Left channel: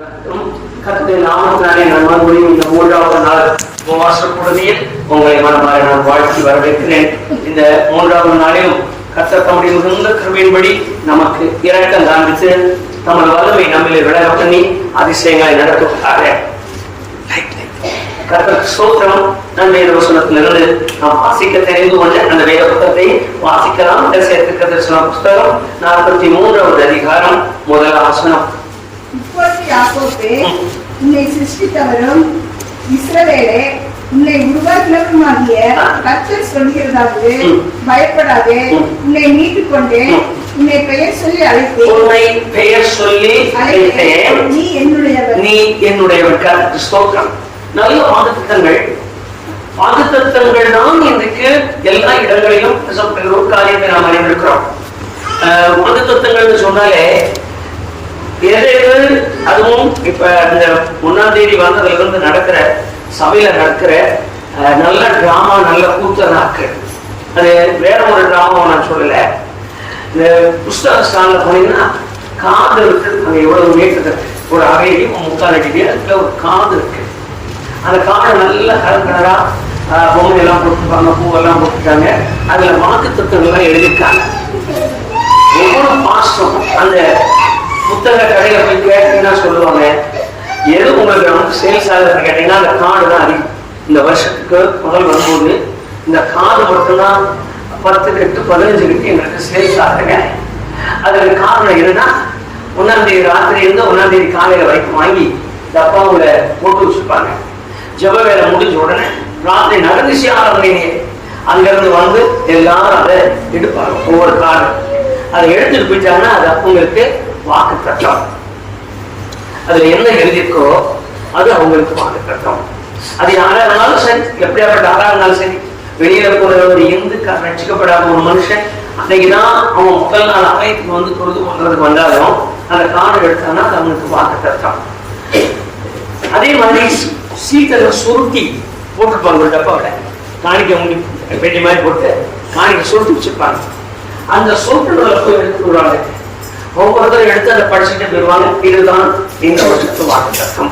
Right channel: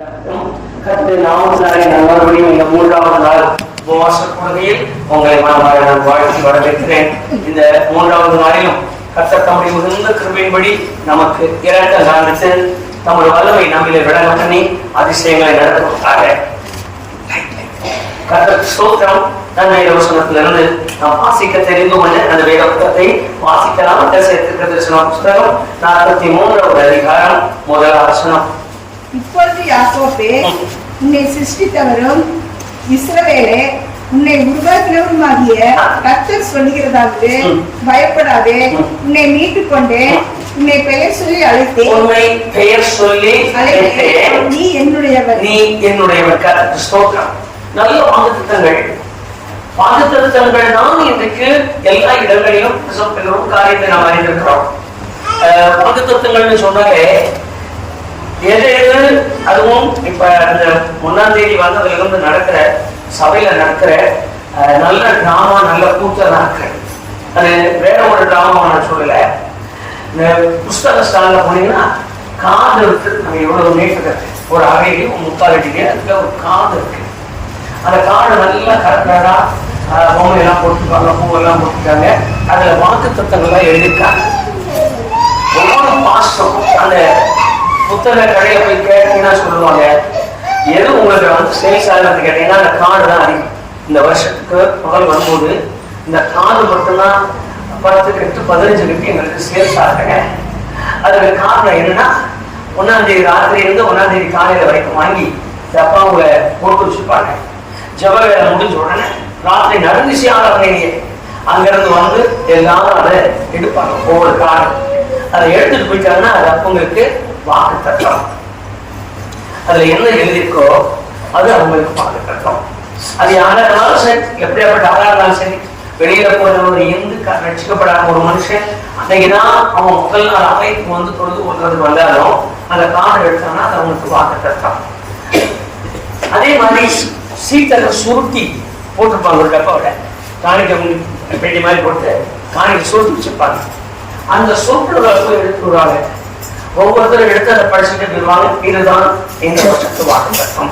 கர்த்தருடைய நாமத்தினாலே நான் மறுபடியும் இந்த 3வது நாள் உபவாச கூடுகையில் உங்களை மனமாற நான் வாழ்த்தி வரவேற்கிறேன். இந்த 3வது நாளிலும் கர்த்தர் தம்முடைய மிகுந்த கிருபையின்படி நமக்கு இரக்கம் காண்பித்து நமது வல்லமை நம்மிலே விளங்க பண்ணி அதிசயங்களை நடத்துவதாக கர்த்தர் ஸ்தோத்திரம். நான் வேத வசனத்திலிருந்து நாம் வாசிக்க தெரிந்து கொண்ட அந்த வேத புத்தகத்தை வாசிக்கலாம். தரிசன புத்தகம் 43வது அதிகாரம் 1வது வசனம். இப்பொழுது யாக்கோபே, உன்னை சிருஷ்டித்தவரும் இஸ்ரவேலே உன்னை உருவாக்கினவருமாகிய கர்த்தர் சொல்கிறதாவது, பயப்படாதே, உன்னை மீட்டுக் கொண்டேன், உன்னை பெயர் சொல்லி அழைத்தேன், உன்னை பெயர் சொல்லி அழைத்தேன், நீ என்னுடையவர், நீ என்னுடையவர். கர்த்தர் ஸ்தோத்திரம். நல்ல வாக்குத்தத்தங்கள் தான் இன்றைக்கு எல்லா இடங்களிலும் ஒரு காரியத்தை நாம் அறிந்திருக்கிறோம். வாக்குத்தத்தங்கள்னு சொன்னாலே எது அதுவும் இப்ப இந்த 1ஆம் தேதி வந்ததுல இருந்து நடக்கிற சபையில நடக்கிற நல்ல டிராமா, நல்ல கூத்த நாட்கள். அது வேற ஒரு டிராமா நான் சொல்லல. இந்த புஸ்தக ஸ்டாண்ட்ல போனீங்கன்னா காது இருக்கு. அங்க எவ்வளவு மீட்டர் ஒரு அறையிலையும் 3/4 அடியிலே அதுல ஒரு காது இருக்கு. அந்த காடை நல்லா கலக்கடா பொம்மை எல்லாம் போட்டுருப்பாங்க, பூவெல்லாம் போட்டுருக்காங்க. அதுல வாக்குத்தத்தங்கள்லாம் எழுதியிருக்காங்க. ஒவ்வொரு மாசம் அந்த புத்தக கடையில போய் கேட்டீங்கன்னா சொல்லுவாங்க, எது உங்களுக்கு வந்து சேல்ஸ் ஆகுதுன்னு கேட்டீங்கன்னா அந்த கார்டு தான் அதிகம். இந்த வருஷத்துக்கு முதல் வரும்போது இந்த கார்டு மட்டும்தான் 10 கிட்ட 15 கிட்ட எங்களுக்கு சேல்ஸ் ஆகுங்க. அதுக்கு காரணம் என்னன்னா 1ஆம் தேதி ராத்திரி இருந்து 1ஆம் தேதி காலையில வரைக்கும் வாங்கி டப்பாவுல போட்டு வச்சிருப்பாங்க. ஜப வேலை முடிஞ்ச உடனே ராத்திரி நடுநிசையாளர்களே அங்கிருந்து வந்து எல்லாரும் அதை எடுப்பாங்க. ஒவ்வொரு கார்டு அதை எடுத்துட்டு போயிட்டாங்கன்னா அது அவங்களுக்கு வாக்கு தத்தம். அதுல என்ன எழுதியிருக்கோ அது அவங்களுக்கு வாக்கு தத்தம். அது யாரா இருந்தாலும் சரி, எப்படியாப்பட்ட ஆளா இருந்தாலும் சரி, வெளியில போற ஒரு ரட்சிக்கப்படாத ஒரு மனுஷன் அன்னைக்குதான் அவன் முதல் நாள் ஆலயத்துக்கு வந்து தொழுது கொள்றதுக்கு வந்தாலும் அந்த கார்டு எடுத்தாங்கன்னா அது அவங்களுக்கு வாக்கு தத்தம். அதே மாதிரி சீட்டை சுருட்டி போட்டிருப்பாங்க ஒரு டப்பாவோட, காணிக்க பெட்டி மாதிரி போட்டு காணிக்க சுருட்டி வச்சிருப்பாங்க. அந்த சொற்களை போய் எடுத்து வருவாங்க. ஒவ்வொருத்தரும் எடுத்து அதை படிச்சுட்டு போயிடுவாங்க. இதுதான் இந்த வருஷத்து வாக்குத்தத்தம்.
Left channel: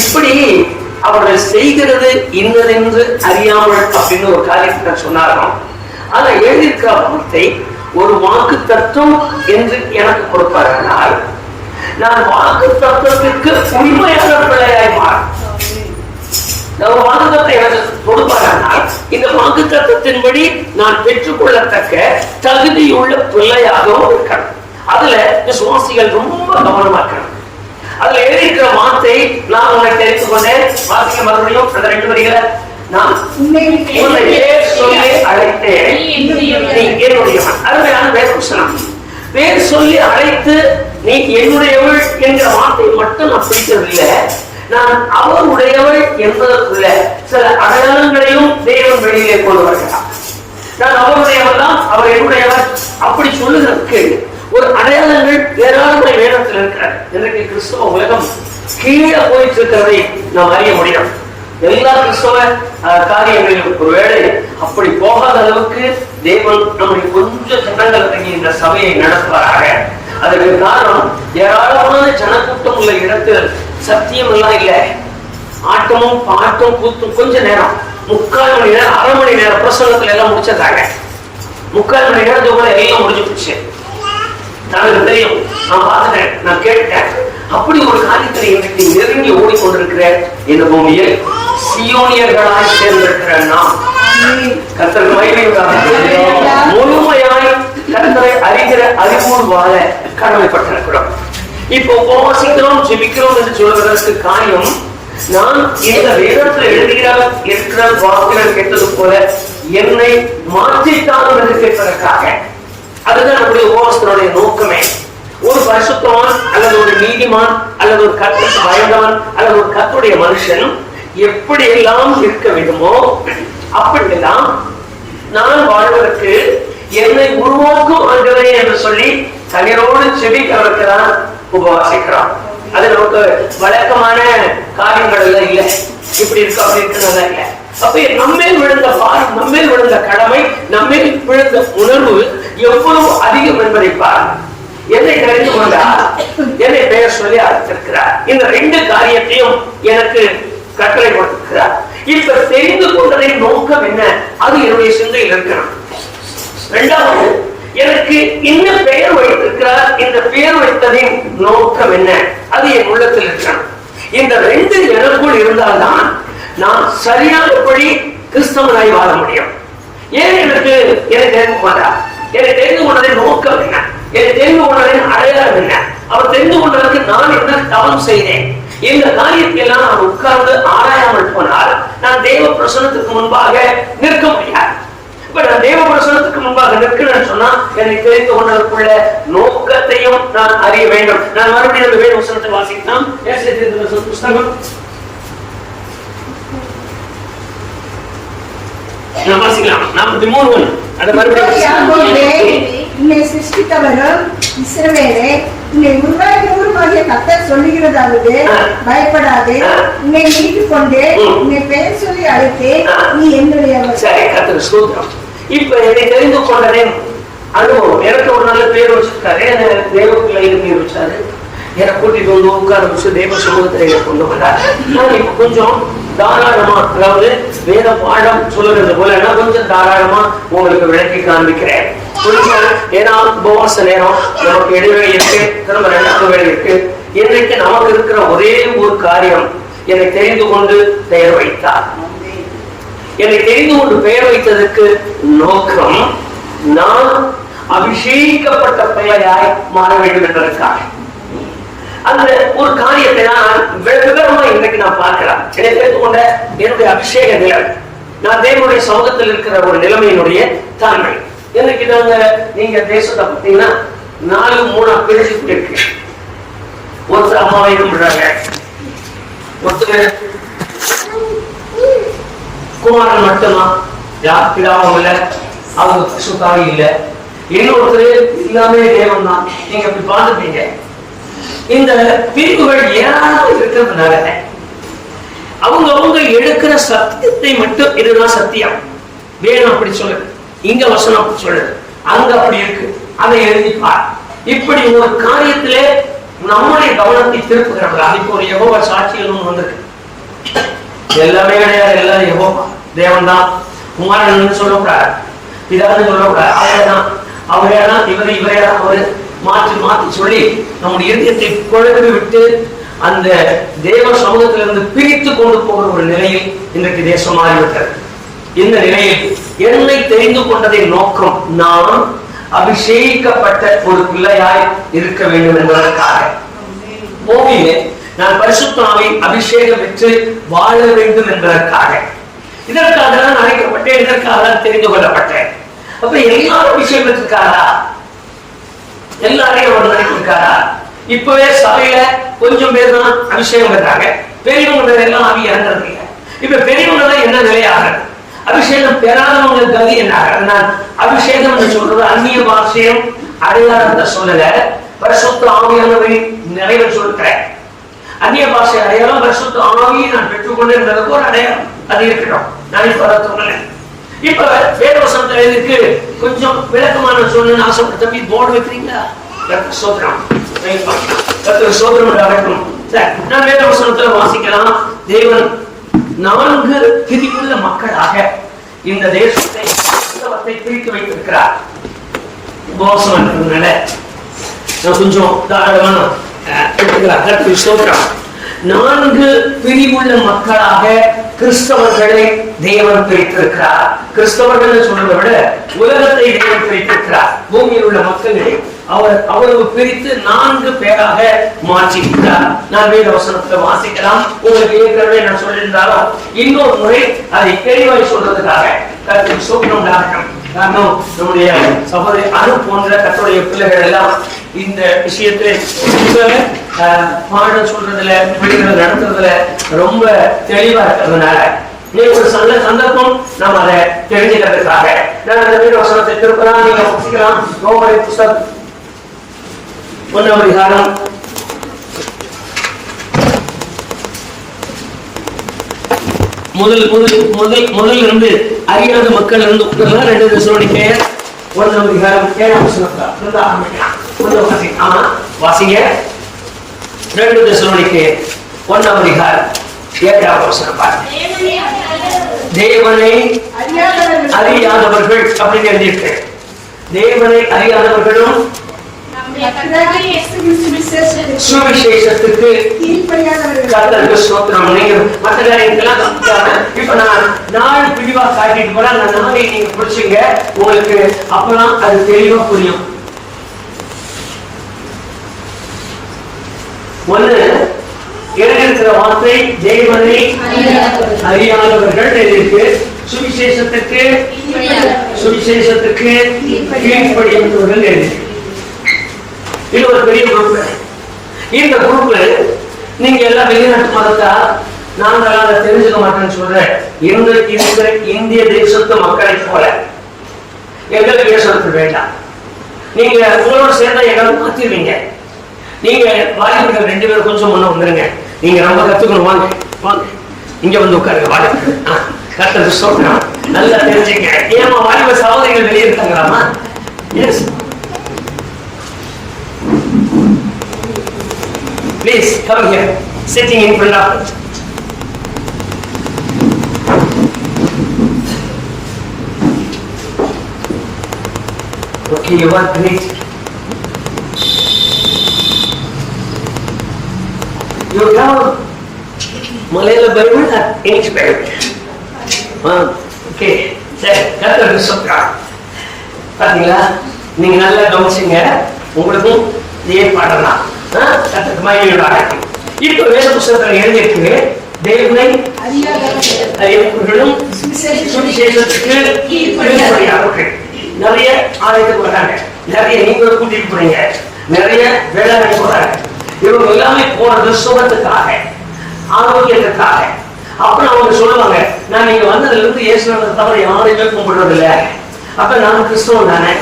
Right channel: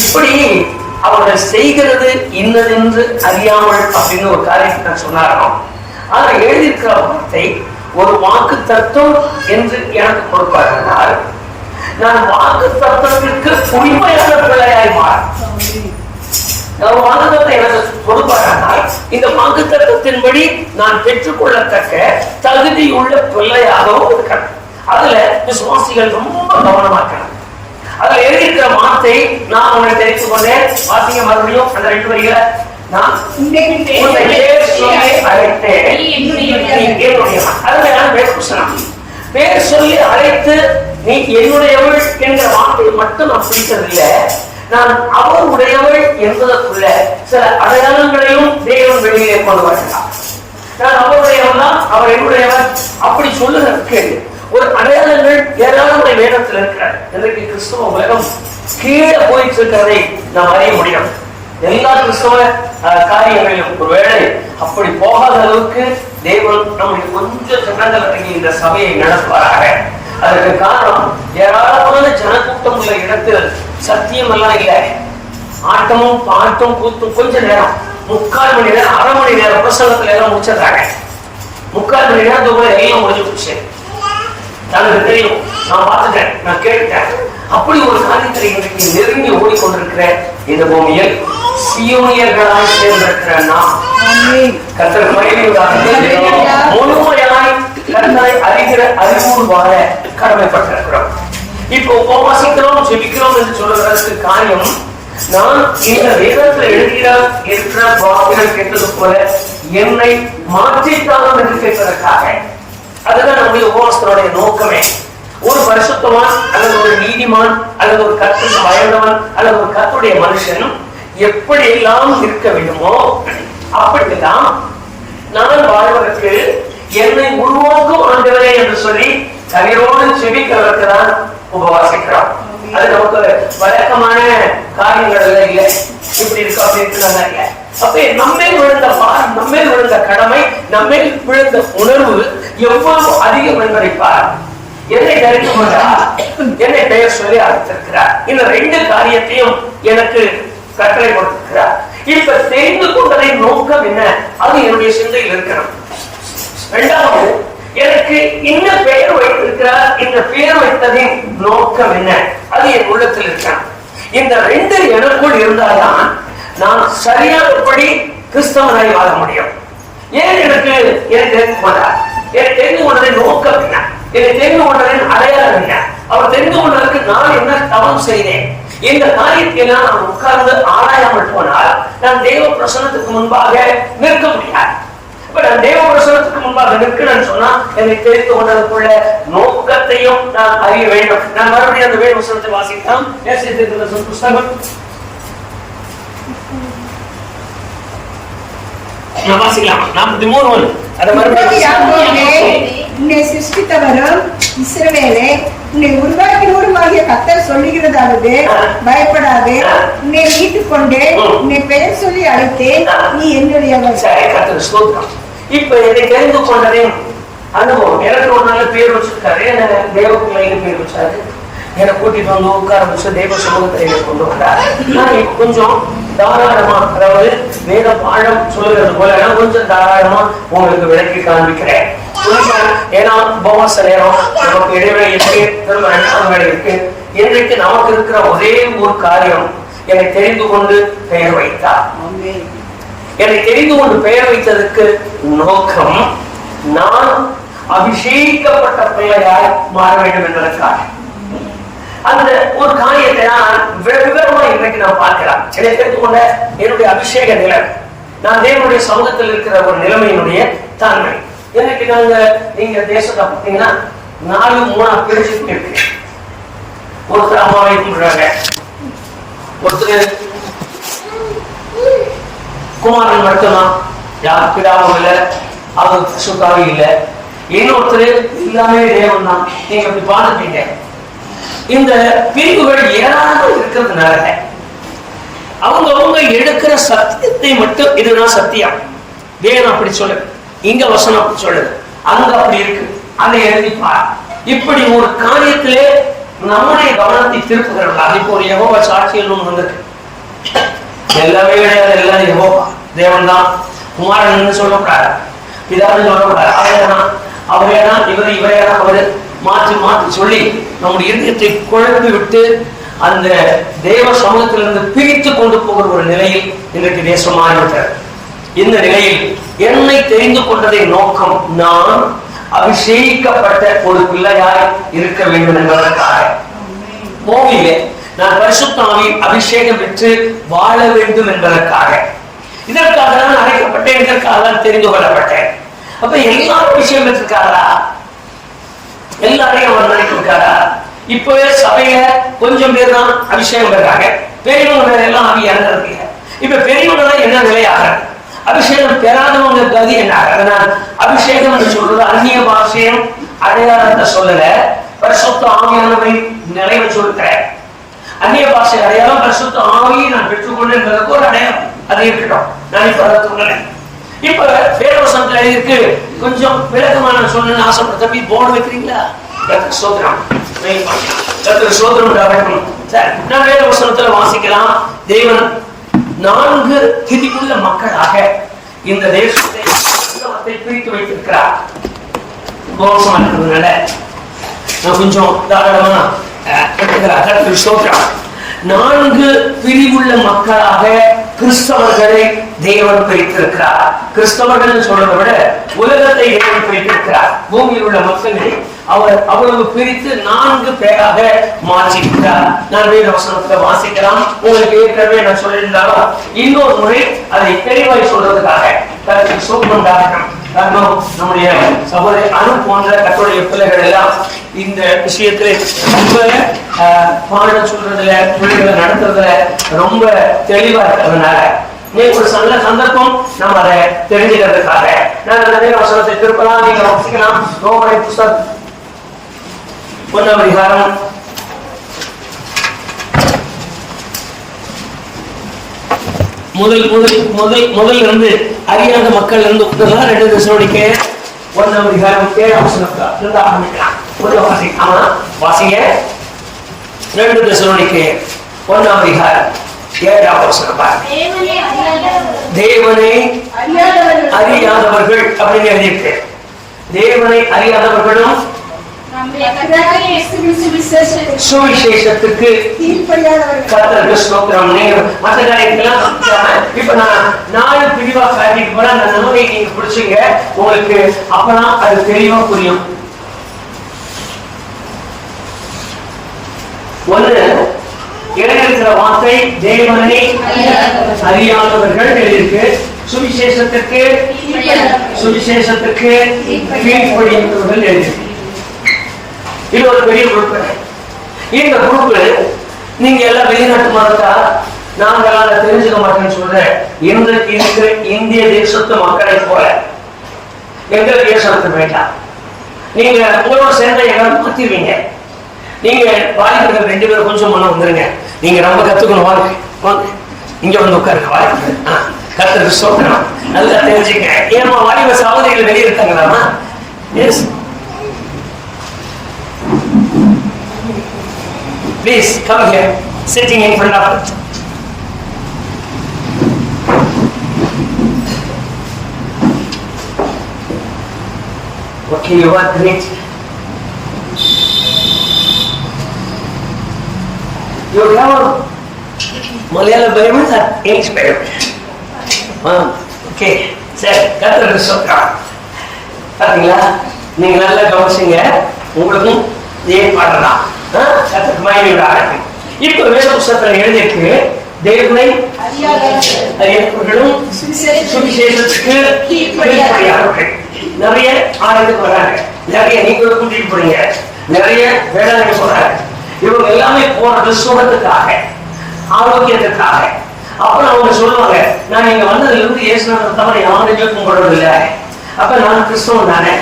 இப்படி அவர்கள் செய்கிறது இன்னதென்று அறியாமல் அப்படின்னு ஒரு காரியத்தை சொன்னாராம். அதை எழுதியிருக்கிற வார்த்தை ஒரு வாக்கு தத்துவம் என்று எனக்கு கொடுப்பார்கள். நான் வாக்கு தத்துவத்திற்கு உண்மையான பிள்ளையாய் மாற ஒரு வாக்குத்தத்தை எனக்கு கொடுப்பார்கள். இந்த வாக்குத்தத்தின்படி நான் பெற்றுக்கொள்ளத்தக்க தகுதியுள்ள பிள்ளையாகவும் இருக்கணும். அதுல விசுவாசிகள் ரொம்ப கவனமாக்கணும். அதுல எழுதியிருக்கிற வார்த்தை நான் உன்னை தெரிந்து கொண்டேன். வாசிங்க மறுபடியும் அந்த 2 வரிகளை. நான் உன்னை பேர் சொல்லி அழைத்தேன், என்னுடையவன். அதுல நான் பேர் சொல்லி அழைத்து நீ என்னுடையவள் என்கிற வார்த்தையை மட்டும் நான் பிடிக்கவில்லை. நான் அவர் உடையவள் என்பதற்குள்ள சில அடையாளங்களையும் தேவன் வெளியிலே கொண்டு வருகிறார். நான் அவருடையவன் தான், அவர் என்னுடையவர் அப்படி சொல்லுகிறதுக்கு ஒரு அடையாளங்கள் ஏராளமான வேதத்தில் இருக்கிறார். எனக்கு கிறிஸ்துவ உலகம் கீழே போயிட்டு இருக்கிறதை நாம் அறிய முடியும். எல்லா கிறிஸ்தவ காரியங்களிலும் ஒருவேளை அப்படி போகாத அளவுக்கு தேவன் நம்முடைய கொஞ்சம் ஜனங்கள் இந்த சபையை நடத்துவாராக. அதற்கு காரணம் ஏராளமான ஜனக்கூட்டம் உள்ள இடத்தில் சத்தியம் எல்லாம் இல்லை. ஆட்டமும் பாட்டும் கூத்தும் கொஞ்ச நேரம் 3/4 மணி நேரம் 1/2 மணி நேரம் பிரசங்கத்துல எல்லாம் முடிச்சதாங்க. 3/4 மணி நேரத்துக்குள்ள எல்லாம் முடிஞ்சு போச்சு. எனக்கு தெரியும், நான் பார்த்துட்டேன், நான் கேட்டுட்டேன். அப்படி ஒரு காரியத்தை இன்றைக்கு நெருங்கி ஓடிக்கொண்டிருக்கிற இந்த பூமியில் சியோனியர்களாய் சேர்ந்திருக்கிற நாம் கர்த்தருக்கு மகிமை உண்டாகட்டும். முழுமையாய் கர்த்தரை அறிகிற அறிவோடு வாழ கடமைப்பட்டிருக்கிறோம். இப்போ உபவாசிக்கிறோம், ஜெபிக்கிறோம் என்று சொல்லுவதற்கு காரணம், நான் இந்த வேதத்தில் இருக்கிற வார்த்தைகள் கேட்டது போல என்னை மாற்றித்தான் என்று கேட்பதற்காக. அதுதான் நம்முடைய உபவாசத்தினுடைய நோக்கமே. ஒரு பரிசுத்தமான் அல்லது ஒரு நீதிமான் அல்லது ஒரு கர்த்தருக்கு பயந்தவன் அல்லது ஒரு கர்த்தருடைய மனுஷன் எப்படி எல்லாம் இருக்க வேண்டுமோ அப்படிலாம் நான் வாழ்வதற்கு என்னை உருவாக்கும் ஆண்டவரே என்று சொல்லி கண்ணீரோடு செபிக்கிறவருக்கு தான் உபவாசிக்கிறோம். அது நமக்கு வழக்கமான காரியங்கள் எல்லாம் இல்லை. இப்படி இருக்கு அப்படி இருக்கிறதா இல்லை. அப்ப நம்மேல் விழுந்த பாரம், நம்மேல் விழுந்த கடமை, நம்மேல் விழுந்த உணர்வு எவ்வளவு அதிகம் என்பதை பாருங்கள். என்னை தெரிந்து கொண்டார், என்னை பெயர் சொல்லி அழைத்திருக்கிறார். இந்த 2 காரியத்தையும் எனக்கு கட்டளை கொடுத்திருக்கிறார். இப்ப தெரிந்து கொண்டதின் நோக்கம் என்ன? அது என்னுடைய சிந்தையில் இருக்கிறது. 2வது, எனக்கு இந்த பெயர் வைத்திருக்கிறார். இந்த பெயர் வைத்ததின் நோக்கம் என்ன? அது என் உள்ளத்தில் இருக்கிறது. இந்த 2 எனக்குள் இருந்தால்தான் நான் சரியானபடி கிறிஸ்தவனாய் வாழ முடியும். ஏன் எனக்கு தெரிந்து கொண்டார்? எனக்கு தெரிந்து கொண்டதின் நோக்கம் என்ன? எனக்கு தெரிந்து கொண்டதின் அடையாளம் என்ன? அவர் தெரிந்து கொண்டதற்கு நான் என்ன தவம் செய்தேன்? இந்த காரியத்தையெல்லாம் நான் உட்கார்ந்து ஆராயாமல் போனால் நான் தேவ பிரசன்னத்துக்கு முன்பாக நிற்க முடியாது. இப்ப நான் தேவ பிரசன்னத்துக்கு முன்பாக நிற்கணும்னு சொன்னா என்னை தெரிந்து கொண்டதற்குள்ள நோக்கத்தையும் நான் அறிய வேண்டும். நான் மறுபடியும் அந்த வேத வசனத்தை வாசிக்கலாம். புஸ்தகம் உன்னை சிருஷ்டித்தவரும் இஸ்ரவேலே, உன்னை உருவாக்கினவருமாகிய கர்த்தர் சொல்லுகிறதாவது, பயப்படாதே, உன்னை மீட்டுக் கொண்டே, உன்னை பெயர் சொல்லி அழைத்தேன், நீ என்னுடையவர். கர்த்தருக்கு ஸ்தோத்திரம். இப்ப என்னை தெரிந்து கொண்டதே அனுபவம். எனக்கு ஒரு நல்ல பேர் வச்சிருக்காரு, என்ன தேவ பிள்ளைன்னு பேர் வச்சாரு. எனக்கு கூட்டிட்டு வந்து உட்கார வச்சு தேவ சமூகத்திலே கொண்டு வந்தார். நான் இப்ப கொஞ்சம் தாராளமா, அதாவது வேத பாடம் சொல்லுகிறது போல கொஞ்சம் தாராளமா உங்களுக்கு விளக்கி காண்பிக்கிறேன். ஏன்னா உபவாச நேரம் நமக்கு இடைவெளி இருக்கு, திரும்ப 2வது வேலை இருக்கு. இன்றைக்கு நமக்கு இருக்கிற ஒரே ஒரு காரியம், என்னை தெரிந்து கொண்டு பெயர் வைத்தார். என்னை தெரிந்து கொண்டு பெயர் வைத்ததற்கு நோக்கம் நான் அபிஷேகிக்கப்பட்ட பிள்ளையாய் மாற வேண்டும் என்பதற்காக. அந்த ஒரு காரியத்தை நான் விவரமா இன்றைக்கு நான் பார்க்கலாம். என்னை தெரிந்து கொண்ட என்னுடைய அபிஷேக நிலை, நான் தேவனுடைய சமூகத்தில் இருக்கிற ஒரு நிலைமையினுடைய தாண்மை. இன்னைக்கு நீங்க தேசத்தை பார்த்தீங்கன்னா 4-3 பிரிச்சு இருக்கு. ஒருத்தர் அம்மாவை கும்பிடுறாங்க, ஒருத்தர் குமாரன் மட்டும்தான், யார் பிதாவும் இல்லை, அவங்க சுத்தாவி இல்லை. இன்னொருத்தர் எல்லாமே தேவன் தான். நீங்க அப்படி பார்த்துப்பீங்க. இந்த பிரிவுகள் ஏராளமாக இருக்கிறதுனால அவங்க எடுக்கிற சத்தியத்தை மட்டும், இதுதான் சத்தியம், வேணும் அப்படி சொல்லுது, இங்க வசனம் அப்படி சொல்லுது, அங்க அப்படி இருக்கு, அதை எழுதிப்பார். இப்படி ஒரு காரியத்திலே நம்முடைய கவனத்தை திருப்புகிறாங்க. இப்போ ஒரு யெகோவா சாட்சியல் வந்திருக்கு. எல்லாமே கிடையாது, எல்லாம் யெகோவா தேவன் தான். குமாரன் சொல்லக்கூடாது, பிதான்னு சொல்லக்கூடாது, அவரையதான் இவரையதான் அவரு மாற்றி மாற்றி சொல்லி நம்முடைய இதயத்தை குழப்பி விட்டு அந்த தேவ சமூகத்திலிருந்து பிரித்து கொண்டு போகிற ஒரு நிலையில் இன்றைக்கு தேசம் மாறிவிட்டது. இந்த நிலையில் என்னை தெரிந்து கொண்டதின் நோக்கம் நான் அபிஷேகிக்கப்பட்ட ஒரு பிள்ளையாய் இருக்க வேண்டும் என்பதற்காக. பூமியிலே நான் பரிசுத்த ஆவியின் அபிஷேகம் பெற்று வாழ வேண்டும் என்பதற்காக. இதற்காக தான் அழைக்கப்பட்டேன், இதற்காக தான் தெரிந்து கொள்ளப்பட்டேன். அப்ப எல்லாரும் அபிஷேகம் பெற்றிருக்காரா? எல்லாரையும் அவர் நினைச்சிருக்காரா? இப்பவே சபையில கொஞ்சம் பேர் தான் அபிஷேகம் பெறாங்க, பெரியவங்க பேர் எல்லாம் ஆவி இறங்குறது இல்லை. இப்ப பெரியவங்க தான் என்ன நிலையாக, அபிஷேகம் பெறாதவங்க கதி என்ன? அதனால் அபிஷேகம் என்று சொல்றது அந்நிய பாஷையும் அடையாளத்தை சொல்லல, பரிசுத்த ஆவியானவை நிலைவை சொல்கிறேன். அந்நிய பாஷை அடையாளம், பரிசுத்த ஆவியை நான் பெற்றுக்கொண்டு என்பதற்கு ஒரு அடையாளம், அது இருக்கட்டும், நான் இப்ப அதை சொல்லலை. இப்ப வேதவசனத்துல இருக்கு, கொஞ்சம் விளக்கமான சொல்லணும்னு ஆசைப்பட்ட தம்பி போர்டு வைக்கிறீங்களா? சோதரம் சோதரம் நடக்கும். நான் வேதவசனத்துல வாசிக்கலாம். தேவன் 4 திரிவுள்ள மக்களாக இந்த தேசத்தை பிரித்து வைத்திருக்கிறார். உபவாசம் இருக்கிறதுனால கொஞ்சம் தாராளமா எடுத்துக்கிறார். சோதரம் 4 பிரிவுள்ள மக்களாக கிறிஸ்தவர்களை தேவன் பிரித்திருக்கிறார். கிறிஸ்தவர்கள் சொல்றதை விட உலகத்தை தேவன் பிரித்திருக்கிறார். பூமியில் உள்ள மக்களை அவர் அவ்வளவு பிரித்து 4 பேராக மாற்றியிருக்கிறார். நான் வேத வசனத்தை வாசிக்கலாம். உங்களுக்கு ஏற்கனவே நான் சொல்லியிருந்தாலும் இன்னொரு முறை அதை தெளிவாய் சொல்றதுக்காக காரணம், நம்முடைய சகோதரி அனு போன்ற கர்த்தருடைய பிள்ளைகள் எல்லாம் இந்த விஷயத்துல பாடம் சொல்றதுல, பிள்ளைகளை நடத்துறதுல ரொம்ப தெளிவா இருக்கிறதுனால ஒரு நல்ல சந்தர்ப்பம் நாம் அதை தெரிஞ்சுக்கிறதுக்காக நான் அந்த வேத வசனத்தை திருப்பலாம். நீங்க வாசிக்கலாம். ரோமரை புஸ்தகம் 1ஆம் அதிகாரம் முதல் இருந்து அறியாத மக்கள் இருந்து 2 தெசலோனிக்கேயர் 1ஆம் அதிகாரம் 7ஆம் வசனத்துல ஆரம்பிக்கலாம். கொஞ்சம் வாசிங்க. ஆமா வாசிங்க. 2 தெசலோனிக்கேயர் 1ஆம் அதிகாரம் 7ஆம் வசனம் பாருங்க. தேவனை அறியாதவர்கள் அப்படின்னு எழுதியிருக்கு. தேவனை அறியாதவர்களும் சுவிசேஷத்துக்கு கர்த்தருக்கு ஸ்தோத்திரம். நீங்க மற்ற காரியங்கள்லாம் கவனிக்காம இப்ப நான் 4 பிரிவா காட்டிட்டு போறேன். அந்த 4 நீங்க பிடிச்சுங்க, உங்களுக்கு அப்பதான் அது தெளிவா புரியும். 1 இருக்கிற வார்த்தை தேவனை அறியாதவர்கள் இருக்கு. சுவிசேஷத்துக்கு கீழ்ப்படியாதவர்கள் இருக்கு. இது ஒரு பெரிய குரூப். இந்த குரூப் நீங்க எல்லாம் வெளிநாட்டு மதத்தா நாங்கள் அதை தெரிஞ்சுக்க மாட்டேன்னு சொல்றேன். இந்த இருக்கிற இந்திய தேசத்து மக்களை போல எங்களுக்கு ஏசனத்து வேண்டாம். நீங்க உங்களோட சேர்ந்த எங்களை மாத்திடுவீங்க. நீங்க வாலிபர்கள் 2 பேரும் கொஞ்சம் முன்ன வந்துருங்க. நீங்க ரொம்ப கத்துக்கணும். வாங்க வாங்க இங்க வந்து உட்காருங்க. வாலிபர்கள் கர்த்தருக்கு ஸ்தோத்திரம். நல்லா தெரிஞ்சுங்க. ஏமா வாலிப சகோதரிகள் வெளியே இருக்காங்களாமா? Yes please come here, sitting in front of us. Okay, you are great. You have Malayalam Bible or English Bible? Okay, சரி, கர்த்தருக்கு ஸ்தோத்திரம். பாத்தீங்களா, நீங்க நல்லா கவனிச்சீங்க. உங்களுக்கும் இதே பாடம் தான். இப்ப வேத புத்தகத்தில் எழுதியிருக்கு தேவனை அறியாதவர்களும் சுவிசேஷத்துக்கு கீழ்ப்படியாதவர்கள். நிறைய ஆலயத்துக்கு வர்றாங்க, நிறைய நீங்களும் கூட்டிட்டு போறீங்க, நிறைய வேலை போறாங்க. இவங்க எல்லாமே போறது சுகத்துக்காக, ஆரோக்கியத்துக்காக. அப்புறம் அவங்க சொல்லுவாங்க, நான் நீங்க வந்ததுல இருந்து இயேசுவை தவிர யாரையுமே கும்பிடுறது இல்லை. அப்ப நான் கிறிஸ்தவன் தானே,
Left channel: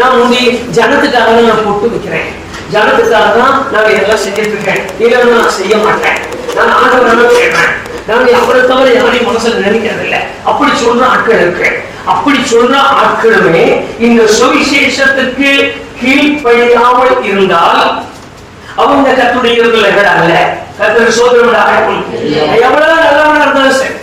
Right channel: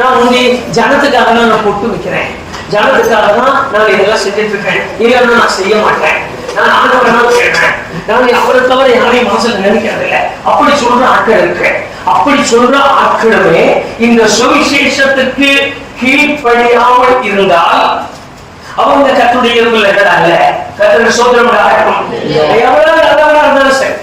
நான் முந்தி ஜனத்துக்காக தான் நான் பொட்டு வைக்கிறேன், ஜனத்துக்காக தான் நான் இதெல்லாம் செஞ்சுட்டு இருக்கேன், இல்லைன்னா நான் செய்ய மாட்டேன், நான் ஆண்டவரை கேட்பேன், நான் அவரை தவிர யாரையும் மனசுல நினைக்கிறது இல்லை. அப்படி சொல்ற ஆட்கள் இருக்கு. அப்படி சொல்ற ஆட்களுமே இந்த சுவிசேஷத்துக்கு கீழ்ப்படியாமல் இருந்தால் அவங்க கர்த்தருடைய இருப்பில் இருக்கிறாங்க. கர்த்தருக்கு ஸ்தோத்திரம் உண்டாகட்டும். எவ்வளவு நல்லவனா இருந்தாலும் சரி,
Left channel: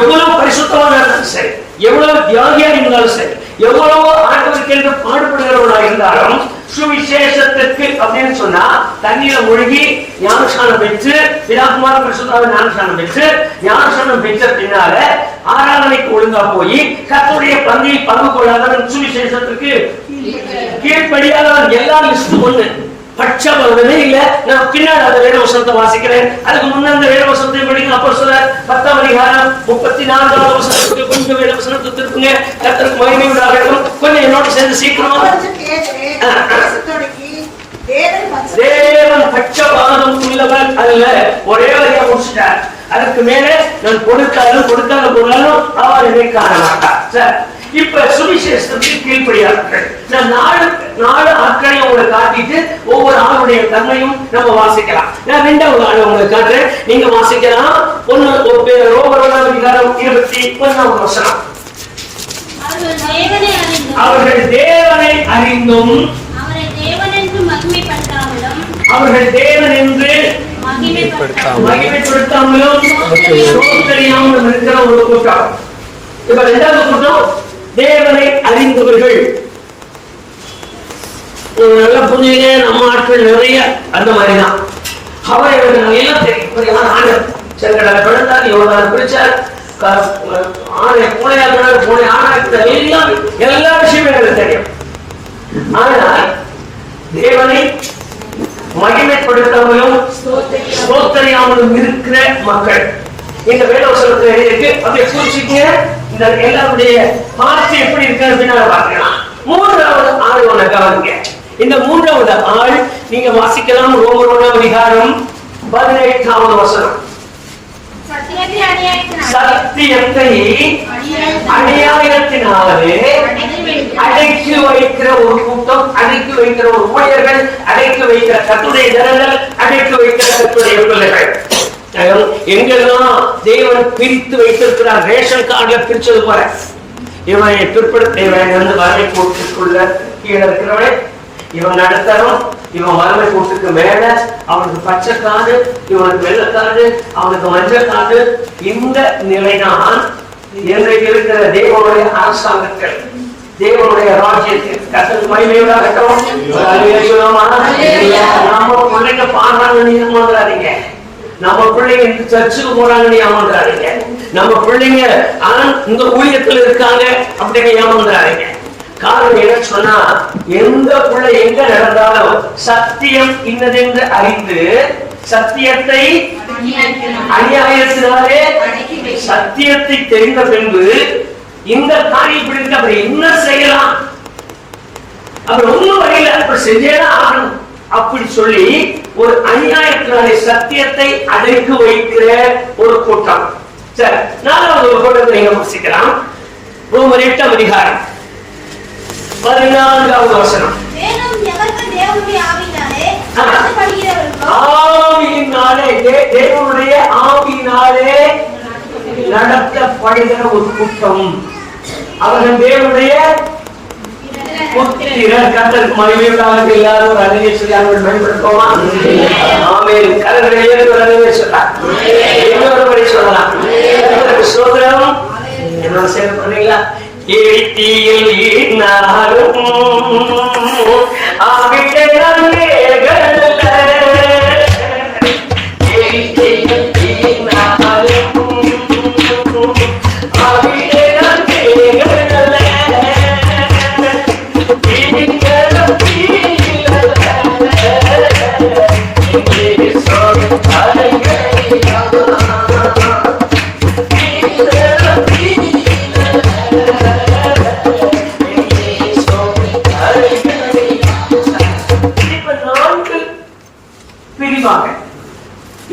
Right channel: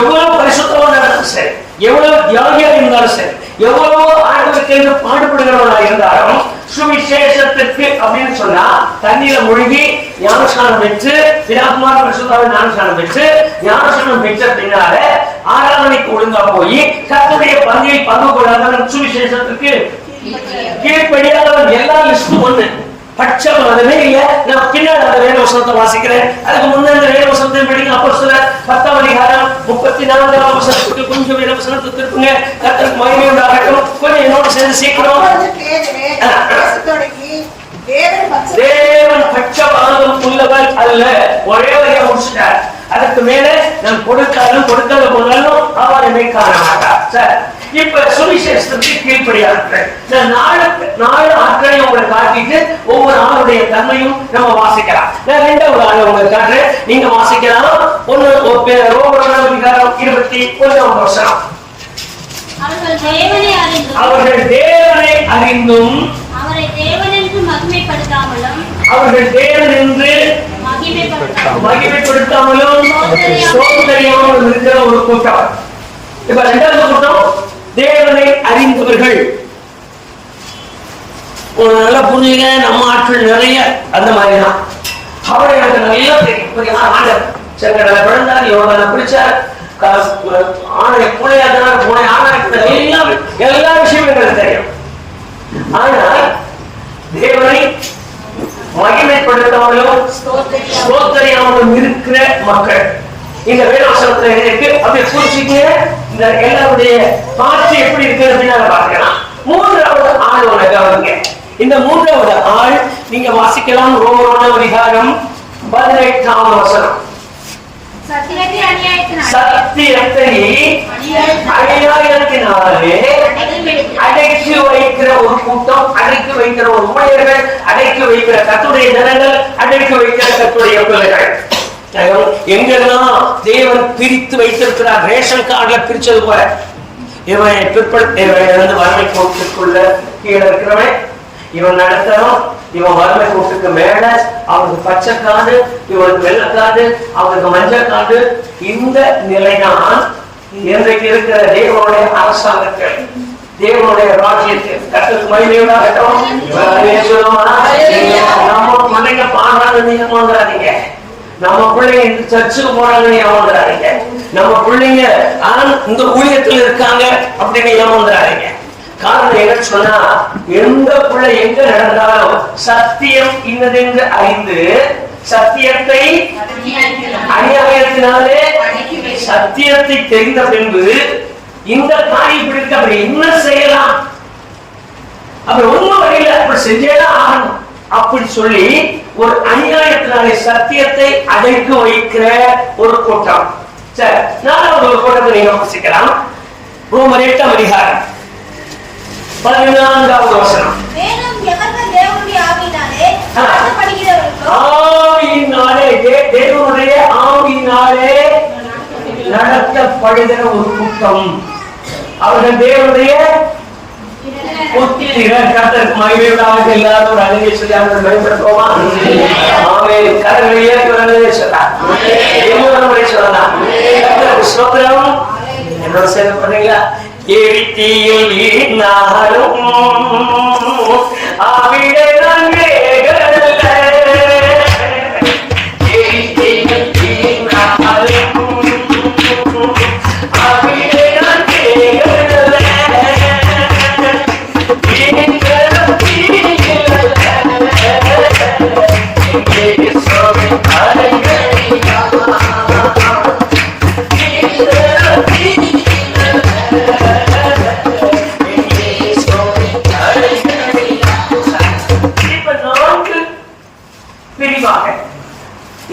எவ்வளவு பரிசுத்தவனா இருந்தாலும் சரி, எவ்வளவு தியாகியா இருந்தாலும் சரி, எவ்வளவு ஆண்டவருக்கு என்று பாடுபடுகிறவனா இருந்தாலும் சுவிசேஷத்திற்கு அப்படின்னு சொன்னா தண்ணீர மூழ்கி ஞானஸ்நானம் பெற்று பிதாகுமார பரிசுத்தாவின் ஞானஸ்நானம் பெற்று ஞானஸ்நானம் பெற்ற பின்னால ஆராதனைக்கு ஒழுங்கா போய் கர்த்தருடைய பந்தியில் பங்கு கொள்ளாதவன் சுவிசேஷத்திற்கு கீழ்ப்படியாதவன். எல்லா லிஸ்டும் ஒண்ணு, பட்சபாதமே இல்ல. நான் பின்னாடி அந்த வேத வசனத்தை வாசிக்கிறேன். அதுக்கு முன்ன அந்த வேத வசனத்தை படிங்க. அப்போஸ்தலர் 10ஆம் அதிகாரம் 34ஆம் வசனத்துக்கு கொஞ்சம் வேத வசனத்தை திருப்புங்க. கர்த்தருக்கு மகிமை உண்டாகட்டும். கொஞ்சம் என்னோட சேர்ந்து சீக்கிரம். தேவன் பட்சபாதம் உள்ளவர் அல்ல. ஒரே வரியா முடிச்சுட்டார். அதுக்கு மேல நான் கொடுத்தாலும் கொடுக்காத போனாலும் அவர் என்னை காண மாட்டார். சார், இப்ப சுவிசேஷத்துக்கு கீழ்ப்படியார்கள். நான் 4 ஆட்களை உங்களுக்கு காட்டிட்டு ஒவ்வொரு ஆளுடைய தன்மையும் நம்ம வாசிக்கலாம். நான் 2வது ஆளை உங்களுக்கு காட்டுறேன், நீங்க வாசிக்கலாம். ரோமர் 1ஆம் அதிகாரம் 21ஆம் வசனம். அவர்கள் தேவனை அறிந்தும் அவரை தேவனென்று மகிமைப்படுத்தாமலும் சோதனையாமலும் இருக்கிற ஒரு கூட்டம். இப்ப 2வது கூட்டம் தேவனை அறிந்தவர்கள். நல்லா புரிஞ்சுங்க. நம்ம ஆட்கள் நிறைய அந்த மாதிரிதான். அவரை எனக்கு நல்லா தெரியும். ஆண்டவர் செங்கடலை பிறந்தார், யோர்தானை பிடிச்சார், பூனை எல்லா விஷயமும் எங்களுக்கு தெரியும். ஆனால் தேவனை மகிமைப்படுத்தாமலும் ஸ்தோத்திரியாமலும் இருக்கிற மக்கள் இந்த வேதவசனத்துல இருக்கு. அதை குறிச்சிக்க இந்த எல்லாருடைய பார்த்து எப்படி இருக்கு அப்படின்னு பார்க்கலாம். 3வது ஆள் ஒண்ணு கவனிங்க. இந்த 3வது ஆள் நீங்க வாசிக்கலாம். ரோமர் 1ஆம் அதிகாரம் 18ஆம் வசனம். சத்தியத்தை அநியாயத்தினாலே அடக்கி வைக்கிற ஒரு கூட்டம், அடக்கி வைக்கிற ஒரு ஊழியர்கள், அடக்கி வைக்கிற கர்த்தருடைய ஜனங்கள், அடக்கி வைக்கிற கர்த்தருடைய பிள்ளைகள். எங்கெல்லாம் தேவன் பிரித்து வைத்திருக்கிறார், ரேஷன் கார்டுல பிரிச்சது போல இவன் பிற்படுத்த வறுமை கோட்டிற்குள்ள கீழே இருக்கிறவன், இவன் நடத்தணும், இவன் வறுமை கூட்டுக்கு மேல அவனுக்கு பச்சை காடு, இவனுக்கு வெள்ளக்காடு, அவனுக்கு மஞ்சள் காடு. இந்த நிலைதான் இன்றைக்கு இருக்கிற தேவனுடைய அரசாங்கத்தில், தேவனுடைய ராஜ்யத்தில். கர்த்தருக்கு மகிமையுண்டாகட்டும். நம்ம பிள்ளைங்க பாடுறாங்கன்னு ஏமாந்துடாதீங்க, நம்ம பிள்ளைங்க சர்ச்சுக்கு போறாங்கன்னு ஏமாந்துடாதீங்க, நம்ம பிள்ளைங்க இந்த ஊழியத்தில் இருக்காங்க அப்படின்னு ஏமாந்துடாதீங்க. காரணம் என்ன சொன்னா, எந்த பிள்ளை எங்க நடந்தாலும் சத்தியம் இன்னதென்று அறிந்து சத்தியத்தை அநியாயத்தினாலே சத்தியத்தை தெரிந்த பின்பு இந்த காரியம் பிடிக்க அப்படி என்ன செய்யலாம், அப்படி ஒண்ணும் வழியில அப்படி செஞ்சேதான் ஆகணும் அப்படி சொல்லி ஒரு அநியாயத்தினாலே சத்தியத்தை அடைத்து வைக்கிற ஒரு கூட்டம். சரி, நாலாவது ஒரு கூட்டத்தை நீங்க வாசிக்கலாம். ரோமர் 8ஆம் அதிகாரம் 14வது வசனம். தேவனுடைய ஆவியினாலே நடத்தப்படுகிற ஒரு கூட்டம். அவர்கள் தேவனுடைய புத்திரர். கர்த்தருக்கு மகிமையுண்டாக. எல்லாரும் ஒரு அழகிய சொல்லி அவர்கள் பயன்படுத்துவோமா? ஆமென். கரங்களை ஏறி ஒரு அழகிய சொல்லலாம், இன்னொரு முறை சொல்லலாம். கர்த்தருக்கு ஸ்தோத்திரம். என்னோட சேர்ந்து பண்ணீங்களா? ஏத்தியில் நாரும் அவிடை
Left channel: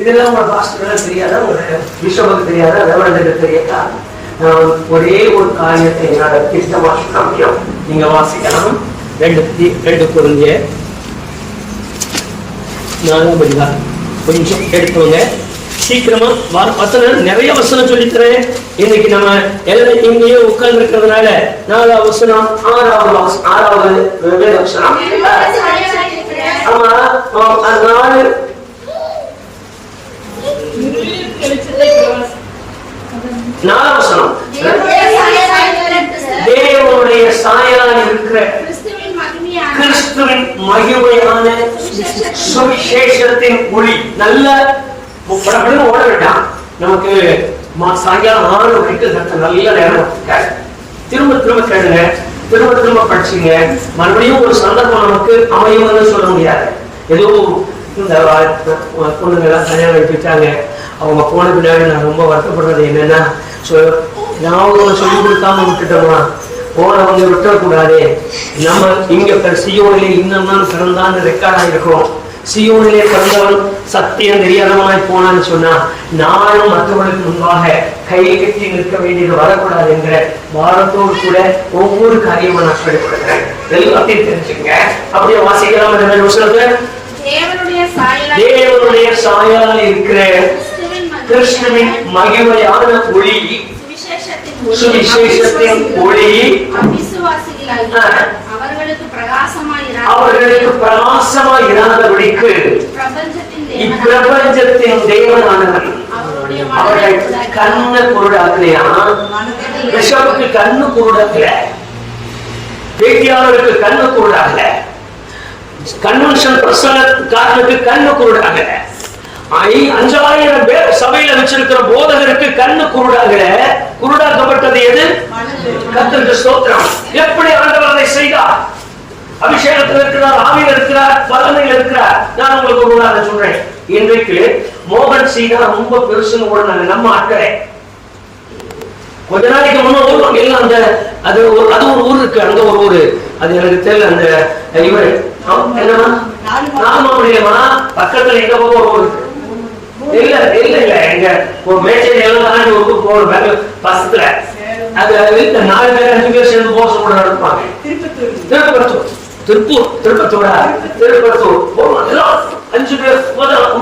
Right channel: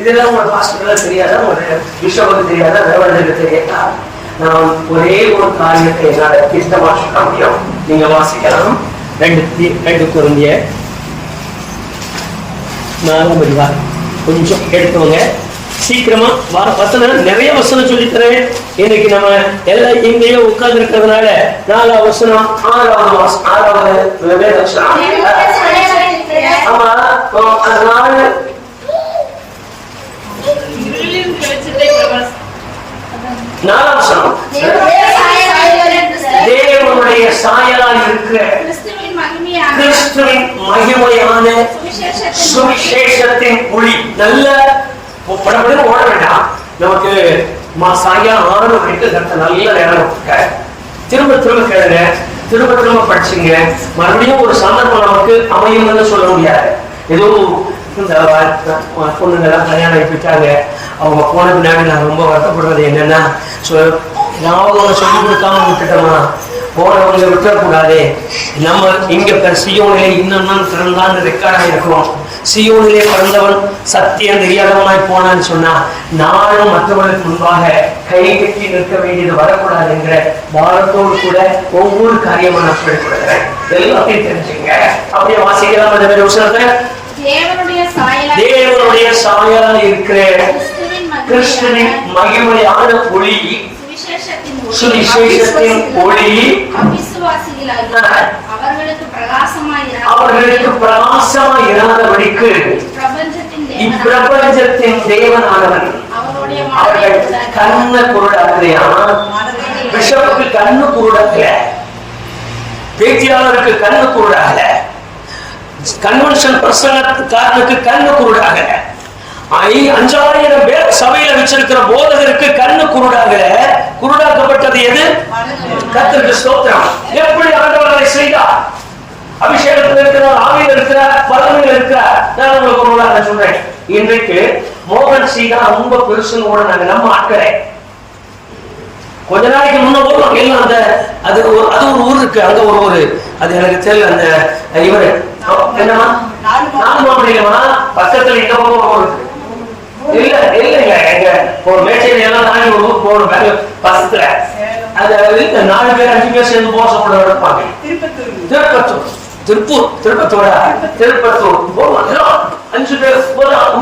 இதெல்லாம் ஒரு பாஸ்டருக்கு தெரியாதா, ஒரு பிஷப்புக்கு தெரியாதா, ரெவரண்டுக்கு தெரியாதா? நான் ஒரே ஒரு காரியத்தை என்னால திட்டமா சொல்ல முடியும். நீங்க வாசிக்கலாம். 2 கொரிந்தியர் 4ஆம் அதிகாரம். கொஞ்சம் எடுத்துவங்க சீக்கிரமா. வசனம் நிறைய வசனம் சொல்லித்தரேன். இன்னைக்கு நம்ம எல்லாம் எங்கேயோ உட்கார்ந்து இருக்கிறதுனால 4ஆவது வசனம் 6வது வசனம். ஆமா, 4 தேவனுடைய சாயலால் இருக்கிற கிறிஸ்துவின் மகிமையான சுவிசேஷத்தின் ஒளி. நல்ல படப்படம் ஓட வேண்டாம். நமக்கு சாயங்காலம் 6 மணிக்கு நல்ல நேரம். திரும்ப திரும்ப கேளுங்க, திரும்ப திரும்ப படிச்சுங்க. மறுபடியும் ஒரு சந்தர்ப்பம் நமக்கு அமையும்னு சொல்ல முடியாது. ஏதோ இந்த பொண்ணுங்கெல்லாம் கல்யாணம் ஆகிட்டாங்க, அவங்க போன பின்னாடி நான் ரொம்ப வருத்தப்படுறது என்னன்னா, நான் சொல்லி கொடுக்காம விட்டுட்டோமா, போனவங்க விட்டுறக்கூடாது. நம்ம இங்க சியோனிலே இன்னும் பிறந்தான்னு ரெக்கார்டாக இருக்கிறோம். சியோனிலே பிறந்தவன் சத்தியம் தெரியாதவனாய் போனான்னு சொன்னா நானும் மற்றவர்களுக்கு முன்பாக கை கட்டி நிற்க வேண்டியது வரக்கூடாது என்கிற பாரத்தோடு கூட ஒவ்வொரு காரியமா நான் சொல்லிக் கொடுக்கிறேன். எல்லாத்தையும் தெரிஞ்சுங்க. அப்படியே வாசிக்கலாம். தேவனுடைய சாயலா இருக்கிற கிறிஸ்துவின் மகிமையான ஒளி, சுவிசேஷத்தின் ஒளி அவர்களுக்கு பிரகாசமாய் இராதபடிக்கு இப்பிரபஞ்சத்தின் தேவனானவன் அவர்கள் கண்ண குருடாக்கலையா? பிஷப்புக்கு கண்ணு குருடாக்கல, பேச்சியாளருக்கு கண்ணு குருடாகல, கன்வென்ஷன் பிரசங்கக்காரனுக்கு கண்ணு குருடாகல, 5000 பேர் சபையில வச்சிருக்கிற போதகருக்கு கண்ணு குருடாகல. குருடாக்கப்பட்டது எது? கர்த்தருக்கு ஸ்தோத்திரம். எப்படி ஆண்டவர் அதை செய்தார்? அபிஷேகத்தில் இருக்கிறார், ஆவியில் இருக்கிறார், பலனையில் இருக்கிறார். நான் உங்களுக்கு ஒரு உதாரணம் சொல்றேன். இன்றைக்கு மோகன் சீகா ரொம்ப பெருசுன்னு ஓடுனாங்க நம்ம ஆட்களே. கொஞ்ச நாளைக்கு முன்ன ஓடுவாங்க எல்லாம். அந்த அது ஒரு ஊர் இருக்கு, அங்க ஒரு ஊரு, அது எனக்கு தெரியல. அந்த இவரு என்னமா நாலுமாமடியிலமா பக்கத்துல எங்க பக்கம் ஒரு ஊர் இருக்கு. இல்ல இல்லைங்க, எங்க ஒரு மேச்சேரி எல்லாம் தாண்டி ஒரு ஊருக்கு போகணும் பசத்துல. அது 4 பேர் 5 பேர் சேர்ந்து போச கூட இருப்பாங்க. திருப்பத்தூர் 5 பேர்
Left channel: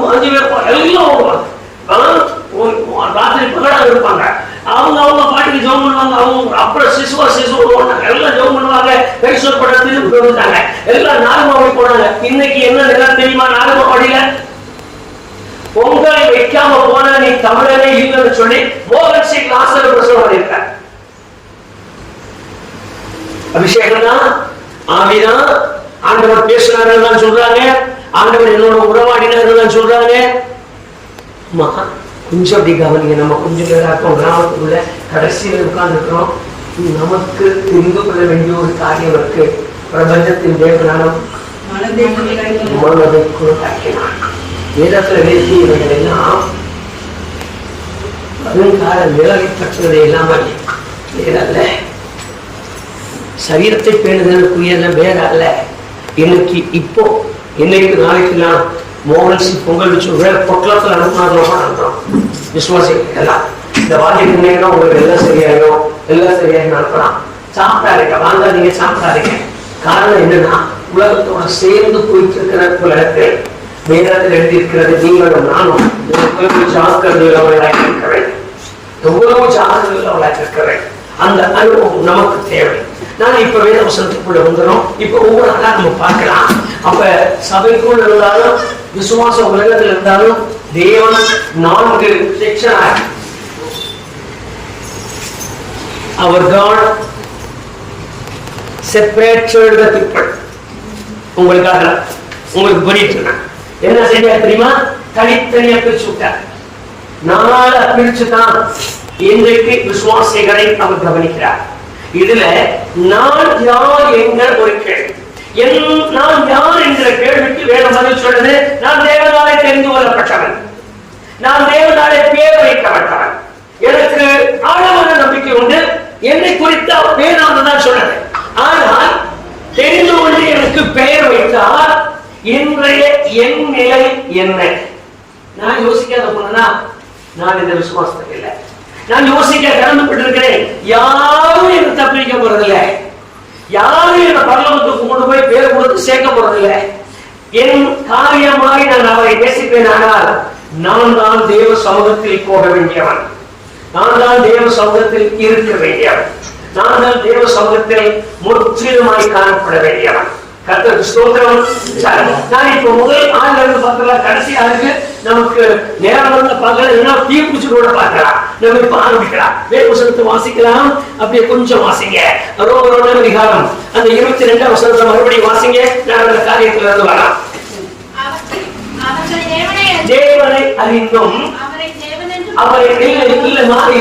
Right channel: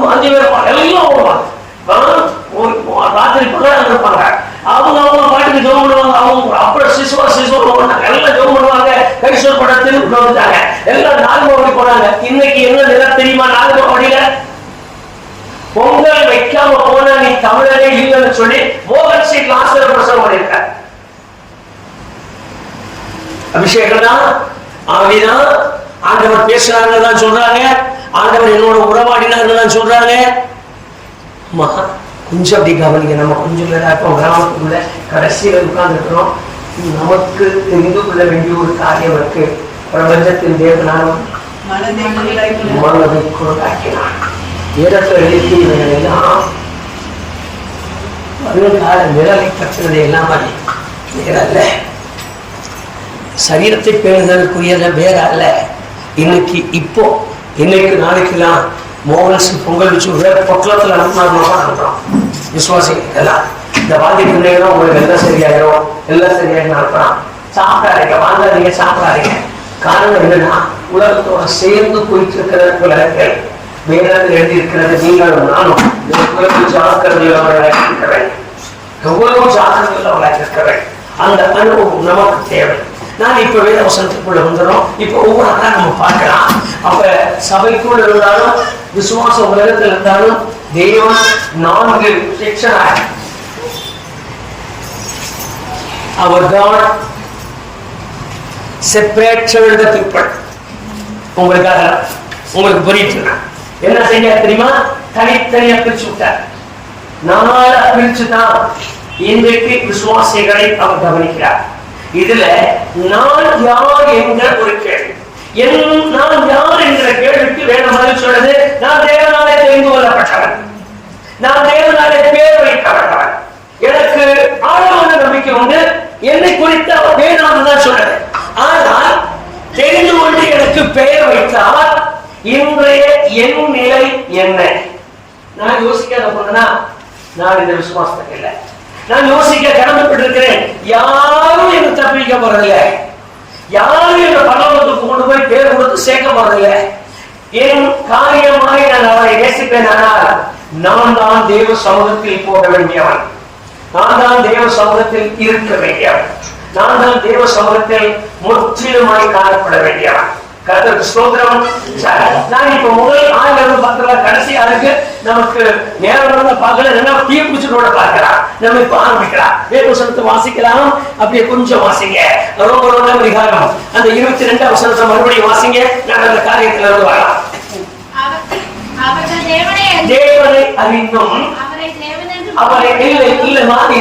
5 பேர் எல்லாம் வருவாங்க. ராத்திரி பிள்ளைங்க இருப்பாங்க. அவங்க பாட்டுக்கு ஜோம் பண்ணுவாங்க. அவங்க அப்புறம் சிசுவா எல்லாம் ஜோம் பண்ணுவாங்க. கைசோர் படத்தின்னு வந்துட்டாங்க. எல்லாம் 4 மாவட்டம் ரட்சிக்காம போன நீ தமிழனே இல்லைன்னு சொல்லி மோகன் சிங் லாசர் பிரசவம் பண்ணிருக்க. அபிஷேகம் தான், ஆவிதான், ஆண்டவர் பேசுறாருன்னு தான் சொல்றாங்க, ஆண்டவர் என்னோட உறவாடினாருன்னு தான் சொல்றாங்க. கொஞ்சம் அப்படி கவனிங்க. நம்ம கொஞ்சம் பேராக்கும் கிராமத்துக்குள்ள கடைசியில் உட்கார்ந்துருக்கிறோம். நமக்கு தெரிந்து கொள்ள வேண்டிய ஒரு காரியம் இருக்கு. பிரபஞ்சத்தின் தேவனாலும் மனதுக்குள்ளாக்கினான். வேதத்தில் எழுதியவைகள் எல்லாம் வருங்கால நிழலை கட்டுறது எல்லாம் வேற அல்ல. சரீரத்தை பேணுதலுக்குரியத வேற அல்ல. இன்னைக்கு இப்போ இன்னைக்கு நாளைக்குலாம் மோகன்ஸ் பொங்கல் வச்சு பொட்டலத்தில் அனுப்புறோம் விசுவாசிகள் எல்லாம். இந்த வாங்கி பிள்ளைங்களும் உங்களுக்கு எல்லாம் சரியாயிடும், எல்லாம் சரியாக அனுப்புறான். சாப்பிடாதீங்க, வாழ்ந்தாதீங்க, சாப்பிடாதீங்க. காரணம் என்னன்னா உலகத்தோட சேர்ந்து போயிட்டு இருக்கிற உலகத்தில் வேதத்தில் எழுதியிருக்கிறது. நீங்களும் நானும் உலகம் ஜாக்கிரதையுள்ளவர்களாக இருக்கிறேன், எவ்வளவு ஜாக்கிரதையுள்ளவர்களாக இருக்கிறேன். அந்த அனுபவம் நமக்கு தேவை. நான் இப்ப வேத வசனத்துக்குள்ள வந்துடும். இப்ப ஒவ்வொரு நாளா நம்ம பார்க்கலாம். அப்ப சபைக்குள் இருந்தாலும் விசுவாச உலகத்தில் இருந்தாலும் தேவன் 4 செக்ஷனாக our God separates the people. உங்களுக்காக உங்களுக்கு புரியுது என்ன செய்ய தெரியுமா? தனித்தனியா பிரிச்சு விட்டார். 4 பிரிச்சுதான் இன்றைக்கு விசுவாசிகளை அவர் கவனிக்கிறார். இதுல நான் யார் என்ற ஒரு கேள்வி, நான் யார் என்ற கேள்விக்கு வேற பதில் சொல்றது, நான் தேவனாலே தெரிந்து கொள்ளப்பட்டவன், நான் தேவனாலே பேர் வைக்கப்பட்டவன், எனக்கு ஆழமான நம்பிக்கை உண்டு, என்னை குறித்து அவர் வேணாம் தான் சொன்னது. ஆனால் தெரிந்து கொண்டு எனக்கு பெயர் வைத்தால் இன்றைய என் நிலை என்ன? நான் யோசிக்காத போனா நான் இந்த விசுவாசத்துக்கு இல்லை. நான் யோசிக்க கடமைப்பட்டிருக்கிறேன். யாரும் எனக்கு தப்பிக்க போறதில்லை, யாரும் இந்த பரலோகத்துக்கு கொண்டு போய் பேர் கொடுத்து சேர்க்க போறதில்லை. என் காரியமாய் நான் அவரை நேசிப்பேன். ஆனால் நான் தான் தேவ சமூகத்தில் போக வேண்டியவன், நான் தான் தேவ சமூகத்தில் இருக்க வேண்டியவன், நான் தான் தேவ சமூகத்தில் முற்றிலுமாய் காணப்பட வேண்டியவன். கர்த்தருக்கு ஸ்தோத்திரம். நான் இப்ப முதல் ஆண்டு பார்க்கலாம், கடைசியா இருக்கு. நமக்கு நேரம் வந்து பார்க்கலாம், தீ குச்சிரோட பார்க்கலாம். நம்ம இப்ப ஆரம்பிக்கலாம். வேத வாசிக்கலாம். அப்படியே கொஞ்சம் வாசிங்க. ரோமர் அதிகாரம் அந்த 22ஆம் வசனத்தை மறுபடியும் வாசிங்க. நான் அந்த காரியத்துல இருந்து வரலாம். தேவனை அறிந்தும் அவரை இல்ல மாறி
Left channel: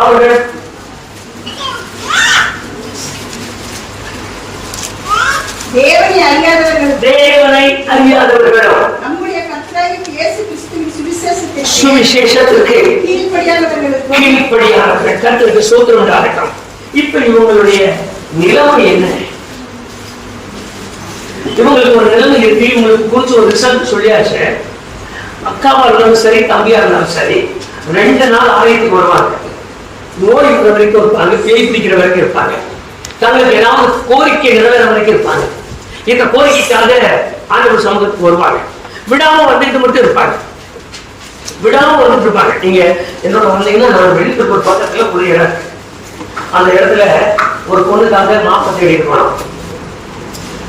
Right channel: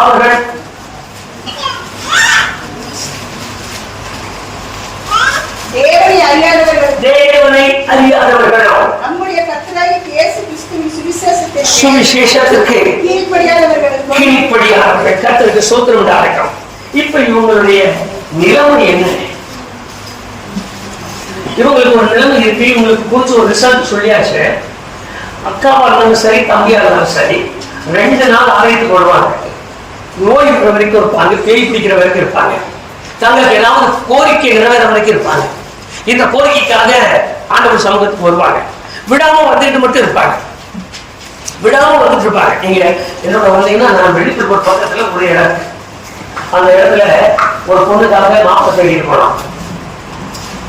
அவர்கள் தேவனை அறியாதவர்களும் நம்முடைய கர்த்தராகிய இயேசு கிறிஸ்துவின் சுவிசேஷத்திற்கு கீழ்ப்படியாதவர்கள். கர்த்தருக்கு ஸ்தோத்திரம் உண்டாகட்டும். இப்ப இவங்களுடைய நிலைமை என்ன? இவங்களுக்கு ஒரு நிலைமை இருக்கு. இவங்களுக்கு குறிச்சு ஒரு ரிசல்ட் சொல்லியாச்சு. அக்காவா இருந்தாலும் சரி, தம்பியா இருந்தாலும் சரி, 2 நாள் ஆலயத்துக்கு வருவாங்க. நோய் இருக்கிற வரைக்கும் இருப்பாங்க, பேய் பிடிக்கிற வரைக்கும் இருப்பாங்க, தங்களுக்கு ஏதாவது கோரிக்கை நிறைவேற வரைக்கும் இருப்பாங்க. இந்த கோரிக்கைக்காக ஆண்டவர் சமூகத்துக்கு வருவாங்க. விடாம வந்துட்டு மட்டும் இருப்பாங்க, விடாம வந்துட்டு இருப்பாங்க. நீங்க என்னோட வந்தீங்கன்னா நான் வெளியூர் ஒரு பக்கத்துல ஒரு இடம், அந்த இடத்துல ஒரு பொண்ணுக்காக மாப்பிள்ளை தேடிட்டு போனோம்.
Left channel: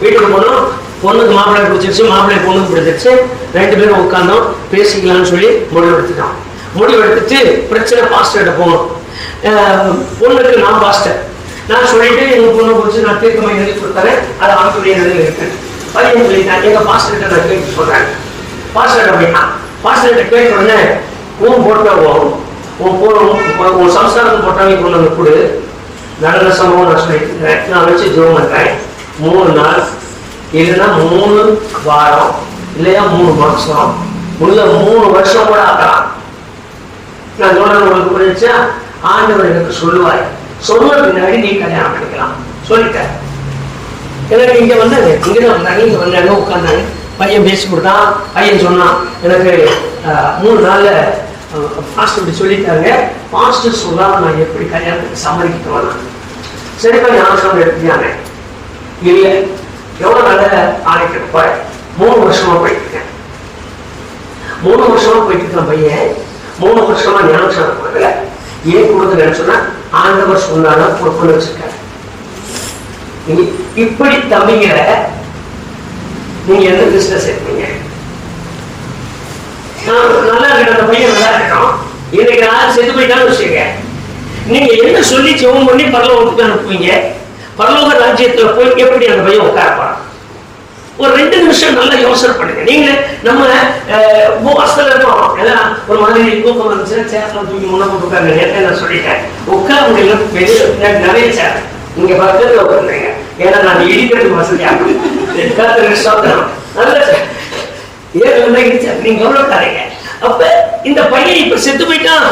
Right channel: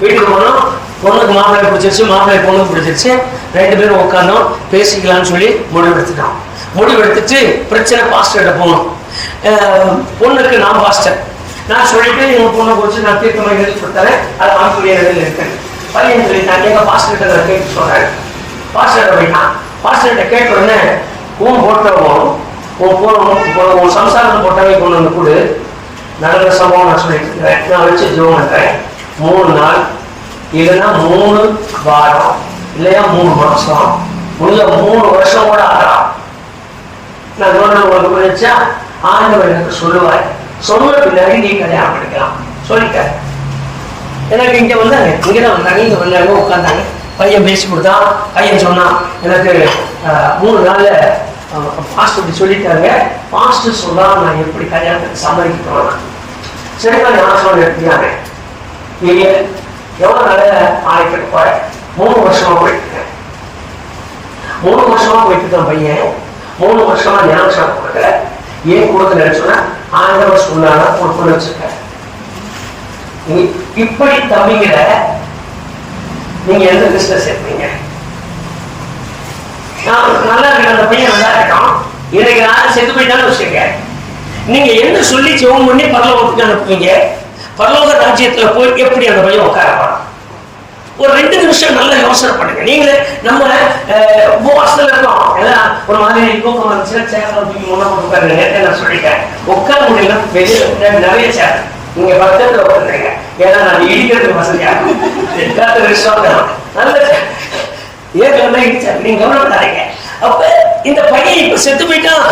வீட்டுக்கு போனோம், பொண்ணுக்கு மாப்பிள்ளை பிடிச்சிருச்சு, மாப்பிள்ளை பொண்ணுக்கு பிடிச்சிருச்சு. 2 பேரும் உட்காந்தோம், பேசிக்கலாம்னு சொல்லி முடிவெடுத்துட்டோம். முடிவெடுத்துட்டு பிரச்சனை பாஸ்டர்கிட்ட போனோம். பொண்ணுக்கு நான் பாஸ்டர், நான் சொல்லிட்டு எங்க பொண்ணை குறிச்சு நான் தீர்க்கமாக எழுதி கொடுத்தேன். அது ஆண்டுடைய நிலையில் இருக்கு. பையன் சொல்லிட்டாங்க, எங்க பாஸ்டர்கிட்ட நான் கேட்டு சொல்றேன். பாஸ்டர்கிட்ட போயிட்டான். பாஸ்டர்கிட்ட கேட்ட உடனே உன் போட்டோம் உன் சம்சாரம் போட்டாவே கொண்டு வந்து கொடு. நடந்த சம்பவம் நான் சொல்லிட்டு இருந்தேன். நான் வச்சு ஜோம் பண்றேன். 3 நாள் இல்லைன்னா 3 வாரம் இல்லையா 3 மாசம் உள்ள 3 வருஷம் கூட ஆகலாம். நான் சொன்னது உங்களுக்கு புரிஞ்சா? ஆண்டவர் எனக்கு சொல்லுவார். சொன்ன பின்னாடி நீ கல்யாணம் பண்ணிக்கலாம் சொல்லிட்டேன். எனக்கு இங்க வந்தாங்க, இங்கதான் வந்தாங்க, இங்க வந்தாங்க, உட்காந்தாங்க. பையன் பேசி கொடுத்தான். பையன் சொன்னான், எனக்கு 3 நாள்ல பாஸ்டர் சொல்லிட்டாங்க. பாஸ்டர் சொல்றா நான் எப்படி கல்யாணத்துக்கு சம்மதிக்க வேணாம். சரிப்பா நான் சொல்ல எடுத்துக்காங்க. இல்ல எவ்வளவு நல்ல ஆணைக்கு போய் 3 வருஷமா போயிட்டு இருக்கேன். 3 வருஷமா போயிட்டு இருக்கான் பையன். 3 வருஷமா ஞாபகம் கொடுக்கல. ஏன் கொடுக்கலன்னு சொன்னா ஆண்டவர் சொன்னாலும் ஒரு பொண்ணு வச்சிருக்காரு. இப்படி தம்பிங்களை நீங்க எந்த பிசினஸ் சேர்ப்பீங்க? நல்லா இருக்கிற அந்த பையன் நல்லா இருக்கான், இன்னைக்கு நான் செத்து போயிட்டான்னு வச்சுக்க, நீங்க என்ன சொல்லி ஜெபம் பண்ணி பரலோகத்துக்கு அனுப்புவீங்க? பரலோக ராஜ்யத்துல போய் எப்படி அந்த பையன் உட்காரப்பான்? ஒரு 2 நிமிஷம் நல்லா யோசனை பண்ணுங்க. நீங்க நம்ம உபவாசத்துல இருக்கோம், எல்லாம் ஒரு மாதிரி தூக்கம் வந்துச்சுன்னா சேர்ல தூக்கி முன்ன போட்டு உட்காருங்க. நேரத்தை நான் சொல்லிட்டேன், உட்கார முடியல, வெளியே நிறைய சேர் நீங்க பக்கத்துல உட்காருங்க, ஏன்னா நான் இடிக்கிறதுக்கு வசதியாகும். நல்ல ஏற்கனவே இடிச்சா நீங்க கவலைப்படாதீங்க. அப்ப இந்த பையன் இப்ப செத்து போயிட்டான்,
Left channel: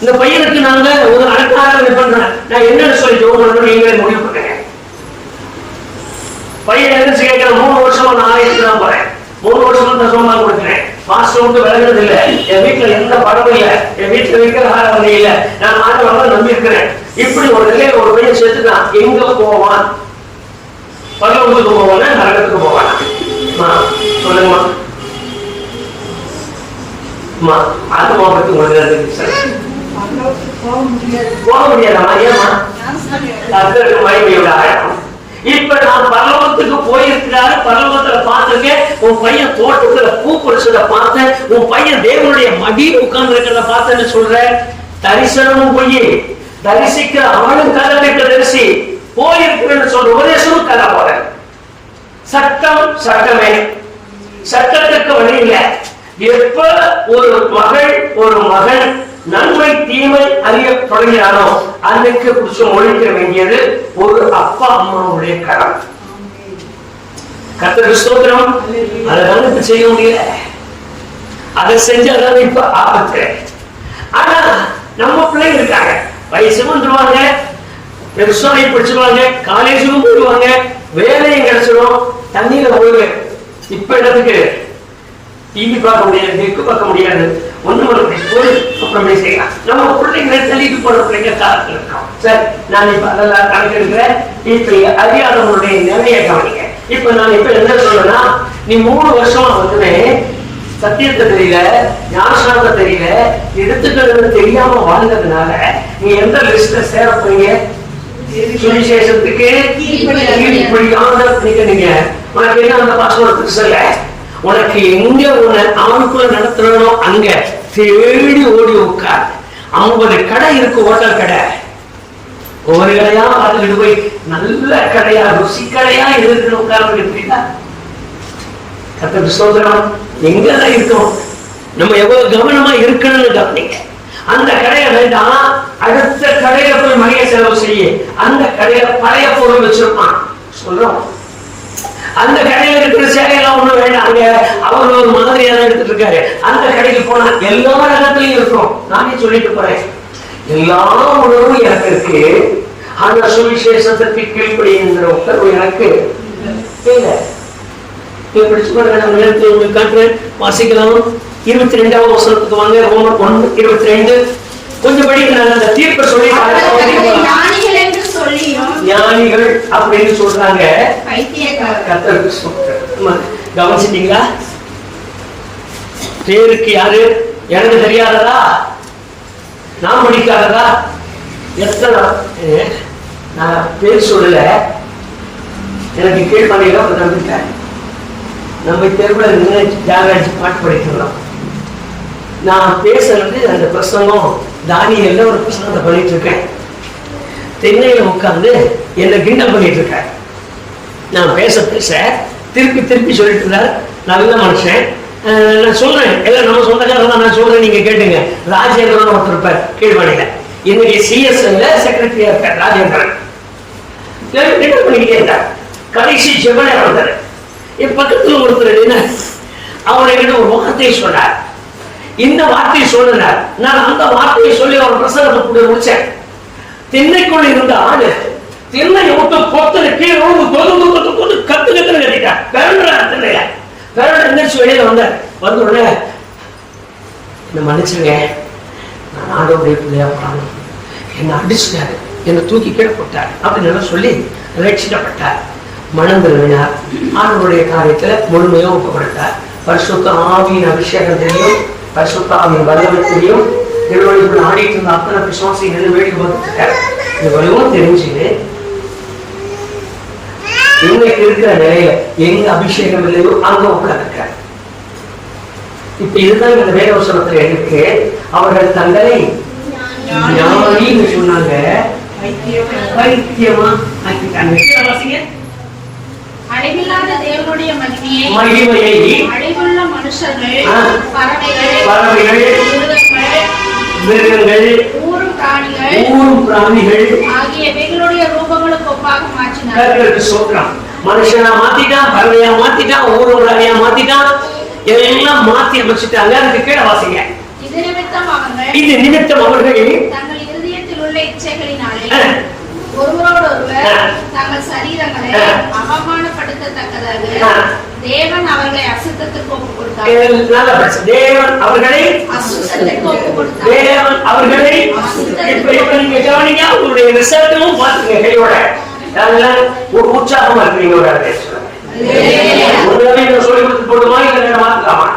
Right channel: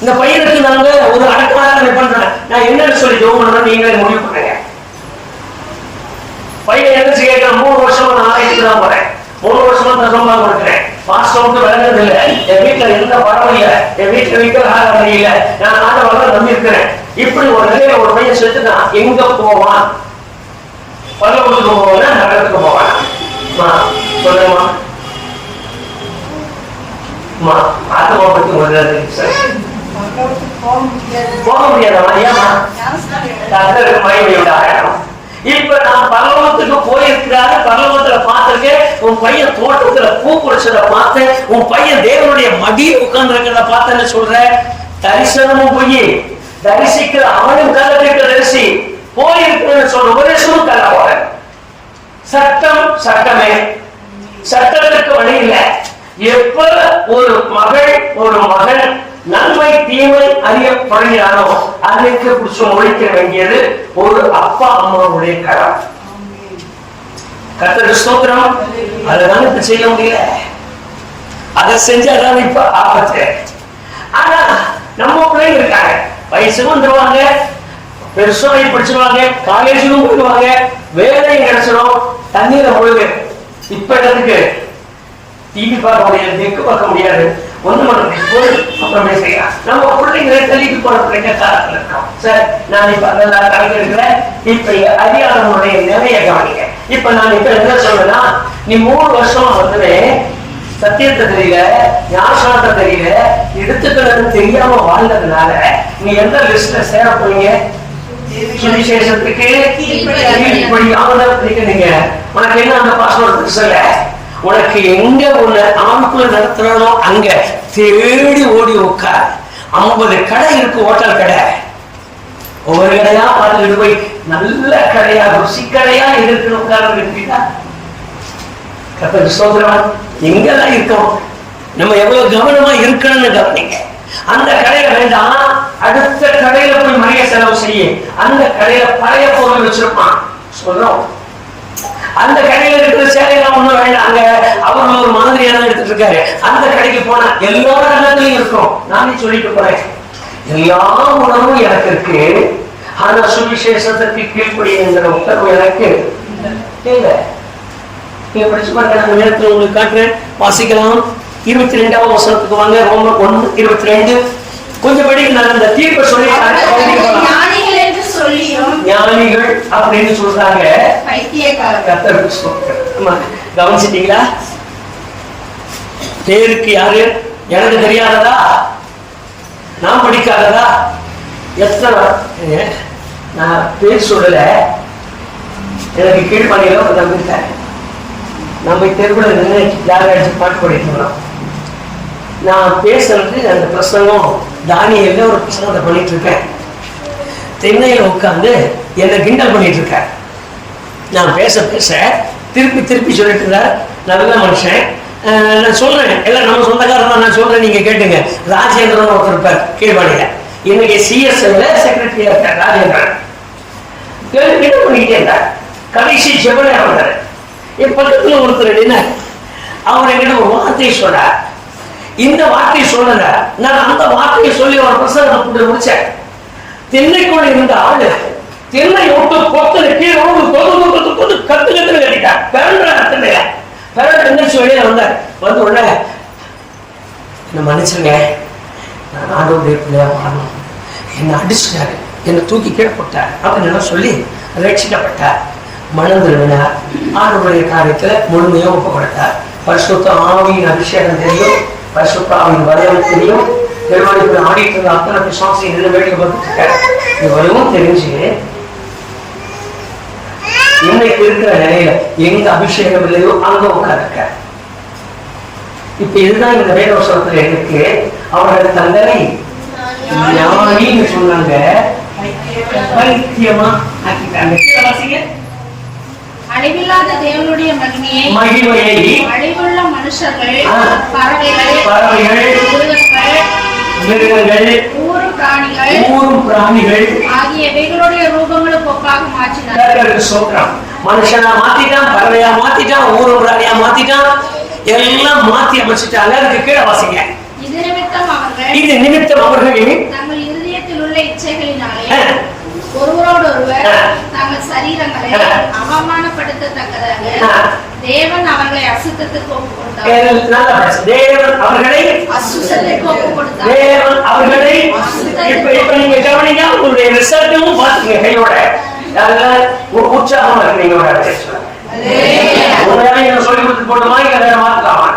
இந்த பையனுக்கு நாங்க ஒரு அடக்காரங்களை பண்றேன், நான் என்னன்னு சொல்லி ஜோம் பண்ணணும் நீங்களே முடிவு பண்ணுங்க. பையன் எந்திரிச்சு கேட்கிறேன், 3 வருஷமா நான் ஆலயத்துக்கு தான் போறேன், 3 வருஷமா தசமா கொடுக்குறேன், மாஸ்டர் விட்டு விளங்குறது இல்லை, என் வீட்டுல எந்த படம் இல்லை, என் வீட்டுல விக்கிரகாரம் இல்லை, நான் ஆண்டவரை நம்பி இருக்கிறேன். இப்படி ஒரு நிலையில ஒரு பையன் செத்துட்டான், எங்க போவான்? பரலோகத்துக்கு போவானா நரகத்துக்கு போவானா? சொல்லுங்கம்மா. ஆத்மா பத்தி போக முடியாதம்மா. ஏமா? மகிமையோட ஆழம். இப்ப நான் பரலோகத்துக்கு போயிருக்கிறாரு, பரலோகத்துல பார்த்திருக்கேன், உன் பையன் தோட்டத்துல பூ பொறிச்சதை பார்த்தேன், உன் பையன் தேவனுடைய மடியில் உட்கார்ந்து இருக்கிறத பார்த்தேன்னு சொல்ற. தரிசனமும் பொய், தரிசிக்கிற அவனும் கலக்கிட்ட தரிசி, போயிருக்கிறேன்னு சொல்ற உபதேசமும் கல போற. சட்டம் சட்டமே, சட்டத்துக்கு வழி இல்லை. எப்ப ஒரு மகள் ஒரு மகன் நன்மை தீமை அறிய தொடங்கினானோ அன்னைக்கு புடிச்சு ஒழிக்க வேண்டியது ஒரு அப்பா அம்மாவுடைய கடமை. கர்த்தருக்கு ஸ்தோத்திரம். அதனால இப்ப செய்ய முடியல, அதை செஞ்சாதான் இப்ப ஆபத்து. ஆனா நம்ம பிள்ளைங்க இருக்காங்க, வயசுக்கும் வந்துருவாங்க, பெருசா படிச்சுருவாங்க, காலேஜுக்கும் போயிடுவாங்க, வேலையும் கிடைச்சிடும், தண்ணியில போடுங்க. இப்ப இடத்துக்கு டிவி பார்க்க முடியாது, நெக்கு பார்க்க முடியாது, ஒண்ணு அப்புறமே செய்யலாம். நம்ம பிள்ளைங்களை தள்ளிட்டு போற பிள்ளைங்க காலத்துல இருக்கோம். சரி, நான் இப்ப அதெல்லாம் கணக்கெடுக்கிறேன். இப்ப அறியாதவனுடைய நிறைய கவனிக்க. இப்ப நான் இப்ப என்ன சொல்றேன்னா, நீ 3 வருஷமா வந்து சத்தியத்தை தெரியல, ஞானசாரத்தை தெரியல, எடுத்துக்கிறது தெரியாம வாழ்ந்ததுனால நீ எந்த லிஸ்ட்ல சேர போறீங்க? சுவிசேஷத்துக்கு நீங்க உனக்கு என்ன அந்த பாஸ்வேர்ட் சொல்ல, உனக்கு எங்க உன்னை ஆணுக்குள்ள நடத்துறானோ அங்க தேடி ஓடி உட்கார். 50 கடை இருக்கு, ஹோட்டல் கடை, ஒவ்வொரு கடையா பார்த்துட்டு போய் நல்ல கடையா ருசி கடையா இருக்கு உட்கார்ந்து இருக்கீங்களா? கர்த்தருக்கு ஸ்தோத்திரம். எங்கெல்லாம் இருக்கோம், நம்ம எவ்வளவு கவனமா இருக்கணும்னு கவனிங்க. அந்த கடையை வேண்டாம், அடுத்த கடையில போய் மணிய செலவு செய்ய, அந்த கடையில பழைய பொருள் வச்சிருப்பான் சொல்றோம். அந்த கடையில இருக்கிற சேலையெல்லாம் ஒண்ணும் வேண்டாம், அங்க அவர் ஒரு மாதிரியான எடுத்துட்டு இருக்காரு, அந்த கடைக்கு போனா எல்லா இடத்துலயும் இருக்கும். நானே சொல்லிட்டு போறேன், எல்லா உணர்வும் எனக்கு இருக்கு, ஆனா சுவிசேஷத்திற்கு கீழ்ப்படிங்கிற உத்தரவு எனக்கு இல்லை. படிச்சு பாருங்க, அந்த நேரத்தில் உங்களுக்கு காட்டுறேன், வாசிக்கலாம். 22வது வசனத்துக்கு வாங்க. ரோமர் 1:22. கொஞ்சம் படி. நான் இந்த தீர்ப்பை சொல்லி ஞானிகள் அப்படின்னு சொல்றாங்க, கவனிச்சிட்டீங்களா? பேருக்கு யாரு? எனக்கு தெரியாததா? நான் படிக்காததா? எத்தனை நான் பேர் சொல்லல, எனக்கு கீழ்ப்பணியில ஒரு நம்பிக்கை. நம்ம தெருவுல ஜாகரிச்சு பாட்டு படிக்கலாம். நான் பேசுறது அந்த பிரசங்கம் தானியல்ல ஒரு பிரசங்கத்தை பண்ணிட்டு இருக்கேன். தென்னையில உட்கார்ந்து என்னை கிண்டல் பண்ணிட்டு இருக்கார். நான் பேச பேச திருப்பி திருப்பி சொல்லிட்டு இருந்தார். நல்ல மனுஷன். நான் சொல்றேன், எல்லாம் நம்ம சொந்தக்காரன் தான், நான் சொல்றேன், நீங்க கேட்டுங்க. ராஜேந்திரன் ஒருத்தர் இருப்பார் கீழ்வாணியில, இன்னைக்கு சிஎஸ்எல்ல செக்ரட்டரியா இருக்கார் ராஜேந்திரன். கிண்டல் பண்ணிக்கிட்டே இருந்தார். கடைசி செவனையா வந்தாரு. என் பக்கத்துல ஒருத்தர் என்ன, அவர் என்கிட்ட ஒரு வார்த்தையை சொன்னார். இந்த வார்த்தையை சொன்னார், நான் அந்த வார்த்தையை சொல்லி ஒரு பிரசங்கத்தை முடிச்சேன். தென்னைக்குள்ள இருந்த ஆளு தென்னை விட்டு கொத்து கீழே கத்து கத்துன்னு கட்டிட்டார். பிறந்த எந்திரிச்சு வெளியில வந்தார். வந்து உடனே என்ன மன்னிச்சுங்க, நான் ஆண்டவருடைய பிள்ளையா வாழணும், என்னை அடிச்சுட்டாரு, என்னை தூக்கி கீழே போட்டார் அப்படின்னு சொல்லி ரட்சிக்கப்பட்டார். மனம் திரும்பினார். ஆண்டவருடைய காரியத்துல முழுமையா ஒப்பு கொடுத்தார். பரிசுத்த ஆவியின் அபிஷேகம் தெரியும், பரிசுத்த ஆவியின் வல்லமை தெரியும். நிறுவனத்தில் ஆடிட்டு இருந்த அத்தனை விசுவாசி என்ன வேடிக்கை பார்த்துட்டு இருக்காரு. இது வலுவும் தெரிஞ்சு இன்னைக்கு இருக்கிற நிலையில எங்க அபிஷேகம் இல்லையோ அங்க உட்கார்ந்துருக்க. இப்ப இதுதான் இந்த வேதவசனத்துல இருக்கு. அவர்கள் தங்களை ஞானின்னு சொன்னாங்க, பைத்தியமா ஆக்கிட்டாங்க. அழிவில்லாத தேவனுடைய மகிமையை அழிவுள்ள மனுஷர்கள், பறவைகள், மிருகங்கள், ஊரும் பிராணிகள் ஆகியவைகளுடைய ரூபங்களுக்கு ஒப்பாக மாற்றினார். சொல்றான், மனுஷனா மாத்திட்டான், பறவையா மாத்திட்டான், ஊரும் பிராணியா மாத்திட்டான், எல்லாம் மாத்தி அமைச்சிட்டாங்க. அதுக்கு கீழே வாசிங்க. இது நிமித்தம் அவர்கள் தங்கள் இருதயத்தில் உள்ள இச்சைகளினாலே ஒருவரோடொருவர் தங்கள் சரீரங்களை அவமானப்படுத்தத்தக்கதாக தேவன் அவர்களை அசுத்தத்துக்கு ஒப்பு கொடுத்தார். தேவன் அவர்களை அசுத்தத்துக்கு ஒப்பு கொடுத்தார். தேவன் அவர்களை இப்ப நீங்க கவனிங்க, உங்களுடைய ரிசல்ட்டும் பாத்துங்க. கையோட நல்ல ஒரு உற்சாகமா இருக்கு. நீங்க சொல்லி கொடுத்து போடுமா, இங்க மாத்தலாமா?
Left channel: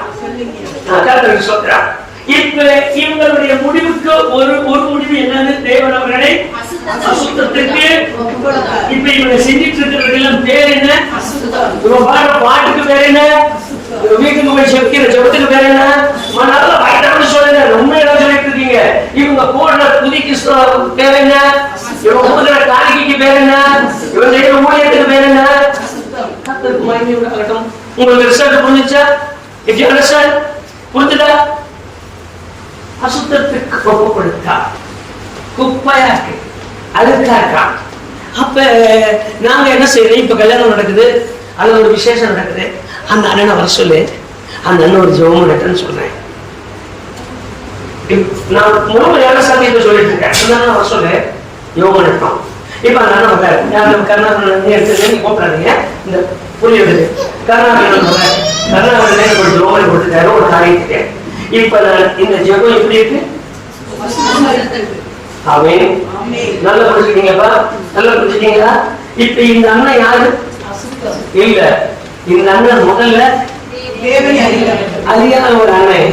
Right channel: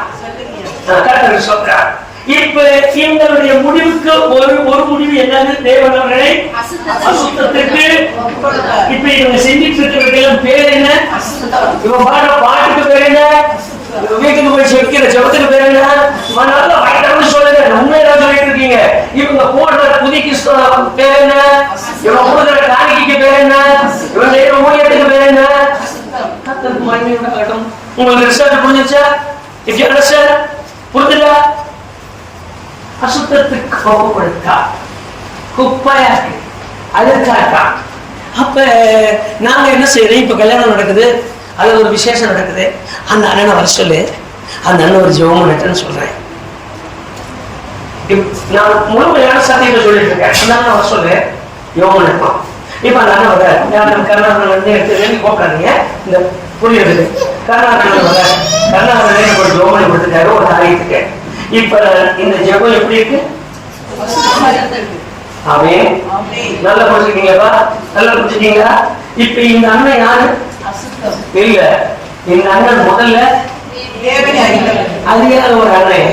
சொல்றார். இப்ப இவங்களுடைய முடிவுக்கு ஒரு முடிவு என்னன்னு, தேவன் அவர்களை அசுத்தத்துக்கு. இப்ப இவங்க செஞ்சிட்டு இருக்கிறவர்கள் பேர் என்ன? இவங்க பாடுற பாட்டுக்கு பேர் என்ன? வீட்டுக்கு போய் செவிக்கிற செவத்துக்கு பேர் என்ன? நல்லா வாய்ட்டான்னு சொல்லுங்க, உண்மையெல்லாம் சொல்லிட்டு இருக்கீங்க. இவங்க போடுற புதிக்கு பேர் என்ன? இவங்க போடுற காணிக்கைக்கு பேர் என்ன? இவங்க ஊழியத்துக்கு பேர் என்ன? உங்களுக்கு ரிசல்ட் புரிஞ்சுச்சா? இஃப் யூ அண்டர்ஸ்டாண்ட், புரிஞ்சுதா? அசுத்தத்துக்கு கோபப்படுத்தா, குப்பையாக்கு, அழுக்காக்கா. அப்ப நாங்க என்ன செய்யறோம்? இப்ப கல்யாணம் நடக்குது, அது ஒரு விசேஷம் நடக்குது, அந்த அண்ணனை வர சொல்லு, அந்த அண்ணன் ஒரு ஜெபம் நடக்குன்னு சொல்றேன். நான் முழுமையான சத்தியத்தை சொல்லிட்டு இருக்கேன். அந்த அண்ணன் வர சொல்லு, யோகம் நடப்பான். இப்ப அந்த அண்ணன் வர கருணாகரன் எடுத்து கூப்பிடாதீங்க, இந்த புள்ளி எடுத்து கருணாகரன் வர கருணாகரன் ஒரு ஜெபம் கொடுத்துட்டாரு ஒரு காரியத்துக்கு. இப்ப இந்த ஜெபம் எப்படி இருக்கு? அவன் நல்லா புரிஞ்சுக்கீங்கப்பா, நல்லா புரிஞ்சுக்கீங்களா? இப்ப இந்த அண்ணன் யாரு? இல்ல, இந்த அண்ணன் முதல்ல அறியாத ஒரு அண்ணன்.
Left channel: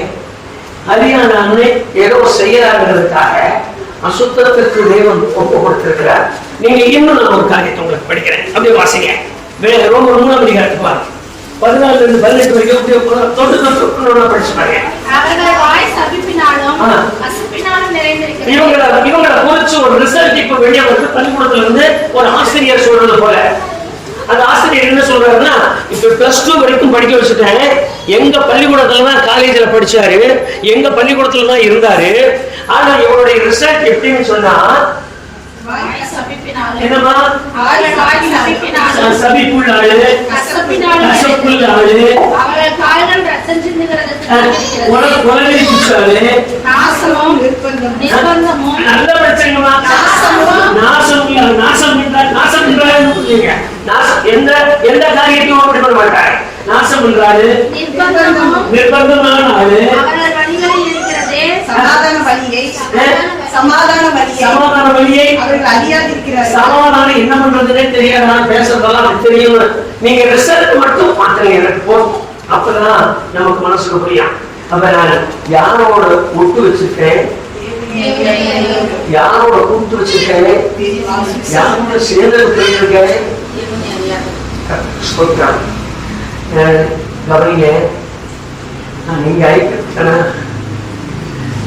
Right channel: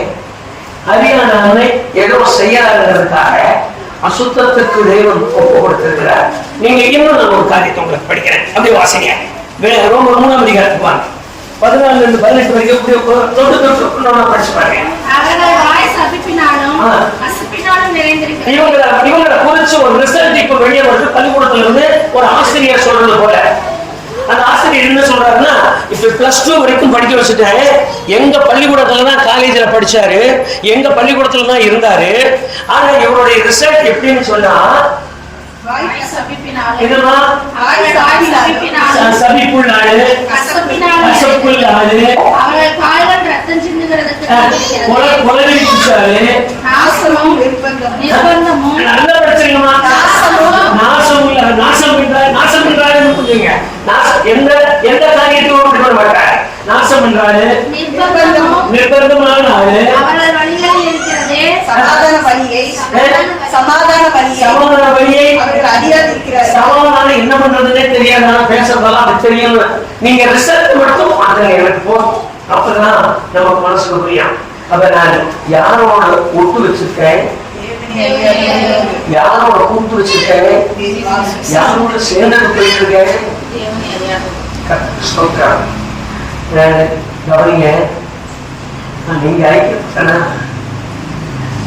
அறியாத அண்ணன் ஏதோ செய்யறாங்கிறதுக்காக அசுத்தத்துக்கு தேவன் ஒப்பு கொடுத்திருக்கிறார். நீங்க இன்னும் நான் ஒரு காரியத்தை உங்களுக்கு படிக்கிறேன், அப்படியே வாசிங்க. ரொம்ப 3ஆம் அதிகாரத்துக்கு வாங்க, 14 இருந்து 18 வரைக்கும் தொட்டு படிச்சு பாருங்க. இவங்களை குறிச்சு ஒரு ரிசல்ட் இப்ப வெளியே வருது. பள்ளிக்கூடத்துல இருந்து ஒரு ஆசிரியர் சொல்றது போல, அந்த ஆசிரியர் என்ன சொல்றாருன்னா, இப்ப +2 வரைக்கும் படிக்க வச்சுட்டேன், எங்க பள்ளிக்கூடத்துலதான் காலேஜ்ல படிச்சாரு, எங்க பள்ளிக்கூடத்துலதான் இருந்தாரு. ஆனா இவருடைய ரிசல்ட் எப்படின்னு சொன்னா, என்னமா சபிப்புள்ளாளு, கசப்புள்ளாளு, நல்ல பிரச்சனைமா எந்த காரியத்தையும் அப்படி பண்ண மாட்டாரு. நாசம் பண்றாரு, நிர்பந்தமான ஆளு, சமாதான வழியை சமாதானம் என்ன பண்றதுன்னே தெரியாது, பேசுறதெல்லாம் தெரியும். நீங்க ரிசல்ட் மட்டும் மாத்திரம் எனக்கு போதும், அப்பதான் நமக்கு மனசுக்கு புரியும். அப்ப நான் யாரோட ஒட்டு வச்சிருக்கேன், யாரோட கூட்டு வச்சிருக்கேன், யாரோட சேர்ந்தது போயிருக்கேன் சொல்றாங்க. நீங்க ஐக்கியப்பட்டனா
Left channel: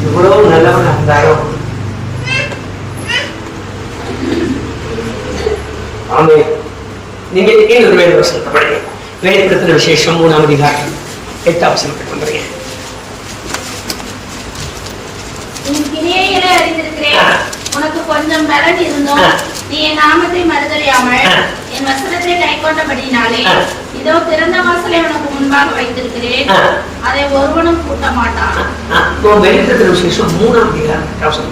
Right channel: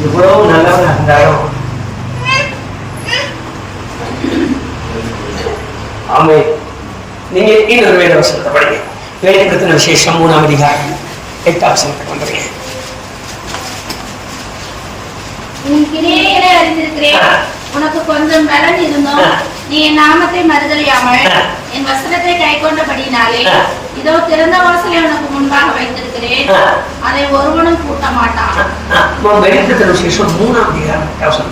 இவ்வளவு நல்லவன் இருந்தாலும் ஆமே. நீங்க ஒரு வேலை வசனத்தை படிங்க, வெளிப்படுத்தின விசேஷம் 3ஆம் அதிகாரம் 8ஆம் வசனத்தை கொண்டு உன் கிரியைகளை அறிந்திருக்கிறேன். உனக்கு கொஞ்சம் பலன் இருந்தும் நீ என் நாமத்தை மறுதலியாமல் என் வசனத்தை கைக்கொண்டபடினாலே இதோ திறந்த வாசலை உனக்கு முன்பாக வைத்திருக்கிறேன், அதை ஒருவனும் பூட்ட மாட்டான். வெளிப்படுத்தின விசேஷம் 3ஆம் அதிகாரம் 13:8.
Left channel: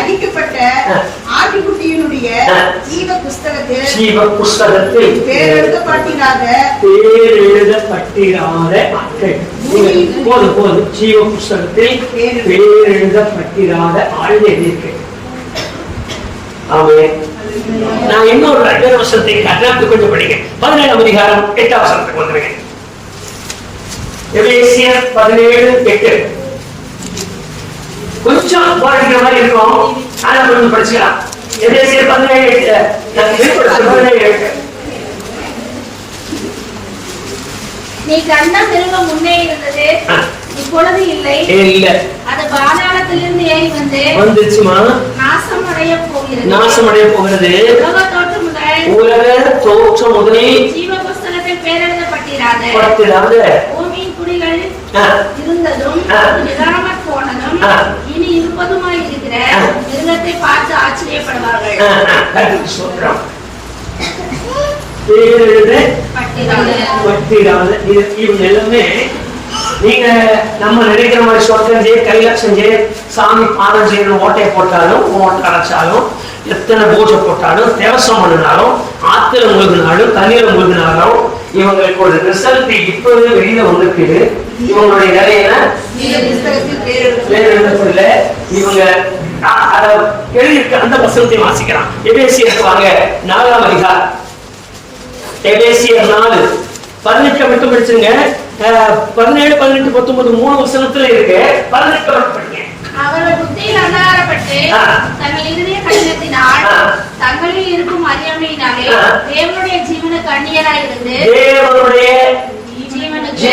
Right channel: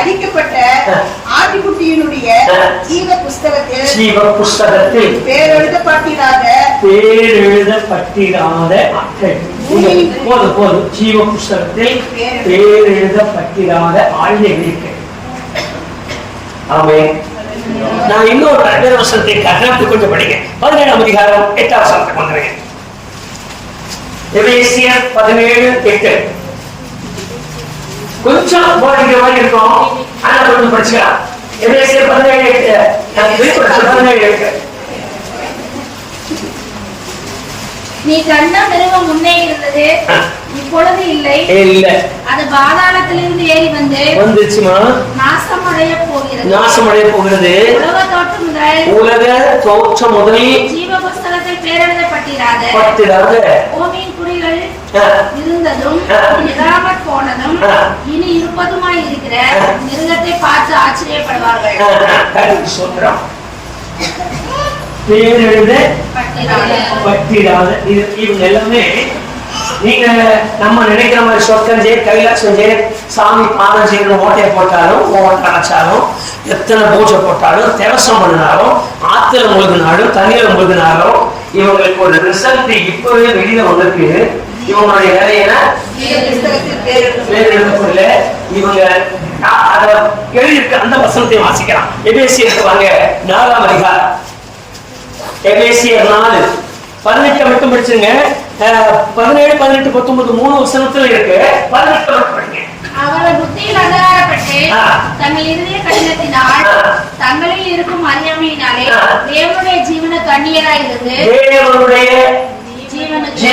அளிக்கப்பட்ட ஆட்டுக்குட்டியினுடைய ஜீவ புஸ்தகத்தில் பேரெழுதப்பட்டிராத போதும் ஜீவ புஸ்தகத்தில் பேரெழுதப்பட்டிராத ஆழ்ந்த எண்ணிக்கை. ஆமே. நான் இன்னொரு வசனத்தை கொஞ்சம் படிங்க. 17ஆம் அதிகாரம் 8ஆம் வசனத்தை கொண்டுறேன். எபேசியர் 17:8. கொஞ்சம் போடுற மாதிரி இருக்கும், ஆனா கொஞ்சம் படிச்சுக்கலாம். எபேசியர் 17:8. நீ கண்ட மிருகம் முன்னே இருந்தது, இப்பொழுது இல்லை. அது பாதாளத்திலிருந்து ஏறி வந்துச்சுமா, நாசமடைய போகிறது. உலக தோற்றம் முதல் ஜீவ புஸ்தகத்தில் பேரெழுதப்பட்டிராத பூமியின் குடிகள் இருந்ததும் இல்லாமற் போனதும் இனி இருப்பதுமாய் இருக்கிற மிருகத்தை பார்த்து ஆச்சரியப்படுவார்கள். இவங்க எல்லாமே நீங்க நம்ம நினைக்கிற மாதிரி சொர்க்கம் செய்ய, கைலாசம் செய்ய, சாமி பாதம் செய்யற ஓட்டையை போட்டாலும், ஓட்டை அரைச்சாலும், எத்தனை பூஜை போட்டாலும், தேவசம் பண்ணினாலும், ஆத்துல முழுகினாலும், தண்ணீர முழுகினாலும், இவங்களுக்கு ஒரு ரிசல்ட் இப்பவே வெளியில வந்திருக்கு. இவங்களுடைய நிறைய இவங்க அத எழுதியிருக்கு. அந்த வசனத்தை வாசிக்கிறான். எபேசியருக்கு வாங்க, 4ஆம் அதிகாரம். எபேசியர் 4:18 மட்டும் படிச்சுங்க. 17, 18, 19 3 வசனத்துல இருக்கு. 18 மட்டும் படிங்க. அவர்கள் புத்தியில் அந்தகாரப்பட்டு தங்கள் இருதய கடினத்தினால் தங்களில் இருக்கும் அறியாமையினாலே தேவனுடைய ஜீவனுக்கு அந்நியராய் இருந்து, தேவனுடைய ஜீவனுக்கு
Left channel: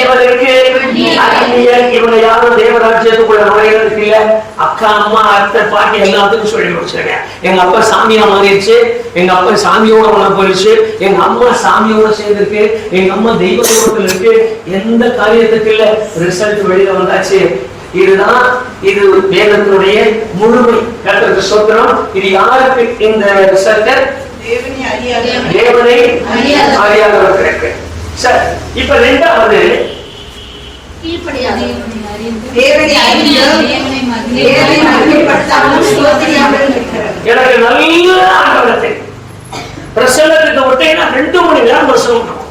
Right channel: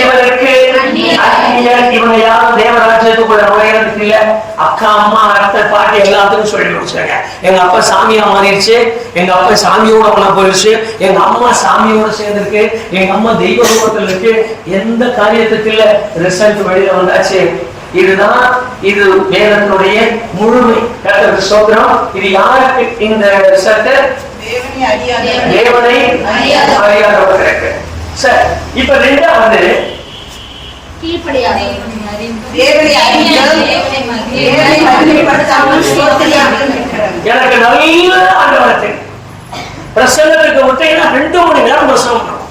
இவங்க யாரும் தேவராஜ்யத்துக்குள்ள நுழைகிறதுக்கு இல்ல. அக்கா, அம்மா, அத்தை, பாட்டி எல்லாத்துக்கும் சொல்லி முடிச்சாங்க. எங்க அப்பா சாமியா மாறிடுச்சு, எங்க அப்பா சாமியோட ஒண்ணா போயிடுச்சு, எங்க அம்மா சாமியோட சேர்ந்திருக்கு, எங்க அம்மா தெய்வ ரூபத்தில் இருக்கு. எந்த காரியத்துக்கு இல்ல. ரிசல்ட் வெளியில வந்தாச்சு. இதுதான் இது வேதத்தினுடைய முழுமை. கர்த்தருக்கு ஸ்தோத்திரம். இது யாருக்கு இந்த ரிசல்ட்? தேவனை அறியாதவர்களுக்கு. சரி, இப்ப 2வது எனக்கு நல்ல ஆண்டவரத்தை பிரசங்கத்துக்கு விட்டீங்கன்னா 2 மணி நேரம் பிரசங்கம்.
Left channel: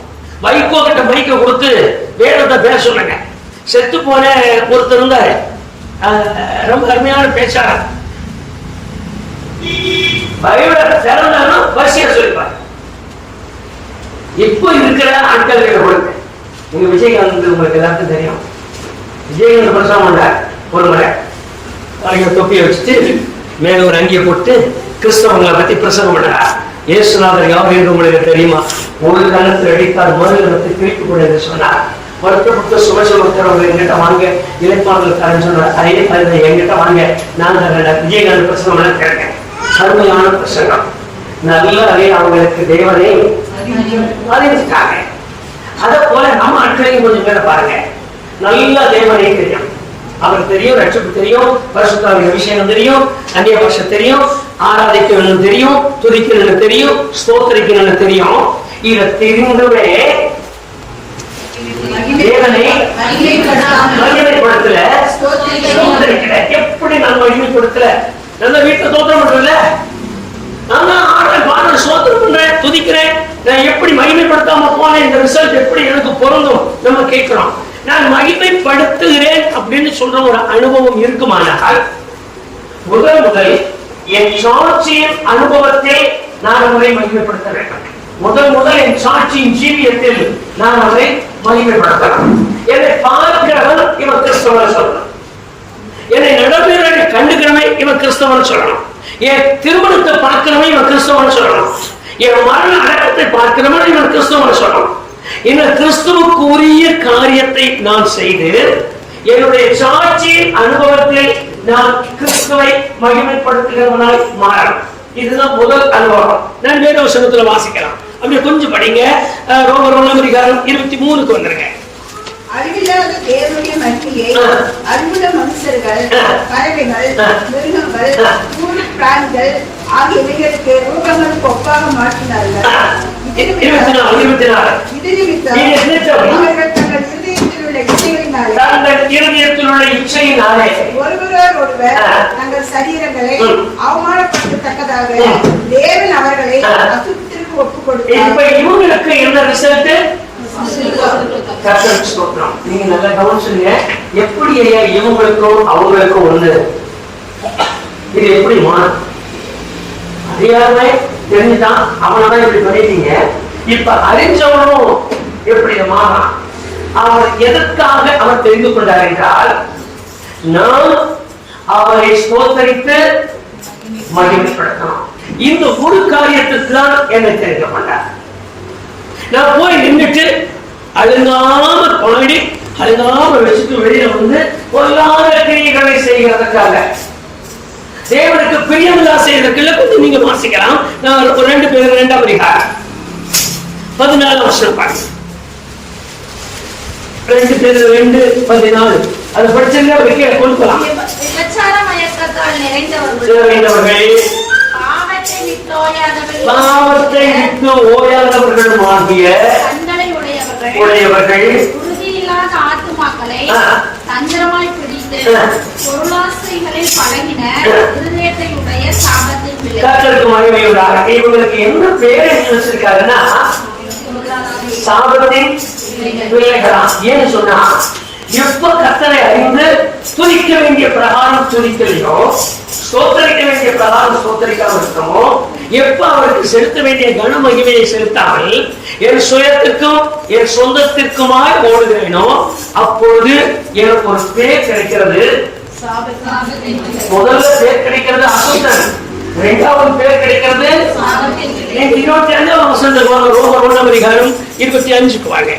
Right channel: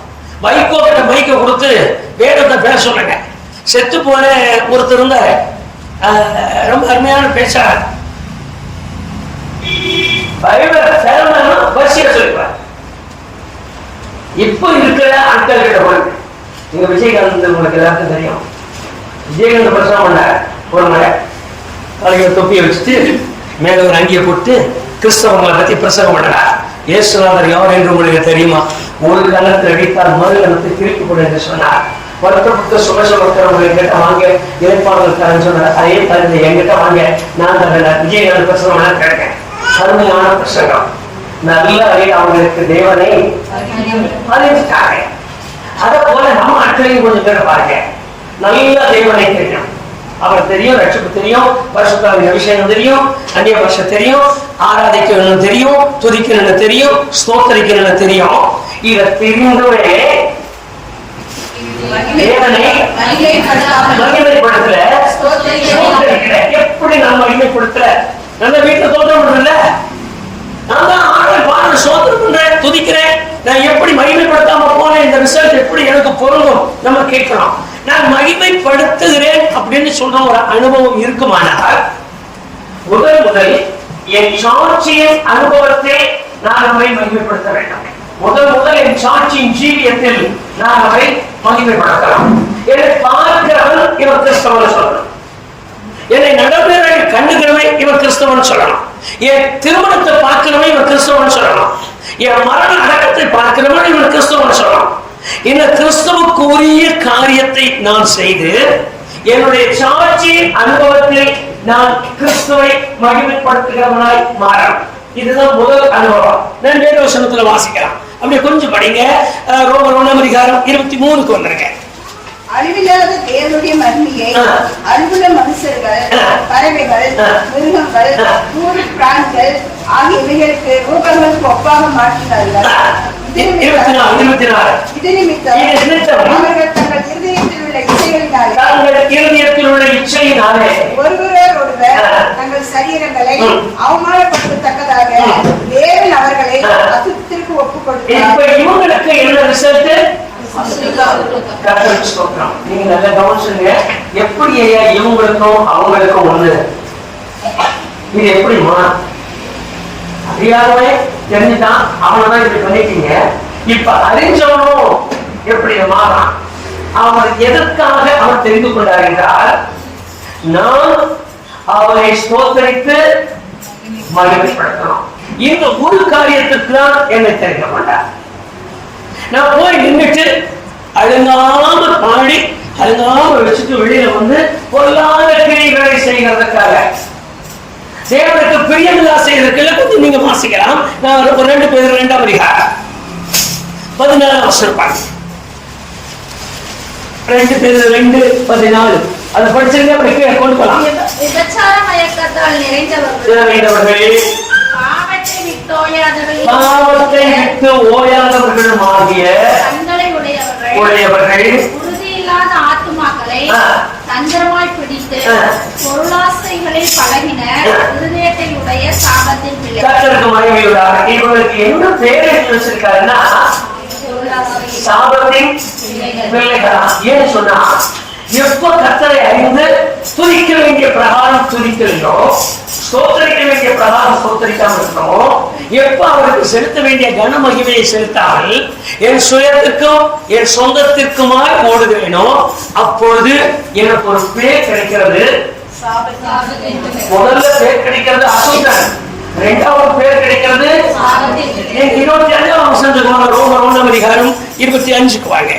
மைக்கோ கிட்ட மைக்க கொடுத்து வேதத்தை பேச சொல்லுங்க. செத்து போன ஒருத்தர் இருந்தாரு, ரொம்ப அருமையான பேச்சாளர். வரிசையா சொல்லிப்பார். இப்ப இருக்கிற ஆட்கள் கிட்ட கொடுங்க. இங்க விஜயகாந்த் உங்களுக்கு எல்லாருக்கும் தெரியும். விஜயகாந்த் பிரசவம் பண்ணார். ஒரு முறை தொப்பியை வச்சுட்டு மேல ஒரு அங்கியை போட்டு கிறிஸ்தவங்களை பத்தி பிரசங்கம் பண்ணார். இயேசுநாதர் யார் என்று உங்களுக்கு தெரியுமா? ஒரு கணத்தில் அடித்தால் மறு கணத்தை பிரிப்பு கொடு என்று சொன்னார். வருத்தப்பட்ட சுகசமக்கிறவங்க என்கிட்ட வாங்க, இழைப்பாளர்களுக்காரன்னு சொன்னார். அதே மாதிரி என்கிட்ட வாங்க, நான் தான் விஜயகாந்த் பிரசங்கம் எல்லாம் கேட்கேன். அருமையான பிரசங்கம். நல்ல அதே அவங்களுக்கு தேவனை அறிவிச்சாங்க. அதை போல நம்ம ஆட்களையும் கொஞ்சம் பேரை பாருங்க. நல்ல தேவனை தெரியும், அவர் தெரியும், ரட்சிப்பு தெரியும், பரிசுத்தாவின் அபிஷேகம் தெரியும், அந்நிய பாஷை தெரியும், ஆராதிக்கணும்னு தெரியும், துதிக்கணும்னு தெரியும், ஸ்தோத்திரிக்கணும்னு தெரியும். இதை தெரிந்துமே தேவனை மகிமைப்படுத்தல. எப்படி நான் மகிமைப்படுத்தல? நம்ம வீட்டை தோற்றம் பண்றல, நான் தான் ஆண்டவரை பாடுறேன், ஸ்தோத்திரம் பண்றேன், துதிக்கிறேன். நான் எப்படி மகிமைப்படுத்தாம போனேன்? இந்த ரிசல்ட் எப்படி எனக்கு பொருந்தும்? நம்ம கேட்கிறோம். நான் மகிமைப்படுத்துகிறேன் அப்படின்னு சொல்ற ஒரு அனுபவம் இருக்குமானால், முதல் என் சாட்சியின் அனுபவத்தில் நான் அவரை மகிமைப்படுத்த வேண்டும். முதல் என் சாட்சியின் ஜீவியத்தில் நான் அவரை மகிமைப்படுத்தலாம். என்னை பார்க்கிறவன் இவன் கிறிஸ்தவன் சொல்லணும். என்னை நடப்பவர்களை கண்டுக்கிறவன் இவன் கிறிஸ்தவன் சொல்லணும். என் திருமணத்தை பார்க்கிறவன் இவன் கிறிஸ்தவன் சொல்லணும். என் மரண அடக்கத்தை பார்க்கிறவன் இவன் கிறிஸ்தவன் சொல்லணும். இந்த கிறிஸ்தவுக்கு உரிய காரியத்தை நான் செய்து என்னுடைய சாட்சியின் அனுபவத்தில் நான் கிறிஸ்துவை மகிமைப்படுத்துகிறவனாய் மாறணும். இதுதான் முதல் அனுபவம். நான் வேத வசனத்துல வாசிக்கலாம். அப்படியே கொஞ்சம் படிங்க. ரோமர் 1ஆம் அதிகாரம் 23க்கு வந்துருங்க. அழிவில்லாத தேவனுடைய மகிமையை அன்புள்ள மனுஷர்கள், பறவைகள், மிருகங்கள், ஊர் பிராணிகள் ஆகிய இவைகளுக்கு ரூபங்களுக்கு ஒப்பாக மாற்றினார்கள். இது நிமித்தம் அவர்கள் தங்கள் இருதயத்தில் உள்ள இச்சையினாலே ஒருவர் தங்கள் சரீரங்களை அவமானப்படுத்தத்தக்கதாக தேவன் அவர்களை அசுத்தத்திற்கு ஒப்புக் கொடுத்தார். இவங்களுக்கு என்ன ரிசல்ட்? நீங்க நல்ல கவனிச்சுங்க. எப்படி ஐயா இவங்களுக்கும் அவங்களுக்கும் ஒண்ணு? இது எப்படி மாறும்? அறியாமே தெரிஞ்சுதான் அவனதான் இப்படி பண்ணிட்டீங்க. இப்ப அறிஞ்சவனும் எப்படி மாறான்? அவர் எதற்காக அவர் தெரிந்து கொண்டார் என்றால், நான் அவரை ஸ்தோத்தரித்து மகிமைப்படுத்தணும். இந்த ஒரு காரியத்துக்கு தான் என்னை தெரிந்து கொண்டார். நான் போய் நின்றுட்டு அழுங்காம பாடி அழுங்காம வச்சுட்டு வெளியில வந்து பொல்லாத கிரியைகளை செய்கிறதுக்காக, தேவனுக்கு பிரியமில்லா செய்யறதுக்குள்ள கொஞ்சம் நீங்க வாசிக்கலாம். நான் ஒரு 2 பேர் 2ஆம் அதிகாரம் 14 வருஷம் பாருங்க. 2 பேர் 2:14 அதை படிச்சிருந்தா வெளியே கொடுக்கலாம். விபச்சார மயக்கத்தால் நிறைந்தவர்கள், பாவத்தை விட்டு ஓயாதவர்களுமாகிய கண்களை உடையவர்கள், உறுதியில்லாத ஆத்துமாக்களை தந்திரமாய் பிடித்து பொருளாசைகளில் பழகின இருதயத்தை உடைய சாபத்தின் பிள்ளைகள். கர்த்தருக்கு மகிமையுண்டாக. இவங்களுக்கு என்ன பேர் வச்சிருக்காருன்னா சாபத்தின் பிள்ளைகளா. ஏன்னு சொன்னா, எப்ப கர்த்தரை அறிந்து துதிக்க வேண்டிய பிரகாரம் துதிக்கலையோ, ஸ்தோத்தரிக்க வேண்டிய பிரகாரம் ஸ்தோத்தரிக்காமல் இருக்கோமோ, எப்ப அவருக்கு செலுத்த வேண்டிய கன மகிமையை செலுத்தாமல் என் சுயத்திற்கும் என் சொந்தத்திற்குமாய் ஓடுகிறேனோ, அப்பொழுது எனக்கு ஒரு பேர் கிடைக்கிறது. முதல்ல பேர் கிடைக்கிறது அசுத்தன், 2வது பேர் கிடைக்கிறது 25ஆம் வசனத்துக்கு வாங்க. ரோமர் 1ஆம் அதிகாரம் 25க்கு வாங்க.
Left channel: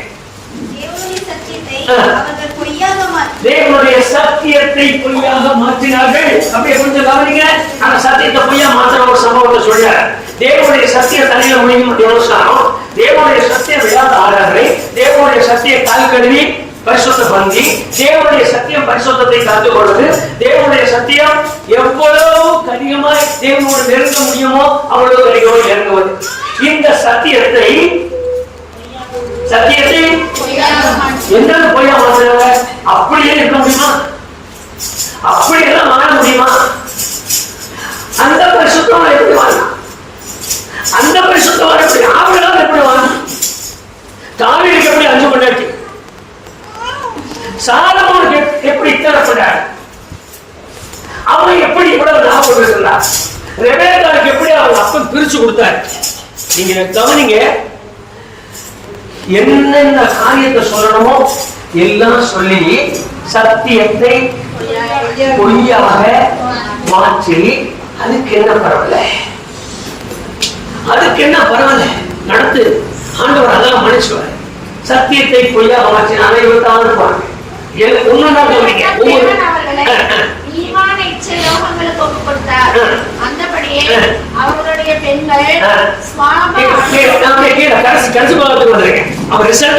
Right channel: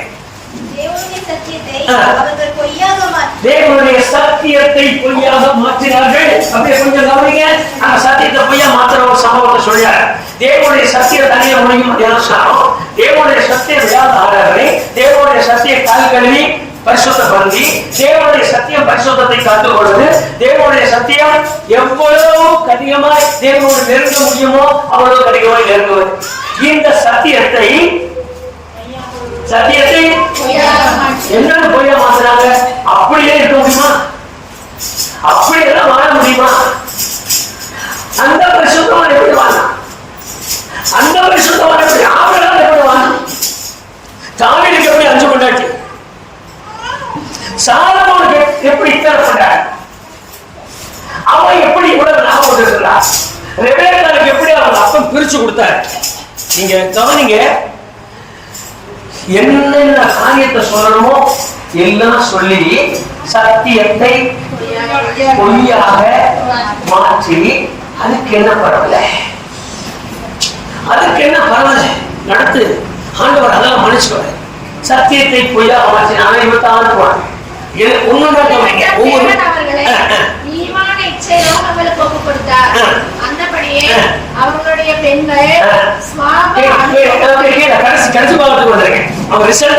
தேவனுடைய சத்தியத்தை பொய்யாக மாற்றினார்கள். அப்படியே கொஞ்சம் கவனிங்க. அந்த சத்தியத்தை பொய்யா மாற்ற ஒரு சம்பவத்தை சொல்றார். தேவனுடைய சத்திய தனியில முடியும் தியானம். தேவனுடைய சத்திய விழாத ஆடாரை, தேவனுடைய சத்திய கால் கழுவி பரிசுத்தப்படுத்தி, தேவனுடைய சத்தியம் பரிசுத்தத்தை காத்துக் கொள்வது, தேவனுடைய சத்தியம் எவ்வளவு கடினமாய் தேவனோடு நெருங்க முடியுமோ அவ்வளவு கடினமாய் நெருங்குவது. இந்த சத்தியத்தை என்னன்னு பொய்யா மாத்துறாங்க. அப்படியே இருக்க முடியுமா? அப்படியெல்லாம் வாழ முடியுமா? அந்த பரிசுத்தம் எப்படி வாழலாம்? அந்த பரிசுத்தம் எப்படி ஆவலாம்? எப்படி வாழலாம்? தாவீதுக்கு எப்படி 5 பொண்டாட்டி, சாலமோனுக்கு எப்படி இத்தனை பொண்டாட்டி, அவன் எப்படி இவ்வளவு ஞாபகம் இருக்கிறான், ரெபெக்காவுக்கு எப்படி அவன் அப்பம் பிரிச்சு கொடுத்தார். நீங்க கவனிங்க, என்னென்ன காரியத்தை சொல்லணுமோ எல்லாம் சொல்லி சத்தியத்தை பொய்யாக மாற்றி, அதுக்கு என்ன பரவல, அதுக்கு என்ன பரவல நடத்து ஆண்டவர் அதெல்லாம் மன்னிச்சுவார். சத்தியத்தை பொய்யாக மாற்றினாலே இவத்தான் இருப்பாங்க. அந்தபடியே அவர்களுடைய பெண்கள்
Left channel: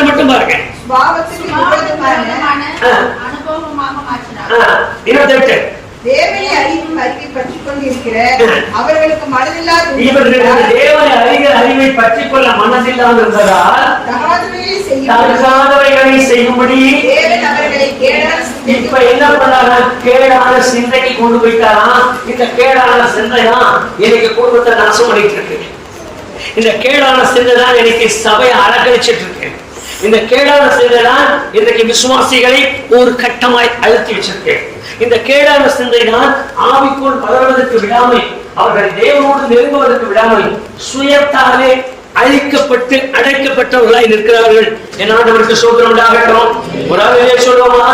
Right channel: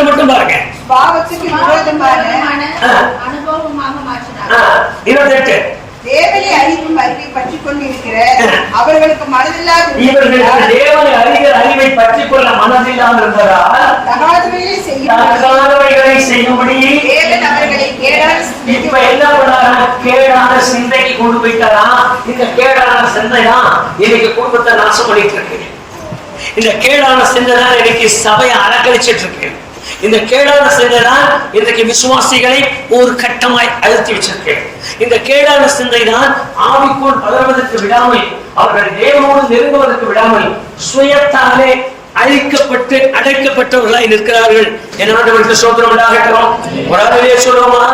மட்டும் பாருங்க, அனுபவமாக மாற்றினார். தேவனை அறிவும் அறிவை பற்றிக் கொண்டிருக்கிற அவர்களுக்கு மனதில்லாத தேவனை அறிகிற அறிவை பற்றிக் கொள்ள மனதில்லாமல் இருந்ததால் தகாதவைகளை செய்யும்படி தேவன் அவர்களை இப்ப என்ன பண்ணாரா, கேடான சிந்தைக்கு கொண்டு போயிட்டாரா. இந்த கேடான சிந்தை தான் இன்னைக்கு குடும்பத்தை நாசம் பண்ணிட்டு இருக்கு. இந்த கேடான சிந்தை தான் இன்னைக்கு சபையை அலக்கழிச்சிட்டு இருக்கு. இந்த கேடான சிந்தை தான் இன்றைக்கு விசுவாசிகளை ஒரு கட்டமாய் அழுத்தி வச்சிருக்கு. இந்த கேடான சிந்தை தான் ஆவிக்குள் வளர்வதற்கு விடாமல், அவர்கள் தேவனோடு நெருங்குவதற்கு விடாமல் சுயத்தாலே அழிக்கப்பட்டு அடைக்கப்பட்டவர்களாய் நிற்கிறார்கள். என்னவர்களுக்கு சோதனம் உண்டாகட்டும். ஒரு ஆளுநே சொல்லுவோமா?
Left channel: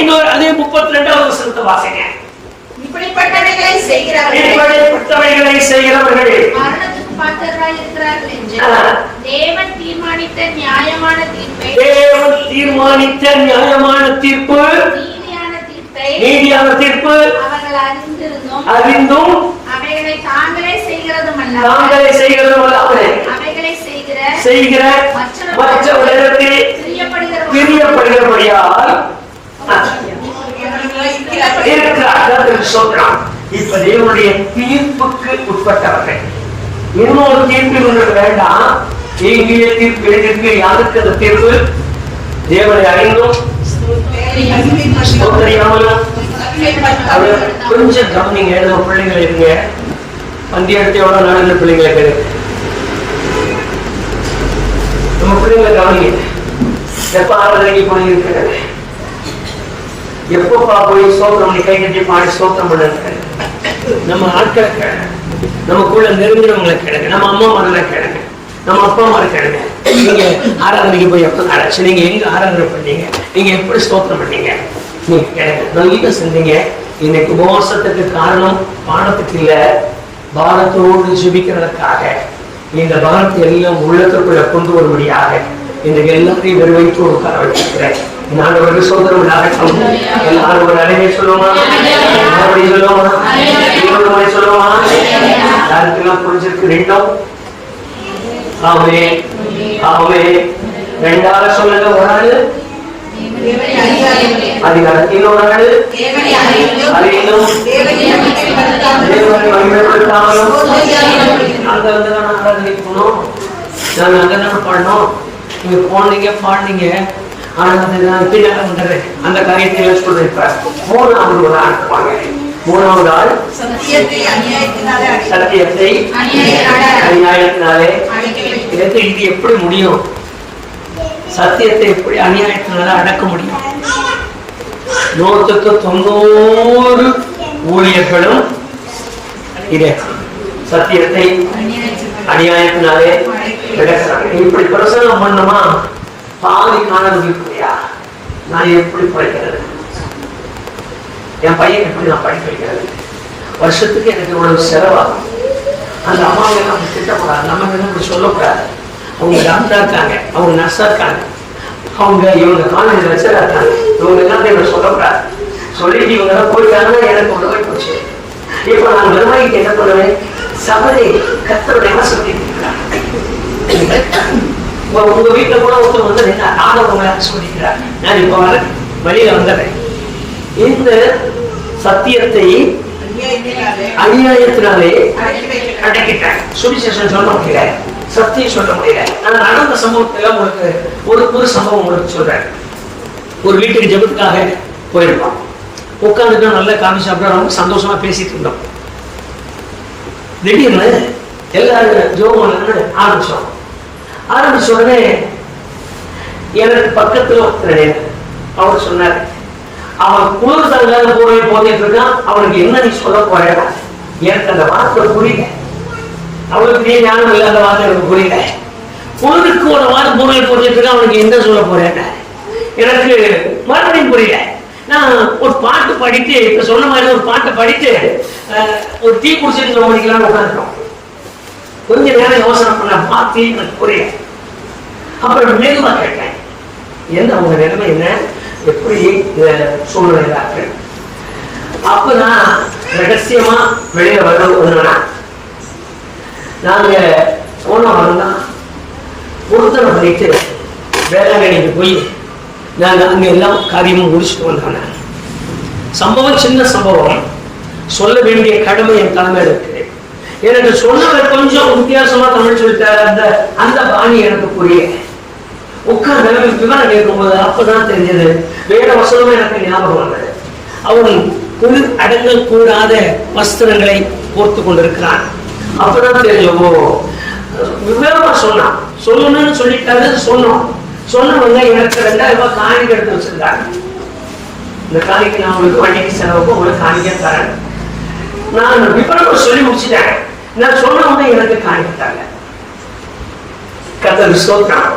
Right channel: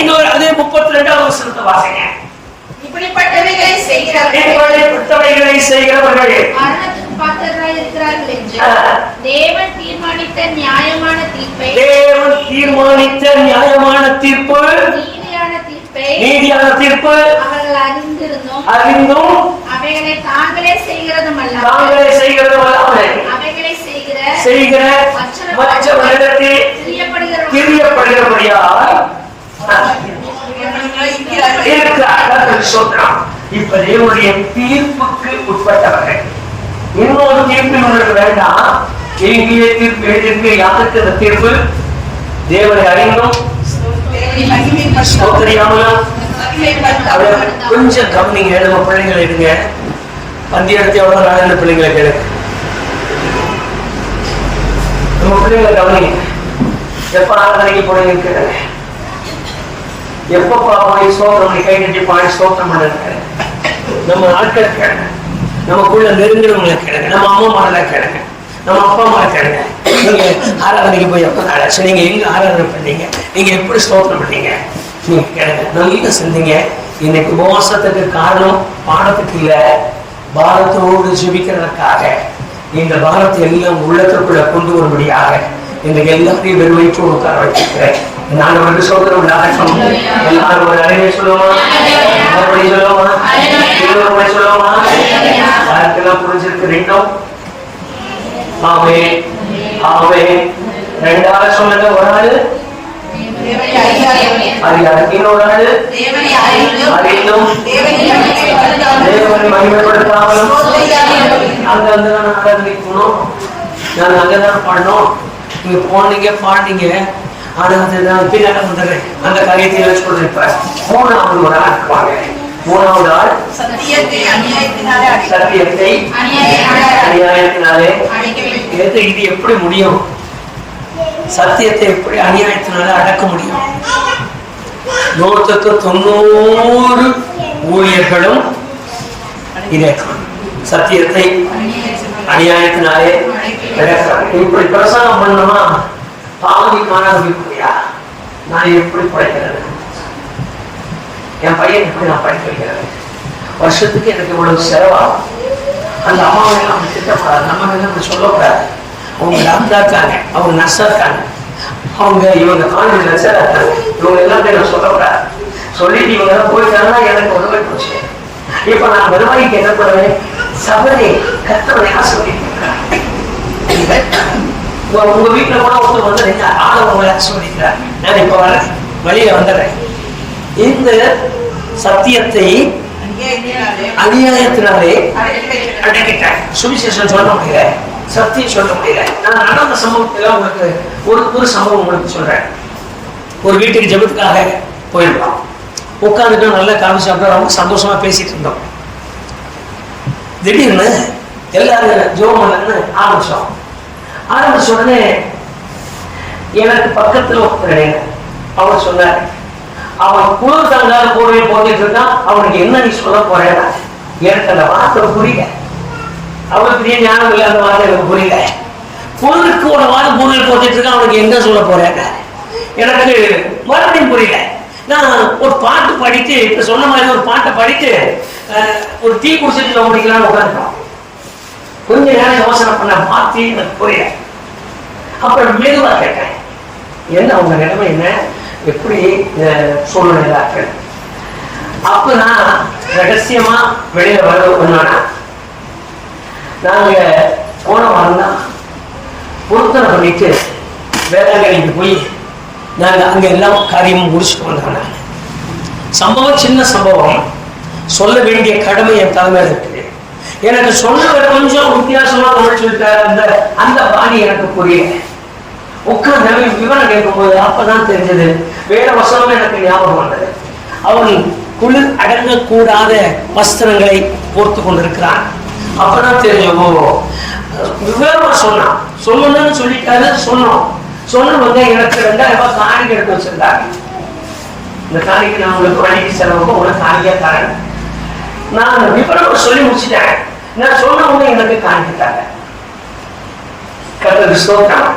இன்னொரு அதே 32ஆம் வசனத்தை வாசிங்க. இப்படிப்பட்டவைகளை செய்கிறவர்கள் மரணத்துக்கு பாத்திரராய் இருக்கிறார்கள் என்று தேவன் தீர்மானித்த நியாயமான தீர்ப்பை, தேவன் தீர்மானித்த நியாயமான தீர்ப்பு, நீதியான தீர்ப்பு அவர்கள் அறிந்தும் அவைகளை தாங்களே செய்கிறதும் அல்ல, அவைகளை செய்கிற மற்றவர்களிடத்தில் பிரியப்படுகிறபடியால் இப்ப தேவனுடைய தீர்ப்புக்கு உட்பட்டவர்கள். இன்னொரு தீர்ப்பு உங்களுக்கு வேண்டாம். எங்கே தீர்ப்பு எழுதியிருக்கு? யாருக்கு அந்த தீர்ப்பு? தேவனை அறிந்தும் கொஞ்சம் கவனிங்க. நம்ம பிள்ளைங்களை இருங்க, பந்தி எடுத்து எவ்வளவு நாள் பிள்ளைங்களை கேளு. நம்ம பிள்ளைங்களை கவனிங்க. எப்ப ஆராதனைக்கு போனீங்க கேளுங்க, எப்பப்பா போய் ஸ்தோத்திரம் பண்ணி கை கட்டி பாடி ஸ்தோத்திரம் பண்ணுங்க. நம்ம ஆட்களை கேளுங்க, நமக்குள்ள நெருங்குறவங்களை கேளுங்க, நம்ம அம்மா மகளை கேளுங்க. நம்ம அப்பா அம்மா இருக்காங்க, நீங்க ஆராதனைக்கு போய் எப்போ நாளாச்சு, நீங்க எங்க ஆராதனை பண்ணீங்க, நீங்க எப்படி ஸ்தோத்திரம் பண்ணீங்க, நீங்க கேளுங்க. நல்ல செஞ்சீங்க. இன்னைக்கு உபவாசத்துக்கு காரணம் பாடத்துக்கு இல்ல, பாரத்தோடு ஜெபிக்கிறதுக்காக. இந்த பாரத்தை எல்லாம் உள்ளத்துக்குள்ள கொண்டு வரும்படியாக இன்றைக்கு எல்லாத்தையும் வெறுவைச்சோடு உட்கார வச்சிருக்கிறேன். நான் அவருக்கு சோதரம் உண்டாகட்டும். எல்லாரும் ஒரு அறையை சொல்லுவோமா, சொல்லுவோமா, இன்னொரு முறை சொல்லுவோமா? யாருக்கெல்லாம் புரிஞ்சிருக்கு ரெண்டும்? ஆமே ஆமே. ரெண்டாவது சொல்லுங்க. ஒரு ஆளு அதிகாரம், இன்னொரு ஆளு அறிந்தும் தேவனை மகிமைப்படுத்தாமலும். நாங்க அங்கதான ஆராதனைக்கு போனோம், நாங்க அங்கதான பாடணும். நீங்க போனீங்க பாடினீங்க, ஆனா நான் பின்னால வந்துடுறேன். அந்த காரியத்தை வச்சு கொண்டிருப்பார். மூணாவது ஒரு ஆள் இருப்பாங்க. மூணாவது ஆள் சத்தியத்தை அநியாயத்தினாலே. இது எப்படி முடியும்? சத்தியத்தை எப்படி அநியாயத்தினால அடக்க முடியும்? 190 ஊழியர்களும் இதே சத்தியத்தை அநியாயத்தினாலே அடக்கிறாங்க. இப்படி பிரசங்கம் பண்ணணுமா? பாதி காணவில்லையா? நான் எப்படி படிக்கிறது? என் பையன் எப்படி நான் படிக்க வைக்கிறது? வருஷத்துக்கு எனக்கு இவ்வளவு செலவாகும். அந்த அம்மாவை நம்ம திட்டப்படாது, நம்ம அப்படி சொல்லக்கூடாது. அவங்க டாக்டரா இருக்காங்க, அவங்க நர்ஸா இருக்காங்க, அவங்க இவங்க காலேஜ் லெக்சரா இருக்காங்க, இவங்க எல்லாம் எனக்கு சொல்லக்கூடாது. சொல்லிட்டு இவங்க எல்லாம் போயிட்டாங்கன்னா எனக்கு உதவி போச்சு. இப்ப நான் வருவாய்க்கு என்ன பண்ணுவேன்? சபரை கத்தவனை ஆசீர்வதிக்கிறார். உங்க வீட்டுல கூட ஒருத்தர் வந்து நானும் உங்களை ஆசீர்வதிக்கிறார். நான் இப்ப வர வழியில வந்துடுறேன். இந்த சத்தியத்தை அநியாயத்தினாலே அடக்கிட்டேன். சுவிசேஷம் சொல்ல முடியல, சத்தியம் சொல்ல முடியல. நான் நடந்த சம்பவத்துல உங்களுக்கு ஒரு சம்பவம் உங்களுக்கு சொல்றேன். ஒரு வீட்டுக்கு ஜெபத்துக்காக போயிருந்தோம். உட்காந்துட்டு நல்லா காபி சாப்பிட ரொம்ப சந்தோஷமா பேசிட்டு இருந்தோம். திடீர்னு எல்லாரும் ஜெபம் பண்ணு ஆரம்பிச்சோம். ஆரம்பிச்ச உடனே எனக்கு பக்கத்துல அவர் சொன்னார், அவன் குளிர் தாங்காத போர்வை போத்திட்டு இருக்கான், அவனுக்கு என்ன நீ சொல்ல போற? எனக்கு அந்த வார்த்தை புரியல. அவனுக்கு ஞானம் இல்லாத வார்த்தை எனக்கு புரியல. குளிருக்கு ஒரு வாரம் போர்வை போத்திட்டு இருக்கான், அவனுக்கு என்ன சொல்ல போறேன்? எனக்கு மறுபடியும் புரியல. நான் ஒரு பாட்டு படித்து, இப்ப சொன்ன மாதிரி ஒரு பாட்டை படித்து ஒரு டீ குடிச்சிட்டு முடிக்கலாம்னு உட்காந்துட்டோம். கொஞ்ச நேரம் யோசனை பண்ண மாத்தி எனக்கு புரியல. அப்புறம் மெதுவா கேட்டேன், என்ன உங்க நிலைமை என்ன, எப்படி சூழ்நிலை? அப்ப நான் ரகசியமா வெளியில வர நாங்க போன வாரம் தான் பொருத்தனை பண்ணிட்டு வேளாங்கண்ணிக்கு போய் நாங்க அங்க எல்லாம் காரியமும் முடிச்சுட்டு வந்தோம். சம்பவம் சின்ன சம்பவம், சொல்ல வேண்டிய கடமை என் தலைமையில இருக்கு. எனக்கு சொன்னவர் கொஞ்சம் வித்தியாசமா தமிழ் சொல்லிட்டாரு. அந்த பாணி எனக்கு புரியல. உட்கார்ந்து விவரம் கேட்கும்போது அப்பதான் தெரிஞ்சது, வேற வசனமும் எனக்கு ஞாபகம் வந்தது. அவன் குளிர் அடங்கக்கூடாத வஸ்திரங்களை போர்த்து கொண்டிருக்கிறான். அப்பதான் தெரிஞ்சவோ விவரமா சொன்னான். சொல்லணும்னு சொல்லிட்டாரு. சொன்னவங்க எனக்கு 2000 ரூபாய் காணிக்கை எடுத்து வச்சிருந்தாங்க. இந்த காணிக்கை நான் உங்களுக்கு வண்டிக்கு செலவுக்கும் உங்களுக்கு காணிக்கை தரேன். நான் விவரமா சொல்லி முடிச்சுட்டேன். நான் சொன்ன உடனே எனக்கு காணிக்கிட்டாங்க. கர்த்தருக்கு ஸ்தோத்திரம்.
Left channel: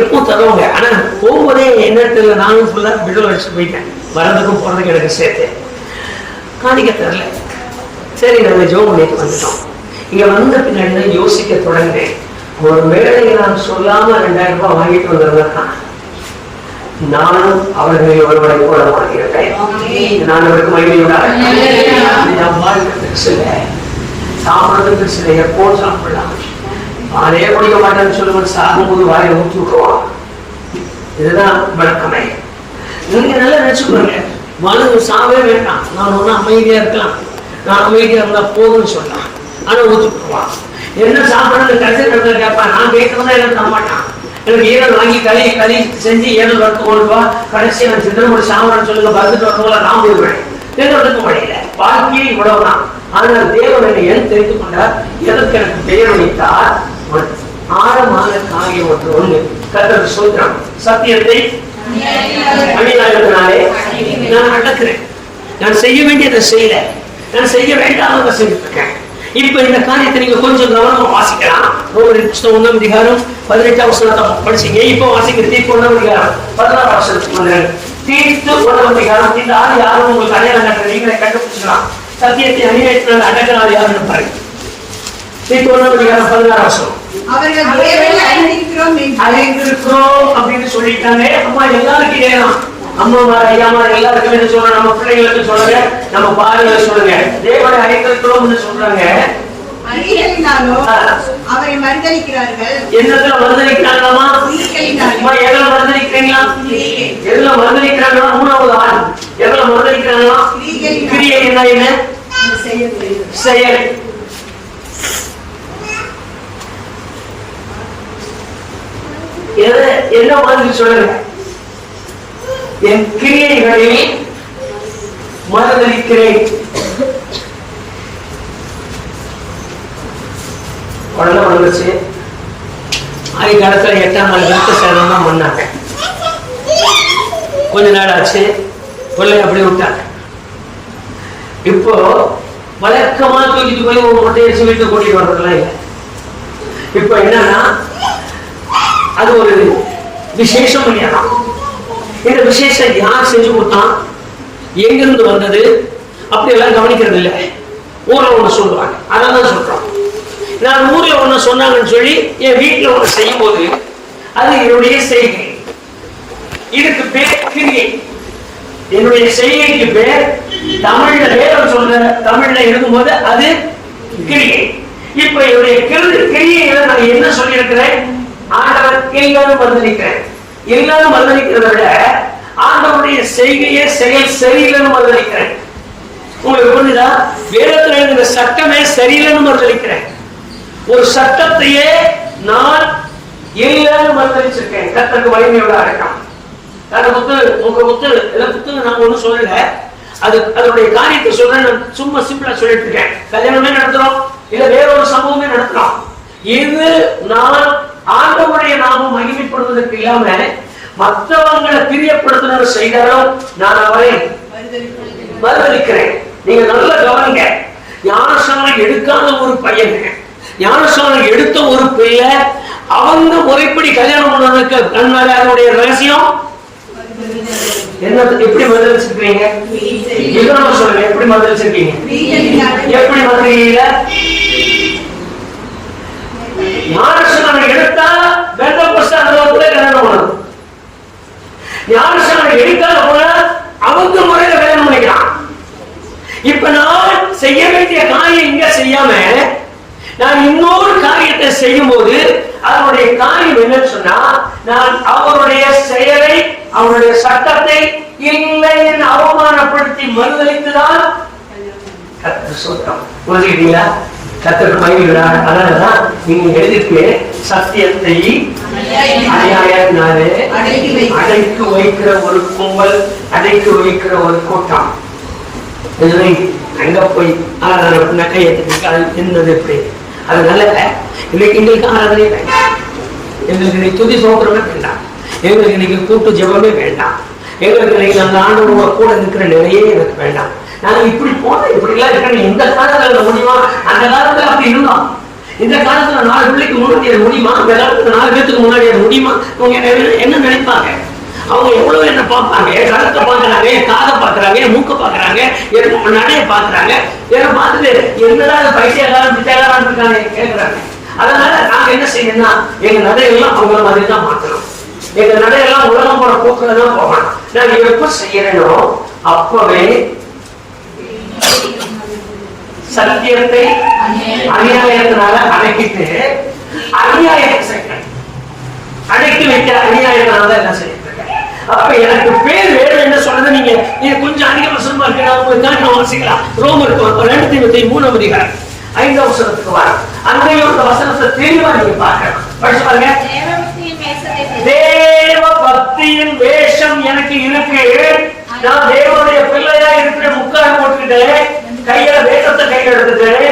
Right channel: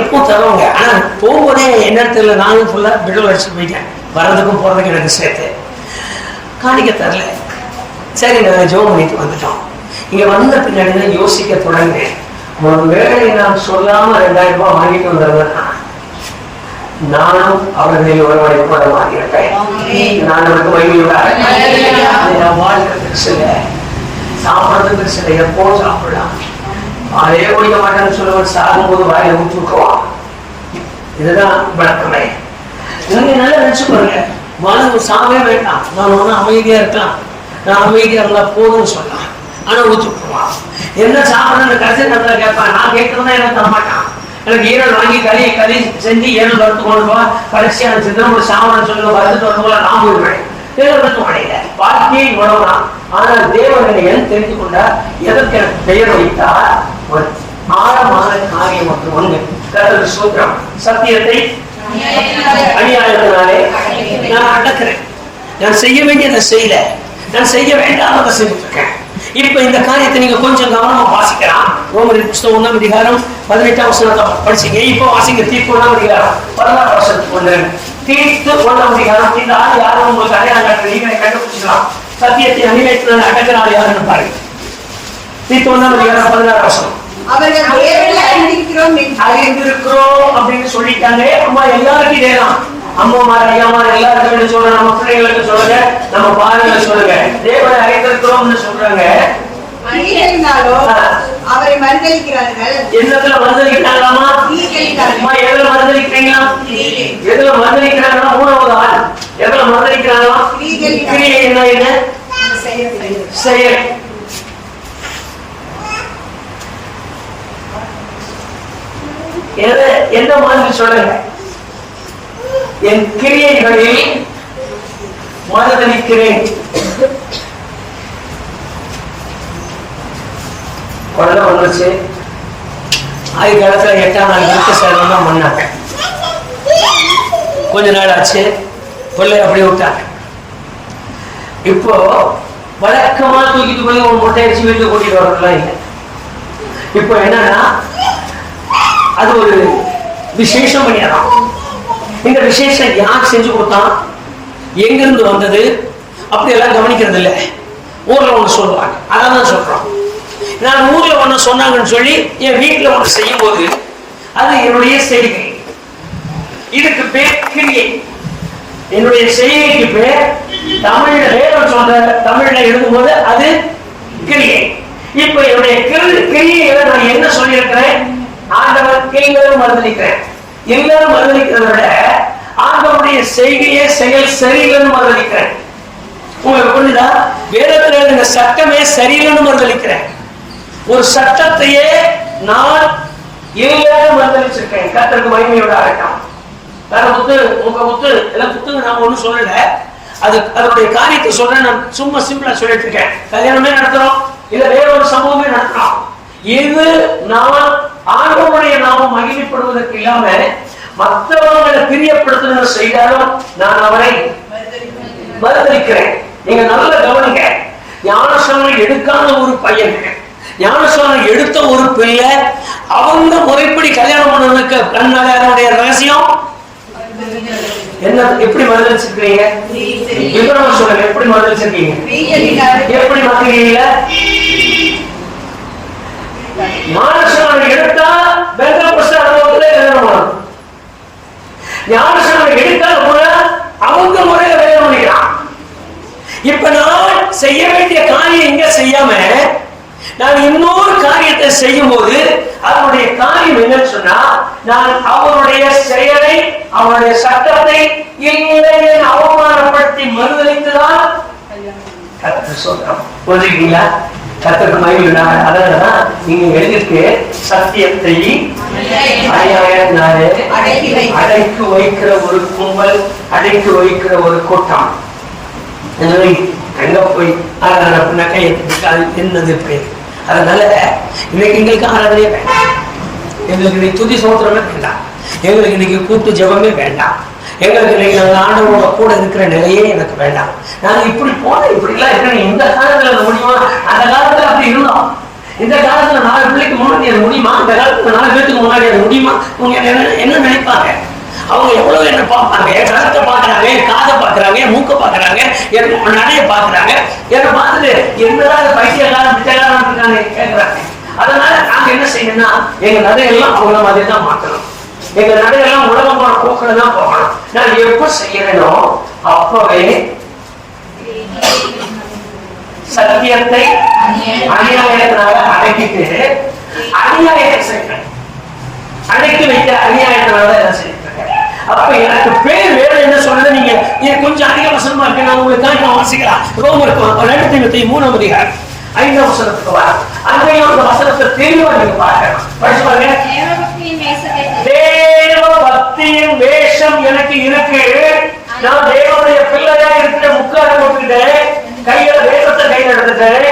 எப்போ தருவாங்க. ஆனா போகும்போதே என்ன தெரியல, நானும் ஃபுல்லா பிடல் அடிச்சு போயிட்டேன். வரதுக்கும் போறதுக்கு எனக்கு சேர்த்து காணிக்க தரல. சரி, நாங்க ஜெபம் பண்ணிட்டு வந்துட்டோம். இங்க வந்த பின்னாடி தான் யோசிக்க தொடங்கினேன். ஒரு வேளை நான் சொல்லாம 2000 ரூபாய் வாங்கிட்டு வந்திருந்தேன்னா நானும் அவர்களில் ஒருவரை கூட மாறியிருப்பேன். நான் அவருக்கு மகிழ்ச்சியோட சாப்பிடறதுக்கு சில எப்போ சாப்பிடலாம், அதே குடிக்க மாட்டேன்னு சொல்லுவான். சாகும்போது வாயில ஊற்றி விட்டுருவான். இதுதான் வழக்கமே. நீங்க நல்லா நினைச்சுக்கோங்க, மனு சாவே வேண்டாம், நான் ஒன்னும் அமைதியா இருக்கலாம், நான் அமைதியா இருந்தா போதும்னு சொல்லலாம். ஆனா ஊற்றி விட்டுருவான். என்ன சாப்பிடணும்னு கடைசி நேரத்துல கேட்பான். நான் கேட்கறதா எனக்கு தர மாட்டான். எனக்கு ஈரல் வாங்கி களி செஞ்சு ஈரல் வறுத்து கொண்டு போ, கடைசியா சித்திரம் ஒரு சாமான் சொல்லி வறுத்துட்டு வந்து போல நான் போயிடுவேன். தேவனுக்கு மழையில வாழ்க்கையை உழவலாம். ஆனால் தேவனை என் தெரிந்து கொண்டார், எதற்கு எனக்கு பெயர் வைத்தார்? ஆழமான காரியம் ஒன்று ஒண்ணு. கர்த்தருக்கு ஸ்தோத்திரம். சத்தியத்தை அநியாயத்தினாலே நான் அடக்கிறேன். நான் செய்ய வேண்டியதை செய்யல, நான் செய்ய வேண்டாமதை செஞ்சுட்டு இருக்கேன். இப்ப இந்த காரியத்தை நீங்க கொஞ்சம் கவனமா வாசிக்கலாம். ரோமர் 1 அதிகாரம் 18 வசனத்தை படிச்சீங்க. இப்போ வாசிங்க தீத்து 1 அதிகாரம் 16 வசனத்துக்கு வந்துருங்க. தீத்து 1 அதிகாரம். இந்த ஆள் யாரும் உங்களுக்கு அடையாளம் காட்டுறது நீங்க கண்டுபிடிச்சிக்கலாம். சத்தியத்தை அநிவேற்றனை அடக்கிற ஆள் யாருன்னு பாருங்க. தீத்து 1 அதிகாரம் 16 வசனம். அவர்கள் தேவனை அறிந்திருக்கிறோம் அப்படின்னு சொல்லிட்டாங்க. அம்மா எல்லாருக்கும் இதேதான். அம்மாமார் ஐயாமார் எல்லாருக்கும் சொல்றாங்க, நம்ம பிள்ளைங்களுக்கு சொல்லுங்க, நம்ம பாருங்களுக்கு சொல்லுங்க, தேவனை அறிந்திருக்கிறோம்னு சொல்றாங்க. அவரை மறுதலிக்கிறார்கள். என்னத்துல மறுதலிக்கிறாங்களாமா? எதுல மறுதலிக்கிறீங்களா? எதுல மறுதலிக்கிறாங்களா? 3வது ஆள் எதுல மறுதலிக்கிறாங்களா? கிரியை என்ன? செயல். என்ன மாதிரி சொல்லுங்க? என் கிரியைகளில் மறுதலிக்கிறேன். உடனே வந்துச்சு. ஆயுகாலத்துல 8ஆம் நாள் விருத்த சேதம் தான் பண்ணாங்க. கொஞ்ச நாள் ஆச்சு, பிள்ளை அப்படியே விட்டாங்க. இப்போ வழக்கமா தூக்கிட்டு போய் ஒரு மொட்டை அடிச்சு வீட்டுக்கு கூட்டிட்டு வரதுலாம் இல்லை. இப்போ என்னன்னா அது ஒரு விசேஷம் பண்ணிடுறோம். இந்த விசேஷம் யார் செஞ்சு கொடுத்தான், எங்கிருந்து வந்தது, அப்படி எல்லாம் கவனிக்கிறது இல்லை. ஊர்ல ஒண்ணு சொல்லுவாங்க, அதான் சொல்றோம். நான் ஊர்ல ஒண்ணு சொன்னாங்கன்னு சொல்லி என் வீட்டுல ஒண்ணு செய்யும் போது அது என்னுடைய செய்கை. இதுக்கு பேர் கிரியை. என்னுடைய செய்கைக்கு பேர் தமிழ்ல வேதம் சொல்ற தமிழ்ல எழுதும் போது அது கிரியை. இப்ப என்னுடைய கிரியையில நான் என்ன சொல்லி இருக்கிறேன்? ஆண்டவர் எல்லாரும் மறுதலிக்கிறேன். எல்லாரும் மறுதலிக்கிறத விட ஆண்டவருடைய செய்கையே செயல் சரியில்லைன்னு மறுதலிக்கிறேன். உங்களுக்கு புரியுதா? வேதத்தில் எழுதின சட்டமே சரியில்லைன்னு மறுதலிக்கிறேன். ஒரு சட்டத்தையே நான் எல்லாரும் மறுதலிச்சிருக்கேன். கர்த்தருக்கு மகிமையோட அடக்கம். வேற உங்க புத்தகம் நான் ஒண்ணும் சொல்லல. அதனுடைய காரியத்தை சொல்றேன். நான் சும்மா சிம்பிளா சொல்லிட்டு இருக்கேன். கல்யாணமே நடத்துறோம், இல்ல வேற ஒரு சம்பவமே நடத்துறோம். இது நான் ஆண்டவருடைய நாமம் மகிமைப்படுவதற்கு இல்லாம மற்றவங்களை பிரியப்படுத்த செய்தாலும் நான் அவரை மறுதலிக்கிறேன். நீங்க நல்ல கவனிங்க. ஞானஸ்நானம் எடுக்காத ஒரு பையன், ஞானஸ்நானம் எடுத்த ஒரு பிள்ளை, அவங்க முறைப்படி கல்யாணம் பண்ணுவதற்கு கண்ணாடி அதனுடைய ரகசியம் என்ன? எப்படி மறுதலிச்சிருக்கீங்க? சொல்லுங்க, எப்படி மறுதலிச்சிருக்கீங்க? எப்படி மறுதலிக்கீங்க? ஞானஸ்நானம் எடுத்தா ஞானஸ்நானம் எடுக்காத போல அவங்க முறையில கல்யாணம் பண்ணிக்கிறான். இப்ப நான் செய்ய வேண்டிய காரியம் இங்க செய்யாம நான் இன்னொரு காரியத்தை செய்யும் போது அதனுடைய காரியம் என்னன்னு சொன்னா, நான் அவருடைய செயலை அவருடைய சட்டத்தை இல்லை அவமானப்படுத்தி மறுதலித்துதான் கர்த்தர் சொல்றோம். புரிஞ்சுக்கிட்டீங்களா? கர்த்தருக்கு மகிமையுண்டாக. அதனாலதான் நீங்க எழுதிருக்கு, சத்தியத்தை அநியாயத்தினாலே அடைக்கு வைக்கிற ஒரு கும்பல், அடைக்கு வைக்கிற ஒரு கூட்டம். எங்க போய் ஆராதனை கையெழுத்து என்னது பேர்? அதனால இன்னைக்கு எங்களுக்கு ஆராதனையே வேண்டாம், எங்களுக்கு இன்னைக்கு துதி சோத்திரமே வேண்டாம், எங்களுக்கு இன்னைக்கு கூட்டு ஜெபமே வேண்டாம், எங்களுக்கு இன்னைக்கு அந்த ஆண்டவரோட கூட இருக்கிற நிலையே எனக்கு வேண்டாம். நாங்க இப்படி போனோம், இப்படி எல்லாம் இருக்கணும். இந்த காலத்துல முடியுமா? அந்த காலத்துல அப்படி இருந்தோம். இந்த காலத்துல 4 பிள்ளைக்கு முன்னாடி அது முடியுமா? இந்த காலத்துல 4 பேருக்கு முன்னாடி அது முடியுமா? அவங்க என்ன நினைப்பாங்க? அவங்க எவ்வளவு என்ன பார்ப்பாங்க? என் கருத்தை பாக்குறாங்க, என் காதை பாக்குறாங்க, என் மூக்க பாக்குறாங்க, என் நடைய பாக்குறாங்க. என்னை பார்த்துட்டு என்னதான் பைத்தியக்காரன் பிச்சைக்காரன் இருக்காங்க கேட்கிறாங்க. அதனால நாங்க என்ன செய்யணும்னா, எங்க நடையெல்லாம் அவங்கள மாதிரி தான் மாற்றணும். எங்க நடையெல்லாம் உலகம் போற போக்குல தான் போகணும். நான் எப்ப செய்யறேனோ அப்பவே சத்தியத்தை அநியாயத்தினால அடக்கிட்டு அநியாயத்தை செய்யறேன். அடக்கி வைக்கிற அநியாயத்தினால என்ன செய்யறேன்? அப்ப எனக்கு பேர் வேற என்ன சொல்றது? நீங்க இது கொஞ்சம் அதிக வசனமா இருக்கு, நான் உங்களுக்கு தான் வாசிக்கலாம். ரோமருக்கு 2 தீமோத்தேயு 3 அதிகாரம் 5 வசனத்துக்கு வர அங்கேயும் அந்த வசனத்தை தெளிவா நீங்க பார்க்கணும். படிச்சு பாருங்க. தேவ பக்தியின் வேஷம் எனக்கு இருக்கு. நான் தேவனுடைய பிள்ளையா இருக்கிற முக்காடு போட்டுக்கிட்டேன், கையில வேஷத்தை கையில எடுத்துட்டேன்,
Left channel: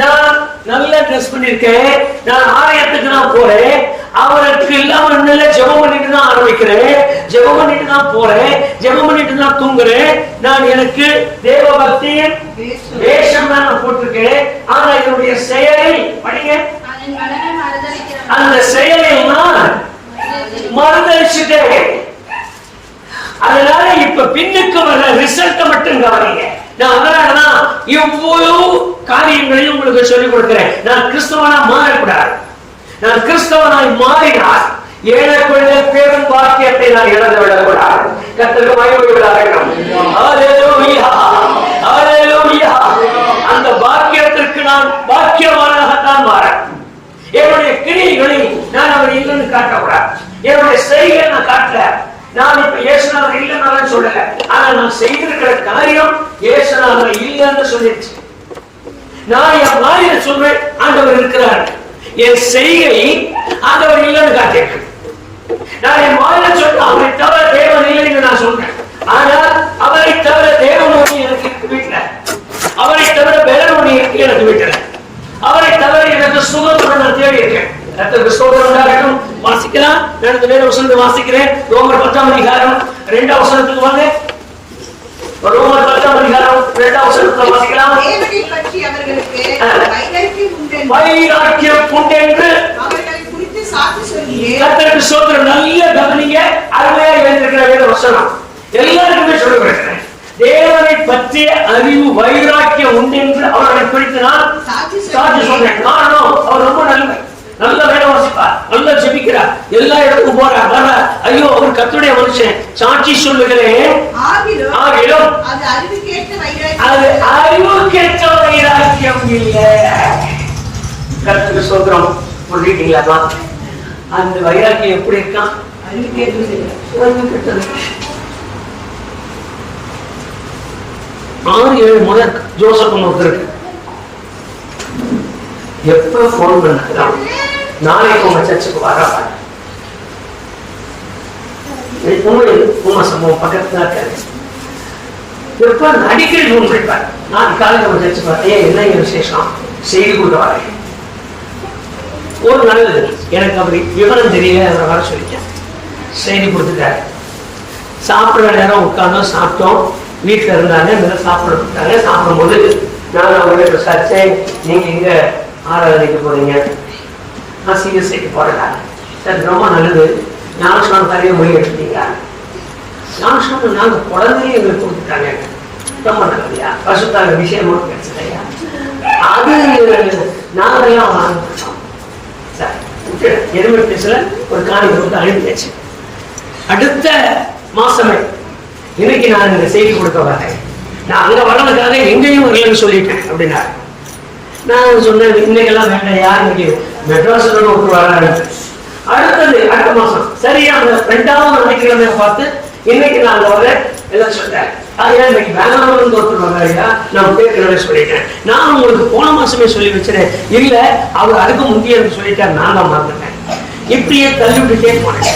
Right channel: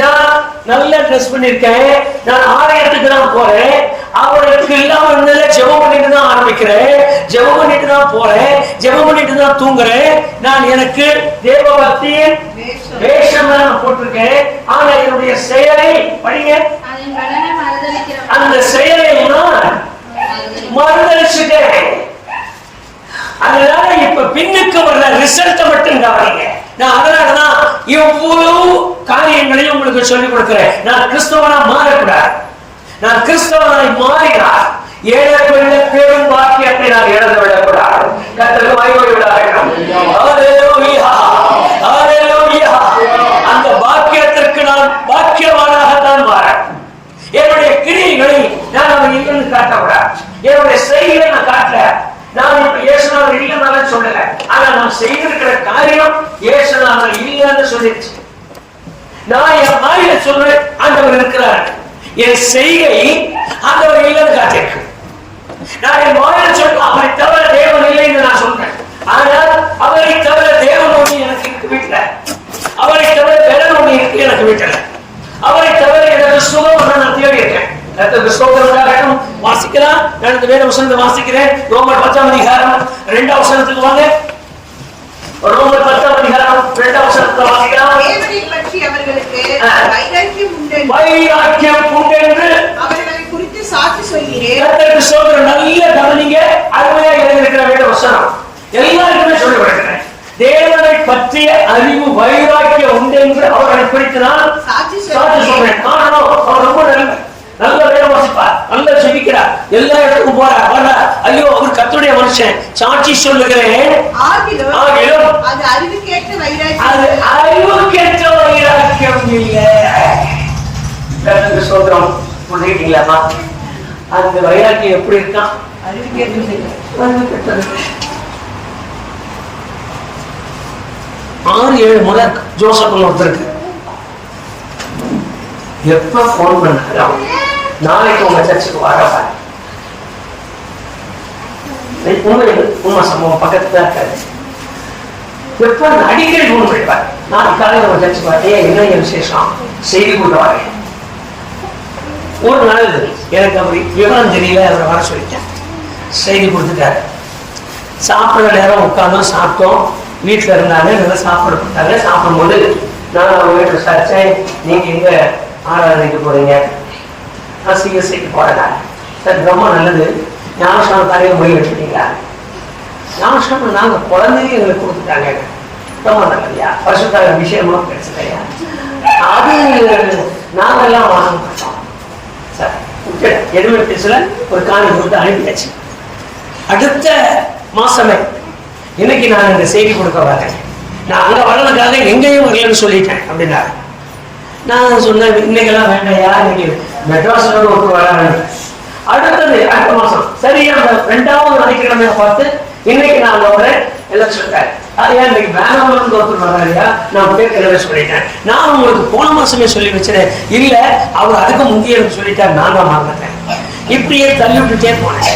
நான் நல்ல ட்ரெஸ் பண்ணிருக்கேன், நான் ஆலயத்துக்கு தான் போறேன். அவருக்கு இல்லாம இன்னும் ஜெபம் பண்ணிட்டு தான் ஆரம்பிக்கிறேன், ஜெபம் பண்ணிட்டு தான் போறேன், ஜெபம் பண்ணிட்டு தான் தூங்குறேன். நான் எனக்கு தேவ பக்தியின் வேஷம் தான் போட்டிருக்கேன். ஆனா என்னுடைய செயலை படிங்க, அந்த செயலை மறுதளிச்சுட்டேன். அதனால இப்ப பின்னுக்கு வர்ற ரிசல்ட் மட்டும் கவனிங்க. நான் அதனாலதான் இவ்வளவு காரியங்களையும் உங்களுக்கு சொல்லிக் கொடுக்கிறேன். நான் கிறிஸ்தவனா மாறக்கூடாது. நான் கிறிஸ்தவனாய் மாறினார் ஏழக்குள்ள பெரும் வாக்கியத்தை நான் இழந்து விடக்கூடாது. கர்த்தருக்கு மகிமை உண்டாகட்டும். ஹல்லேலூயா, ஹல்லேலூயா. அந்த வாக்கியத்திற்கு நான் வாக்கியவானாகத்தான் மாறேன். என்னுடைய கிரியைகளை நான் அவர் இல்லைன்னு காட்டக்கூடாது. என்னுடைய செய்தியை நான் காட்டல. நான் இப்ப இயேசுநாதர் இல்லைன்னு சொல்லல. ஆனா நான் செய்திருக்கிற காரியம் இயேசுநாதர் இல்லைன்னு சொல்லிருச்சு. நான் என் வாயில சொல்றேன், ஆண்டவர் இருக்கிறார். என் செய்கை ஆண்டவர் இல்லைன்னு காட்டியிருக்கு. நான் என் வாயில சொல்றேன், அவரை தவிர தேவன் இல்லைன்னு நான் சொல்றேன். ஆனால் அவரை தவிர தேவன் ஒண்ணு எனக்கு இருக்கு வீட்டுல. அவரை தவிர வேற ஒண்ணு இருக்கு எனக்கு வீட்டுல. அவரை தவிர எனக்கு சுகம் ஒண்ணு நான் தேடி இருக்கேன். வாசிக்கலாம். வேற வசனத்தை வாசிக்கிறேன். ரோமர் 10ஆம் அதிகாரம் 2ஆம் வசனத்துக்கு வாங்க. ரோமர் 10ஆம் அதிகாரம் 2ஆம் வசனத்தை வாசிக்கலாம். தேவனை பற்றி அவர்களுக்கு வைராக்கியம் உண்டென்று அவர்களை குறித்து சாட்சி சொல்கிறேன். கர்த்தருக்கு ஸ்தோத்திரம். நல்ல கவனிங்க. அருமையா எழுதியிருக்கிற வேத வசனம் எல்லாருக்குமே சொல்லப்படுகிறேன். தேவனை பற்றிய அறிவு வைராக்கியம் உண்டென்று அவர்களை குறித்து நான் சாட்சி சொல்றேன். காரணம், அவர் ரொம்ப நல்ல வேலை வாசிப்பார், நல்லா ஜெபிக்கிறார், எல்லா இடத்துக்கும் போறார், வர்றார். ஐயோ, அவர் கர்த்தருடைய மனுஷன். சாட்சி சொல்லுகிறேன். ஆகிலும் அது அறிவுக்கேற்ற வைராக்கியம் இல்லை. கர்த்தருக்கு ஸ்தோத்திரம். புரியுதுங்களா? அந்த வைராக்கியம் எப்படி இருக்கான்? அறிவுக்கேற்றது. 6-7 முதல் ஜோசப் ஒருத்தருக்கு எப்ப போன் பண்ணாலும் நாளைக்கு உங்க சர்ச்சுக்கு வரப்ப உண்மை சம்பவம் பக்கத்துல தான் இருக்காரு. எப்ப அடிக்கடி போன் பண்ணிப்பார். நான் காலையில் உங்க சர்ச்சுக்கு வரேன், என்ன விசேஷம் செய்தி கொடுக்க வரேன். ஒரு நாள் எனக்கு அப்படி விவரம் தெரியல, அவரை வர சொல்லிட்டேன். செய்தி கொடுத்துட்டாரு. சாப்பிட்ற நேரம் உட்கார்ந்தோம், சாப்பிட்டோம். வீட்டுல இருந்தாங்க, நல்லா சாப்பிட கொடுத்தாங்க. சாப்பிடும்போது நான் அவங்க விசாரிச்சேன், நீங்க எங்க ஆராதனைக்கு போறீங்க? நான் சிஎஸ்ஐக்கு போறதா? சரி, ரொம்ப நல்லது. ஞானஸ்நானம் தரைய மொழி எடுத்துட்டீங்களா? ஞானஸ்நானம் நாங்க குழந்தையும் எங்களுக்கு கொடுத்துட்டாங்க. ரொம்ப நல்லதுயா, பசுத்தாங்க விஷயமா கிடைச்சதையா? அது நாங்கெல்லாம் வாங்க மாட்டோம். சரி, எதுவுமே பேசல. ஒரு காணி கொடுத்து அனுப்பியாச்சு. அடுத்த மாசமே இன்னைக்கு நான் இந்த செய்தி கொடுக்க வரேன். நான் அங்க வர்றதுக்காக எங்கேயும் வரலன்னு சொல்லிட்டேன் அப்படின்னாரு. நான் சொன்னேன், இன்னைக்கெல்லாம் வேண்டாம், யார் இன்னைக்கு மெட்ராஸோட ஒன்று வராங்க. அடுத்தது அடுத்த மாசம் சரியா அந்த 2வது ஞாயிற்றுக்கிழமையை பார்த்து இன்னைக்கு நான் வரேன் எல்லாம் சொல்லிட்டாரு. ஏன் இன்னைக்கு பெங்களூர்ல இருந்து ஒருத்தர் வர்றாருயா? நான் பேர் சொல்லிட்டேன். நான் உங்களுக்கு போன மாசமே சொல்லி வச்சிருந்தேன். இல்ல, அவர் அதுக்கு முந்திய சொல்லிட்டாரு, நான் தான் மறந்துட்டேன். இப்படியே தள்ளி விட்டுட்டே போனேன்.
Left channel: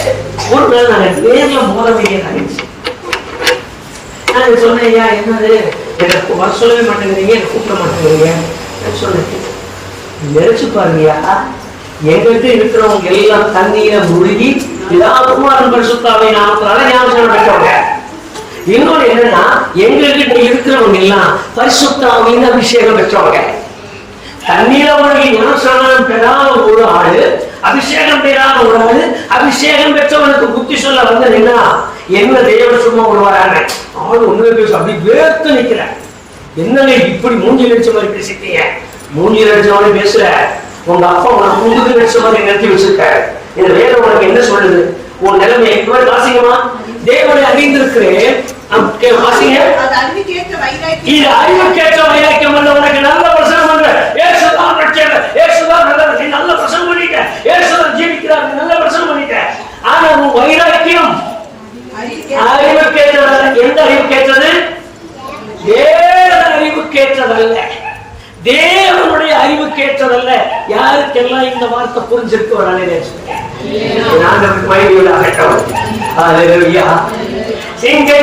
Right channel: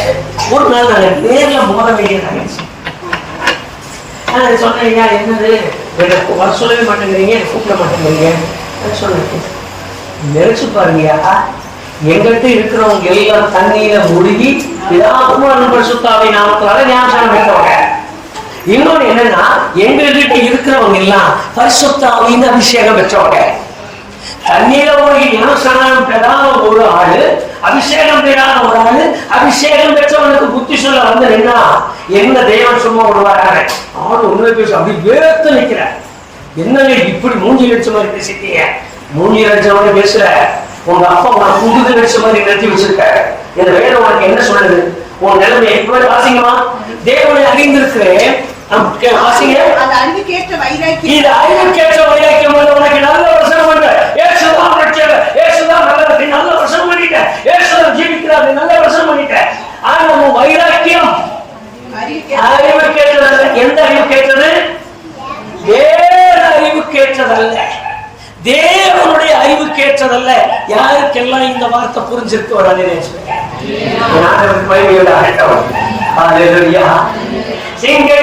ஒரு நாள் நாங்கள் நேர்ல மோத வேண்டிய நினைச்சு சொன்னேன், ஐயா என்னது எனக்கு வர சொல்லவே மாட்டேங்கிறீங்க, கூப்பிட மாட்டேங்கிறீங்க சொன்னேன். நினைச்சு பாருங்கயா, எங்கிட்ட இருக்கிறவங்க எல்லாம் தண்ணீரை முழுகி சுத்தாவை நாமத்தினால ஞானஸ்நானம் பெற்றவங்க. இன்னொன்னு என்னன்னா, எங்ககிட்ட இருக்கிறவங்க எல்லாம் பரிசுத்தாவின் அபிஷேகம் பெற்றவங்க. தண்ணீர முழுகி ஞானஸ்நானம் பெறாத ஒரு ஆளு, அபிஷேகம் பெறாத ஒரு ஆளு, அபிஷேகம் பெற்றவனுக்கு புத்தி சொல்ல வந்து என்ன தேவன் சும்மா விடுவாராங்க. ஆள் உண்மை பேச அப்படி வேர்த்து நிக்கிறார். என்னங்க இப்படி மூஞ்சி லட்ச மாதிரி பேசிட்டீங்க? மூஞ்சி லட்சம் பேசுற உங்க அப்பா உனக்கு குண்டுக்கு லட்ச மாதிரி நிறுத்தி வச்சிருக்காரு. இந்த வேதம் உனக்கு என்ன சொல்லுது? உன் நிலைமை எப்ப வாசிங்கம்மா. தேவனை அறிந்திருக்கிறேன். அறிவுக்கேற்ற வைராக்கியம் அல்ல, உனக்கு நல்ல வசனம் அல்ல. ஏசுதான் ரட்சகர், ஏசுதான் நல்லவர், நீ நல்ல வசனம் பண்ணிட்ட. ஏசுதான் ஜீவிக்கிறார், நீ நல்ல வசனம் பண்ணிட்ட. ஆனா உன் வைராக்கியம் அறிவுக்கேற்றது. எந்த அறிவுக்கேற்றது? வேற அறிவுக்கேற்றதல்ல, தேவனுடைய அறிவுக்கேற்றதல்ல. யாருக்கெல்லாம் இந்த வார்த்தை புரிஞ்சிருக்கு ஒரு சிங்க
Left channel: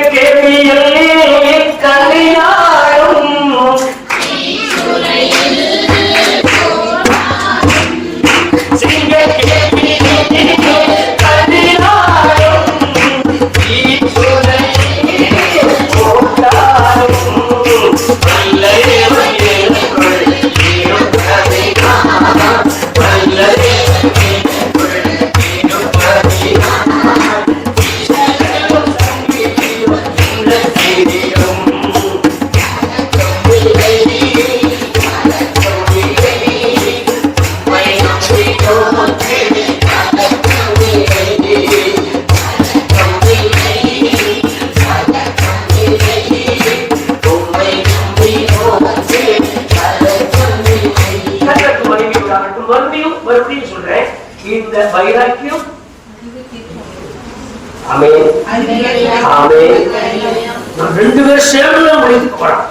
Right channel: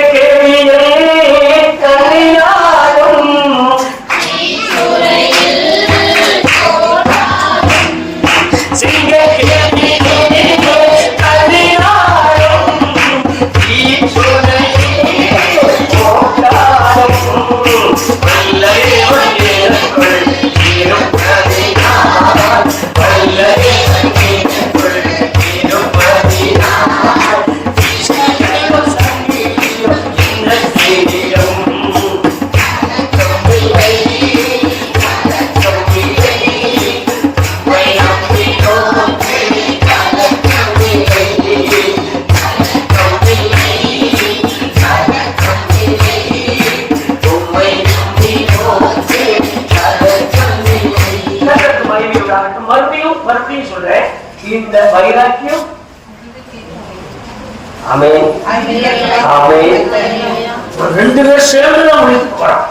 வைராக்கியம். ஆமென் ஆமென். ரெண்டு பேரும் சேர்ந்து தான் முடித்து போறோம்.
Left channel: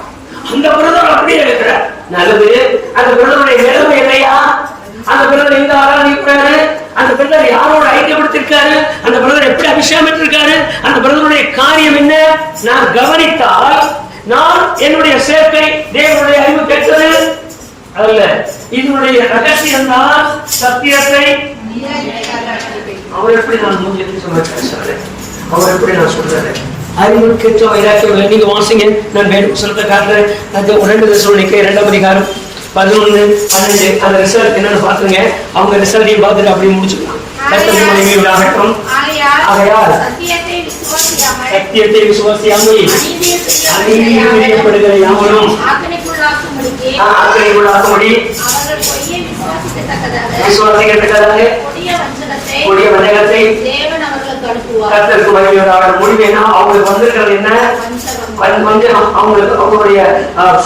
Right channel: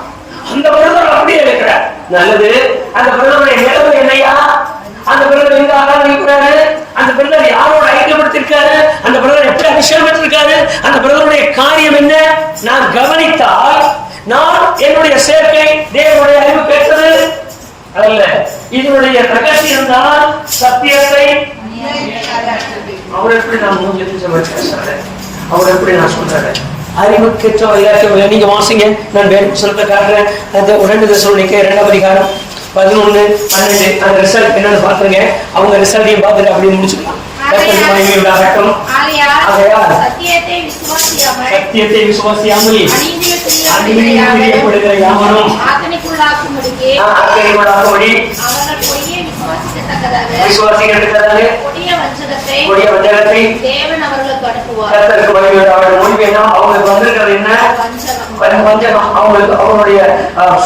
அந்த பிரதமர் அப்படியே இருக்கிறார். நல்லது. அந்த பிரதமருடைய நிலைமை என்னையா? அந்த பிரதமர் எங்க ஆராதிக்கிறாரு? அந்த பிரதமர் யாரோட ஐக்கியப்படுத்திருக்காரு? அந்த பிரதமர் எப்படி அபிஷேகம் பெற்றிருக்காரு? அந்த பிரதமருடைய காரியம் என்ன? நான் கவனித்தால் நான் என்னுடைய சேர்க்கை தேவனுடைய அறிவு பெற்றது அல்ல. இதனுடைய ரகசியம் தான் சத்தியத்தை. அவர் எப்படி நான் பேசுறேன், அவர் எப்படி நான் சொல்றேன். அறிவுக்கேற்ற வைராக்கியம். நீங்க வாசிங்க, நான் வேறு சொல்றதை காட்டுறேன். அந்த 2 தெசலோனிக்கேயர் 2ஆம் அதிகாரம் 11, 12 அந்த ரிசல்ட் என்னன்னு பாத்துங்க. அவங்க ரிசல்ட்டையும் பார்த்துட்டு அப்படியே முடிச்சுக்கலாம். சத்தியத்தை விசுவாசியாமல் அநீதிப்படுகிற யாவரும் ஆக்கணிக்குள்ளாக்கும்படிக்கு அவர்கள் பொய்யை விசுவாசிக்கத்தக்கதாக கொடிய வஞ்சகத்தை தேவன் அவர்களுக்கு அனுப்புவார். கர்த்தருக்கு மகிமையுண்டாவதாக. முடிவு என்ன? அவங்களுக்கு வந்திருக்கிறது என்ன? வஞ்சகம். அவங்களுக்கு அவங்களுடைய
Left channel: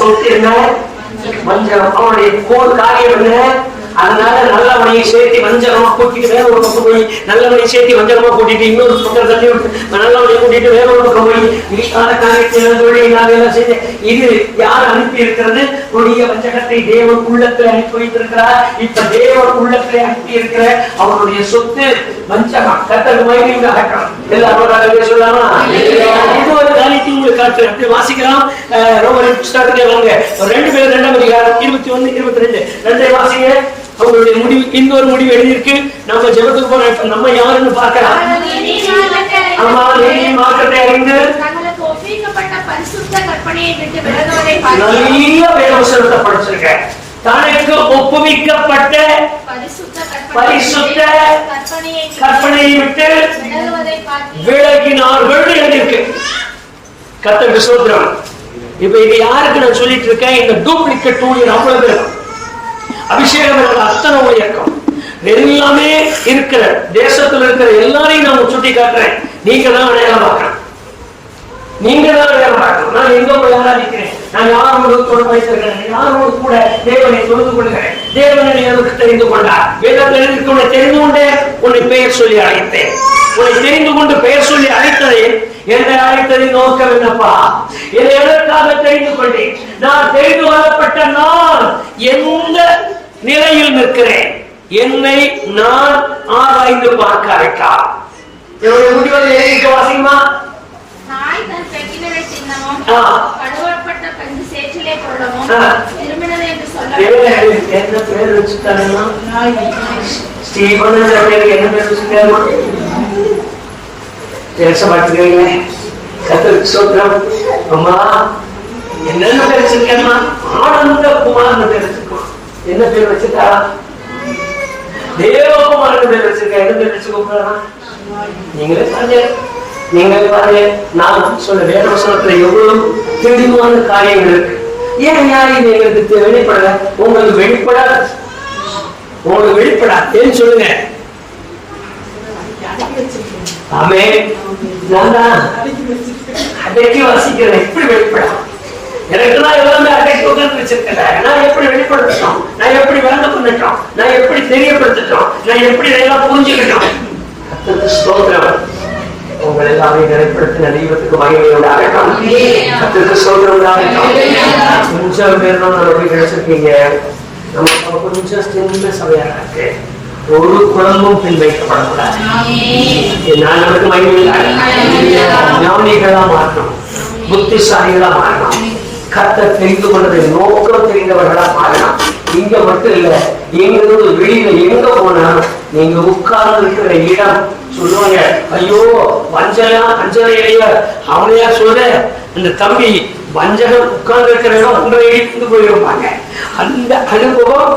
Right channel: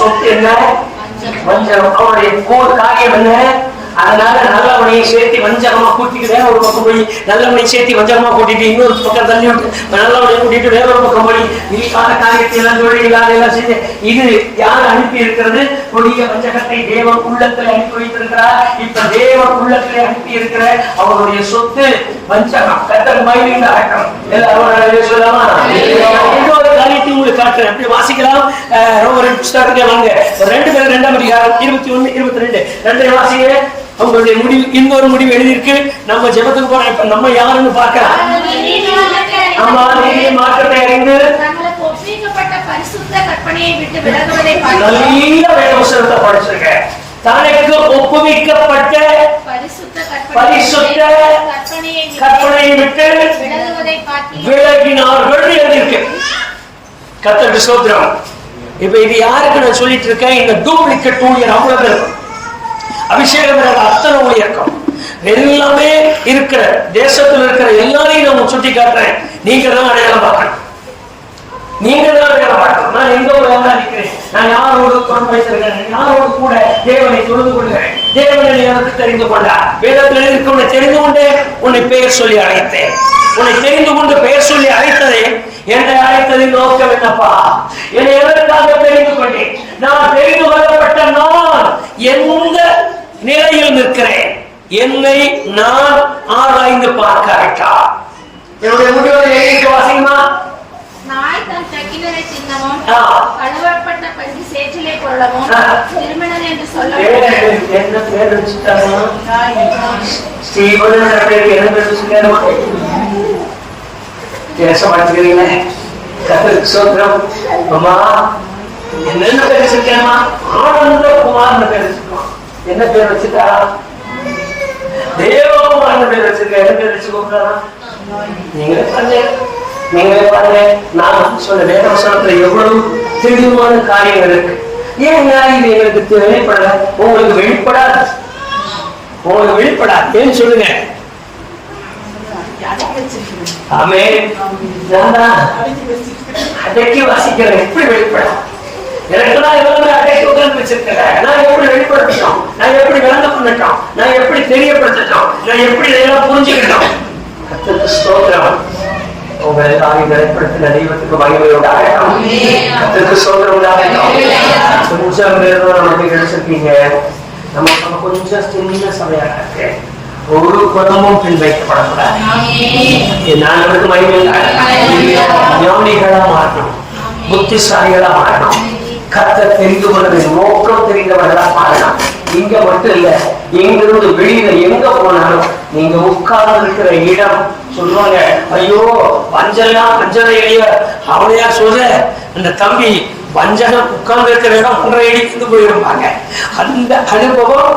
சொத்து என்ன? வஞ்சகம். அவங்களுடைய காரியம் என்ன? அதனால நல்லவனையை சேர்த்து வஞ்சகமா கூட்டிட்டு வேற ஒரு பக்கம் போய் நல்லவனை சேர்த்து வஞ்சகமா கூட்டிட்டு இன்னொரு பக்கம் தள்ளி விட்டு நல்லவனை கூட்டிட்டு வேற ஒரு பக்கம் போய் இல்லாத காரியத்தை எல்லாம் தொழில் இல்லாத எல்லாம் செய்து இது யார் அனுப்பி இருக்கிறது? கொடிய வஞ்சகத்தை தேவன் உள்ளத்தில் அனுப்பி வைத்திருக்கிறார். இப்ப தேவன் உள்ளத்தில் அனுப்பி இருக்கிற அவருடைய சொத்து வஞ்சகம். கர்த்தருக்கு மகிமை உண்டாகட்டும். எல்லாரும் சொல்லாமா? இன்னொரு காரியத்தை உங்களுக்கு காட்டுறேன். அப்படி வாசிக்கலாம். ரோமர் புத்தகத்தை வாங்க. 2 பேர் 2ஆம் அதிகாரம் 21, 22 2 வாசிங்க. அவங்களுடைய முடிவு, இன்னொரு முடிவு எழுதியிருக்கு. நம்ம ஜெபத்துக்கு போறோம். இப்ப நம்ம யாருன்னு பார்க்கலாம். அம்மா நீதி மார்க்கத்தை அறிந்து தங்களுக்கு ஒப்புவிக்கப்பட்ட பரிசுத்த கற்பனையை விட்டு விலகுவதை பார்த்து நல்ல வேதவசனத்தை படிச்சிருக்கேன். தனக்கு ஒப்புவிக்கப்பட்ட பரிசுத்த கற்பனையை விட்டு விலகினார்கள் எழுதியிருக்கு. கர்த்தருக்கு ஸ்தோத்திரம். இப்ப இது யாருக்கு நான் சொல்லிட்டு இருக்கேன்? இந்த டூப்ளிகேட் ஊழியர் அவ்வளவு இருக்கும். அபிஷேகம் அத்தனை ஊழியர்க்கும் எல்லாமே இருக்கிற தேசத்தில் இருக்கிற எல்லாரையும் நான் சுட்டி காட்டுறேன். நீங்க தான் அடையாளம் பார்க்கணும். நீங்க தான் அடையாளம் பார்க்கணும். நான் எங்க நிற்கிறேன்? நான் யாரோடு தொடர்பு வைத்திருக்கிறேன்? யாரோடு கூட தேவனை தொழுது கொள்கிறேன்? தேவனை எனக்கு தெரிந்து கொண்டார். வேதத்தில் உன்னை தெரிந்து கொண்டே உன்னை பெயர் சொல்லி அழைத்தேன். உன்னை தெரிந்து கொண்டு பெயர் சொல்லி அழைத்ததை என்னை அழைத்ததின் நோக்கம் என்னப்பா? என்னை எதற்காக தெரிந்து கொண்டேன்? நான் தெரிந்து கொள்ளப்பட்ட நான் எந்த நிலையில் நிற்கிறேன்? என்னை நான் ஆராய்ந்து பார்க்காவிட்டா என்னுடைய முடிவுகளை வாசிக்குமா? நாய் தன் சக்கிலரை தின்னவும் கழுவப்பட்ட பஞ்சு சேற்றிலே கொள்ளவும் திருமணம் என்று சொல்லவும் என்ன பேர் வச்சுட்டாங்கம்மா? ஸ்டீபன் என்ற பேருக்கு என்ன பேர் வச்சுட்டாருமா? பேச மாட்டேங்கிறீங்களே. கர்த்தருக்கு ஸ்தோத்திரம். அம்மா என்னென்ன பேர் வச்சிருக்கேம்மா? ஆனந்த குமார்னு பேர் வச்சிருக்கோம். என்ன பேர் வச்சிருக்காரா? தேவகுமார்னு பேர் வச்சிருக்க. என்ன பேர் வச்சு கூப்பிடுறாரா? நீங்களே பாருங்க, நீங்களே பாருங்க. நான் சொல்ல வேதவசனத்துல எவ்வளவு தெளிவான காரியங்கள் இருக்கு. ஏன் இது எங்களுக்கு வெளிப்படல? உங்களுக்கு வெளிப்படாது, உங்களுக்கு வெளிப்படாது. ஏன்னு சொல்லுங்க. ஆமென். அடக்கி வாசிக்கிறேன். எப்படி வெளிப்படும்? எனக்கு தான் எல்லாமே அடக்கி உட்கார்ந்து வச்சிருக்கல. நான் எப்படி வெளிப்படுத்தணும்? நான் எப்படி விளங்க பண்ணட்டும்? நான் எப்படி தெரியப்படுத்தட்டும்? நான் எப்படி இதெல்லாம் புரிஞ்சுக்கிட்டோம்? கர்த்தருக்கு ஸ்தோத்திரம். உங்களை எல்லாரையும் நிலைப்படுத்தின தெய்வத்துக்கு மகிமை உண்டாகட்டும். கர்த்தருக்கு ஸ்தோத்திரம் உண்டாகட்டும். கொஞ்சம் பேர் தான் நம்ம கிடைச்சிருக்கீங்க. நம்ம கொஞ்சம் சின்ன சபையாக இருக்கு. ஒரு குழம்பும் பின் வைக்கப்படக்கூடாது. ஞானத்துக்கு மகிமை ஞானிகளா மாறணும், புத்திசாலிகளா மாறணும், கர்த்தர் தெரிந்து கொண்டதை நோக்கம் தெரிந்தவர்களா மாறணும். இங்க மட்டும் இல்ல, எங்கிருந்து வெளியில எங்க போனாலும் நீங்க உட்கார்ந்து இருக்கிற இடம் சொல்லுவாங்க, ஐயோ வஞ்செல்லாம் வஞ்சனை இடையில அவனையா சொல்ற இந்த தம்பி வஞ்சகம் உட்கார்ந்து இருக்கிற இடம் 1.5 அடிக்கு போயிருப்பாங்க. அந்த அனுபவம்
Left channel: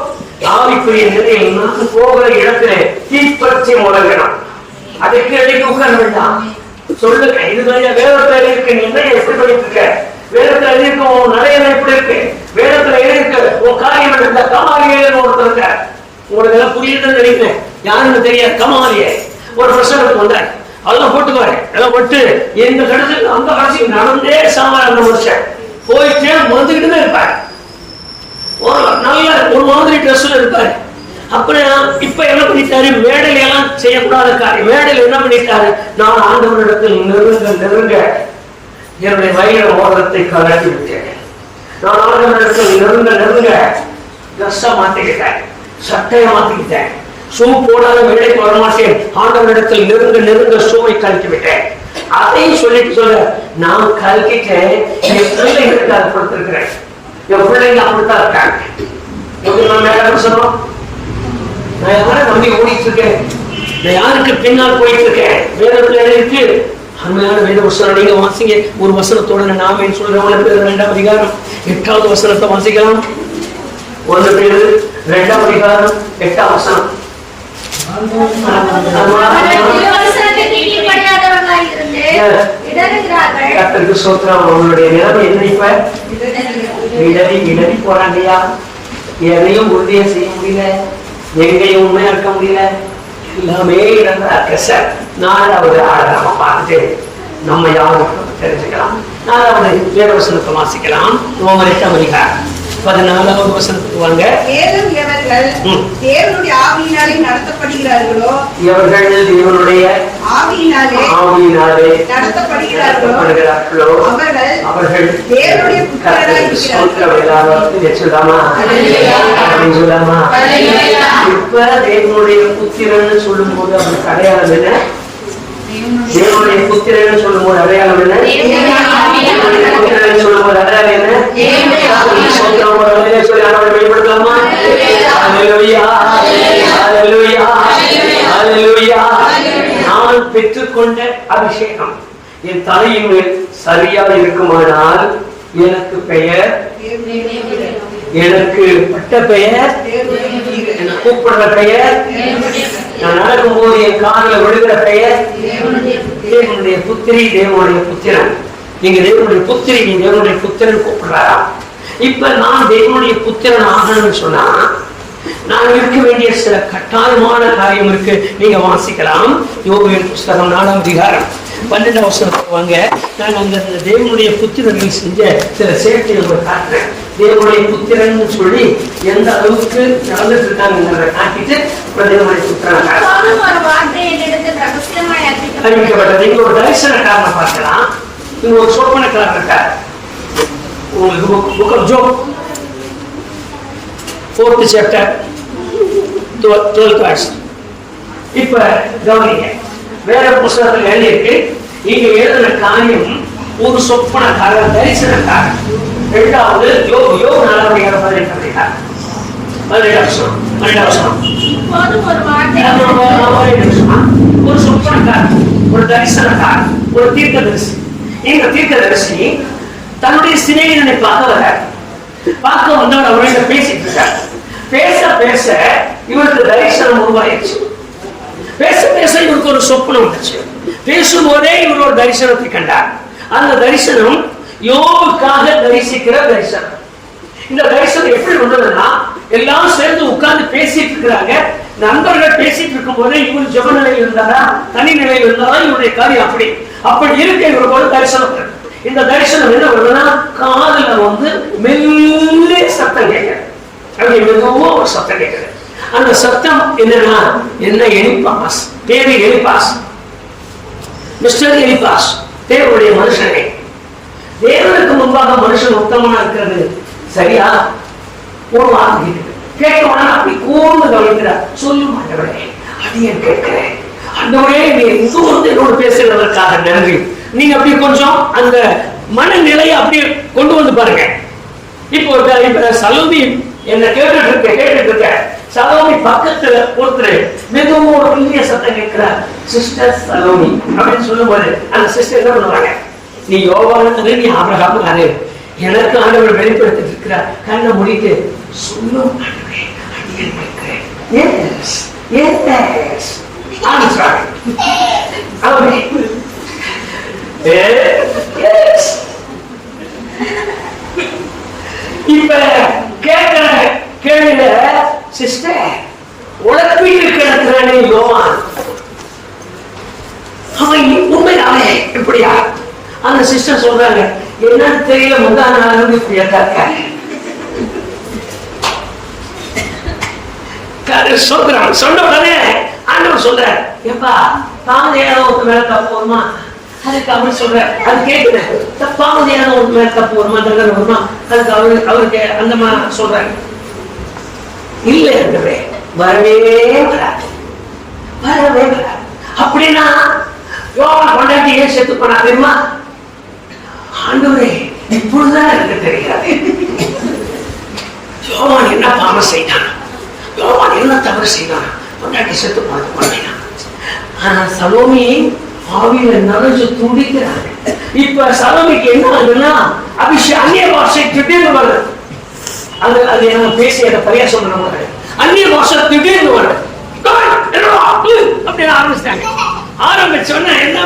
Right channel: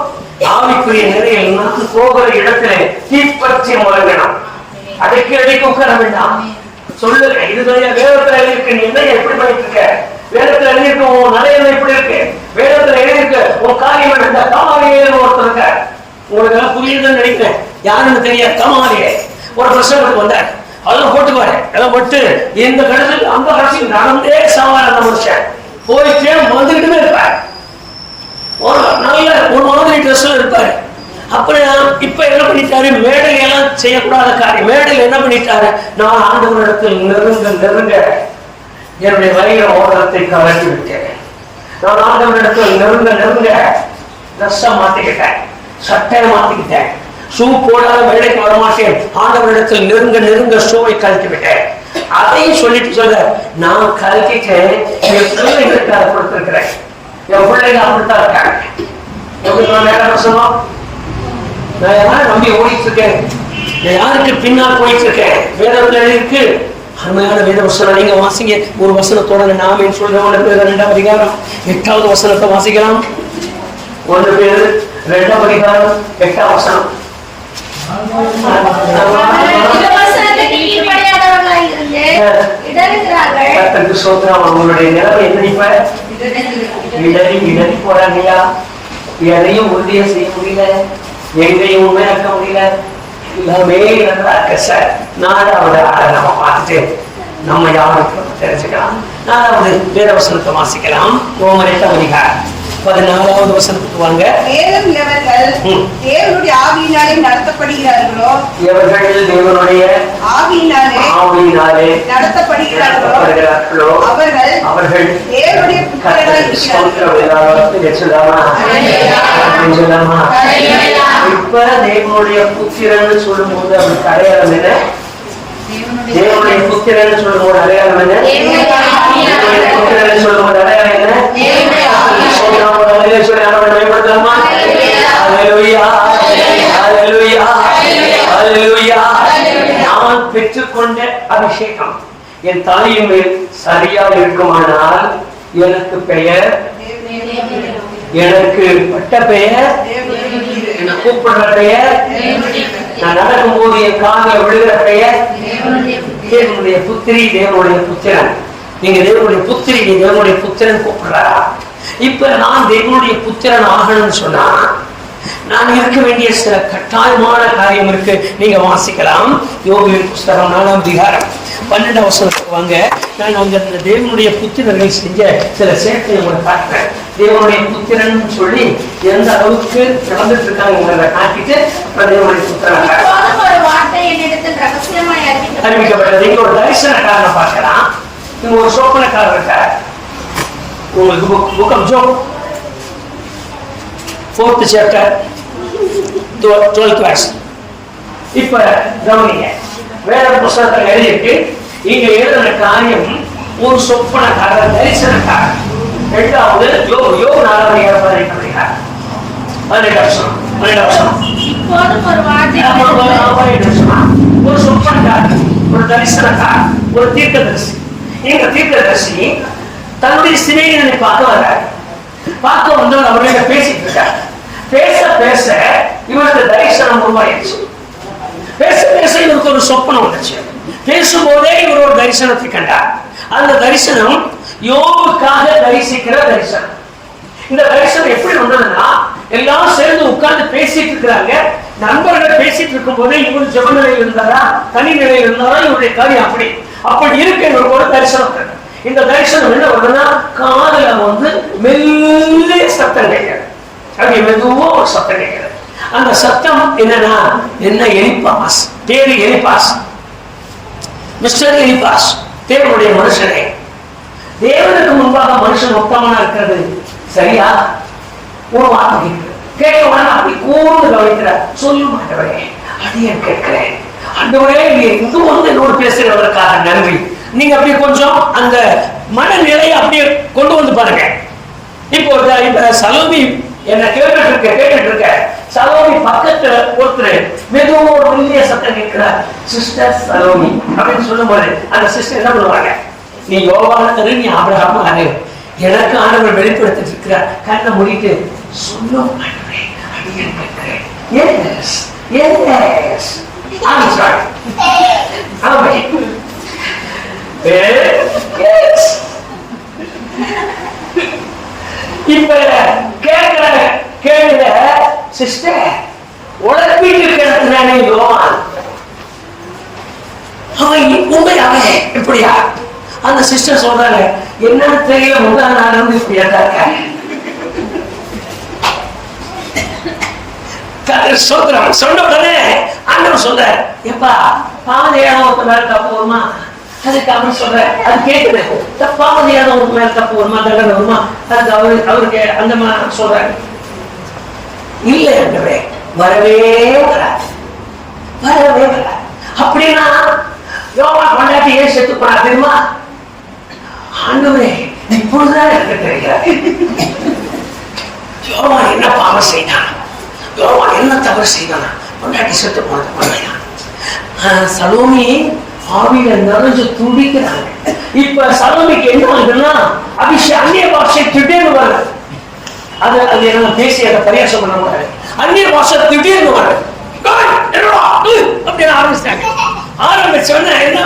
ஆவிக்குரிய நிலையில் நான் போகிற இடத்துல தீப்பற்றி முழங்கணும். அடைக்கு அடைக்கு உட்கார வேண்டாம். சொல்லுங்க, இதுடைய வேதத்துல இருக்கு. நீ என்ன எப்படி பண்ணிட்டு இருக்க? வேதத்துல எழுதியிருக்க உன் நடையில எப்படி இருக்கு? வேதத்துல எழுதியிருக்க உன் காரியம் இருக்க. கமாலியேன்னு ஒருத்தர் இருக்க. உங்களுக்கு எல்லாம் புரியுதுன்னு நினைக்கிறேன். யாருன்னு தெரியாது. கமாலியே ஒரு பிரசவத்துக்கு வந்தார். அதெல்லாம் போட்டுக்குவாரு. எல்லாம் போட்டு இந்த கடைசிக்கு அந்த கடைசிக்கு நடந்தே சாவார். அந்த மனுஷன் போயிட்டே வந்துகிட்டு இருப்பார். ஒரு நல்ல ஒரு மாதிரி ட்ரெஸ்ல இருப்பாரு. அப்புறம் இப்ப என்ன பண்ணிட்டாரு, மேடல் எல்லாம் செய்யக்கூடாத காரியம். மேடல் என்ன பண்ணிட்டாரு, நான் ஆண்டவரிடத்தில் நெருங்க என்னுடைய வைர மோதிரத்தை கலட்டி விட்டேன். நான் ஆண்டவரிடத்தில் நெருங்க ட்ரெஸ்ஸை மாத்திக்கிட்டேன், சட்டையை மாத்திக்கிட்டேன், ஷூ போடாத வேலைக்கு வர மாட்டேன். ஆண்டவரிடத்தில் நெருங்க ஷூவை கழட்டி விட்டேன். அதையும் சொல்லிட்டு சொல்ற, நான் கழட்டிட்டேன், என் பிள்ளைகளுக்கு அதை கொடுத்திருக்கிறேன். என் பிள்ளைங்க அப்படித்தான் இருக்காங்க. நான் யாரை நம்பி ஓடிட்டு இருக்கேன், நான் யாருக்கு பின்னால் போயிட்டு இருக்கேன். வேதத்துல இருக்கு அருமையான வேத வசனம். நீங்க வாசிங்க ஒரு வசனத்தோட நாம சொல்றோம். 2ஆம் அதிகாரம் 8வது வசனத்தை வாசிக்கலாம். 1 Peter 2ஆம் அதிகாரம் 8ஆம் வசனம். உங்களுடைய நிலைமை என்ன? இப்ப இடறி போறாங்கய்யா, எதையும் உறுதியை செய்ய முடியல, எங்கேயும் உண்மையா இருக்க முடியல, எல்லாமே இடர்றாங்க சார். 4வது நம்ம பார்த்துட்டு நம்ம யாரும் தெரிஞ்சுக்கலாம். 4வது வேத வசனத்தை வாசிக்கலாம். ரோமர் 8ஆம் அதிகாரம் 14வது வசனத்துக்கு வாங்க. மேலும் எவர்கள் தேவனுடைய ஆவியினாலே நடத்தப்படுகிறார்களோ, எவர்கள் தேவனுடைய ஆவியினாலே நடத்தப்படுகிறார்களோ அவர்கள் தேவனுடைய புத்திரராய் இருக்கிறார்கள். இப்ப தேவனுடைய புத்திரன்னு சொல்லும் போது அவருக்கு அடையாளம் என்ன? தேவனுடைய புத்திரன்னு சொல்லும் போது அடையாளம் என்ன? தேவனுடைய புத்திரன்னு சொல்லும் போது அடையாளம் என்ன? நான் பெற்றுக்கொண்ட அபிஷேகம் என் தலையின் மேல் சரியா இருக்குமானால் எனக்கு பெயர், எனக்கு பட்ட பெயர், என்ன கூப்பிடுற பெயர், நான் நடக்கும்போது என் காலில் விழுகிற பெயர் தேவனுடைய புத்திரி, தேவனுடைய புத்திரன். நீங்க தேவனுடைய புத்திரி, நீ தேவனுடைய புத்திரன் கூப்பிடுறா. இப்ப நான் தேவனுடைய புத்திரன் ஆகணும்னு சொன்னா நான் இருக்க வேண்டிய சில கட்டாயமான காரியம் இருக்கு. நீங்க வாசிக்கலாம். யோபுவின் புஸ்தகம் 4ஆம் அதிகாரம் 12ஆம் வசனத்துக்கு வாங்க. நான் அந்த தேவனுடைய புத்திரர்கள் செஞ்ச சில சேர்க்கையை உங்களுக்கு காட்டுறேன். தேவனுடைய புத்திரன் சொல்லி எந்த அளவுக்கு நடந்துட்டு இருக்காங்க காட்டிட்டு தேவனுடைய புத்திரன் அறிவிக்கப்பட்டது. இங்க ஒரு தரிசனக்காரனை பார்க்கலாம், இங்க ஒரு சோப்பனக்காரர் இருக்கார். உங்களுக்கு book of Job 4th chapter 12th verse. இப்ப கவனிங்க, வேற புத்தகத்தில் எழுதியிருக்கு. இங்க எழுதின காரியம் ஒரு சொப்பனக்காரர், தரிசனக்காரர். 2வது யோபு 4ஆம் அதிகாரம் 18ஆம் அதிகாரம் 12ஆம் வசனம். ஒரு சொப்பனக்காரர், ஒரு தரிசனக்காரர், ஒரு தீர்க்கதரிசி. இந்த தீர்க்கதரிசி தன்னுடைய சிநேகிதனை பார்க்க வந்தவர் அவர்கிட்ட பேசிட்டு இருக்கார். பேச இவருக்கு தரிசனம் உருவாயிடுச்சு. பேச இவருக்கு ஒரு சொப்பனம் வந்துச்சு. பேசும்போதே இவர் ஒரு தரிசனத்தை கண்டார். அந்த தரிசனம் யோபுக்காக தரிசிக்கிற தரிசனம். இந்த தரிசனம் எப்படி வந்ததுன்னா, எல்லாம் சேர்ந்து உட்கார்ந்து பேசிட்டு இருக்கிறாங்க. நண்பர்கள் பேசிட்டு இருக்கும் போதே இவர் ஜெப நிலையில் இருந்தாரா, தனி நிலையில் இருந்தாரா, இவருடைய காரியம் அப்படி இருக்க இவருக்கு ஒரு தரிசனம். இந்த தரிசனம் என்ன பண்ணுன்னா, காதுல மெல்ல சத்தம் கேட்கிறது. அப்படி மெதுவா ஒரு சத்தம் கேட்கிறது. அந்த சத்தம் என்னன்னா, என்ன? எலிப்பாஸ், தேவி எலிப்பாஸ், மிஸ்டர் எலிப்பாஸ், தேவனுடைய மனுஷனே. தேவனுக்கு முன்பாக மனுஷன் உத்தமனா இருக்கிறது சரியா? ஒரு வார்த்தை கேட்ட உடனே அப்படி கூர்ந்து கவனிக்கிறார். சொல்ல மாட்டவரே, அடியேன் கேட்கிறேன். அந்தவரே என்னோட பேசுகிறதற்காக நன்றி. நீங்க அப்படியே கொஞ்சம் அந்த மனநிலையை அப்படியே கொண்டு வந்து பாருங்க. இப்போ சலோமி என்ன கேட்டுட்டு இருக்க சலோமி பக்கத்துல ஒருத்தர் மிகவும் ஒரு பெரிய சத்தம் கேட்கிறார், சிஸ்டர் சலோமி அப்படின்னு சொல்லும் போது அந்த சிஸ்டர் என்ன பண்ணுவாங்க? நீ யோகால தரு, நீ ஆபிரகாம் ஆறு, எனக்கு ஆண்டவர் வெளிப்படுத்திட்டு இருக்கிறார். கண்ணை மூடிட்டு சொல்லும் ஆண்டவரே, அடியேன் கேட்கிறேன். Yes yes I'm sorry. இப்ப கேட்கிற கேள்வியில சிஸ்டர் உழைப்பீட்டு கிடக்குறானே யோவான், அவன் உண்மையாவே இப்படியா? அந்த சிஸ்டர் சொல்றாங்க, என்னன்னு தெரியல, முதல் நாள் இப்படியா இருக்க. சொல்றான். சொன்ன உடனே ஆண்டவர் சொல்ற, எப்பா பாவதையான ஒருத்த மேல தப்பு வருமா? அதுக்கு அவர் சொல்ற, அது கேட்குது, பாவதையான ஒரு மேல தப்பு வருமா, தண்டனை வருமா? அதுக்கு அவருக்கு அந்த மாதிரி சொல்றாரு, இல்லை என்றவே வரவே வராது, வரவே வராது. அப்படின்னா யோவான் கொண்டாட்டி ஏன் செத்து போனா தெரியுமா? ஆண்டவரே இப்பொழுதுதான் எனக்கு தெரியாது யோவான் என்ன பாவம் செய்தான், யோவான் என்ன தவறு செய்தான், கொண்டாட்டி செத்து போன சலோமி ஆவியில நிறைஞ்சு துடிக்கிறாங்க. இப்ப சலோமிக்கு என்ன ஆகுதுன்னா அந்நிய பாஷை திடீர்னு வருது. அது என்ன பேசி அதை பரியாசம் பண்ண முடியாது. அந்நிய பாஷை திடீர்னு வருது அப்படின்னு ஆரம்பிச்சிட்டாங்க. ஆரம்பிச்ச உடனே என்ன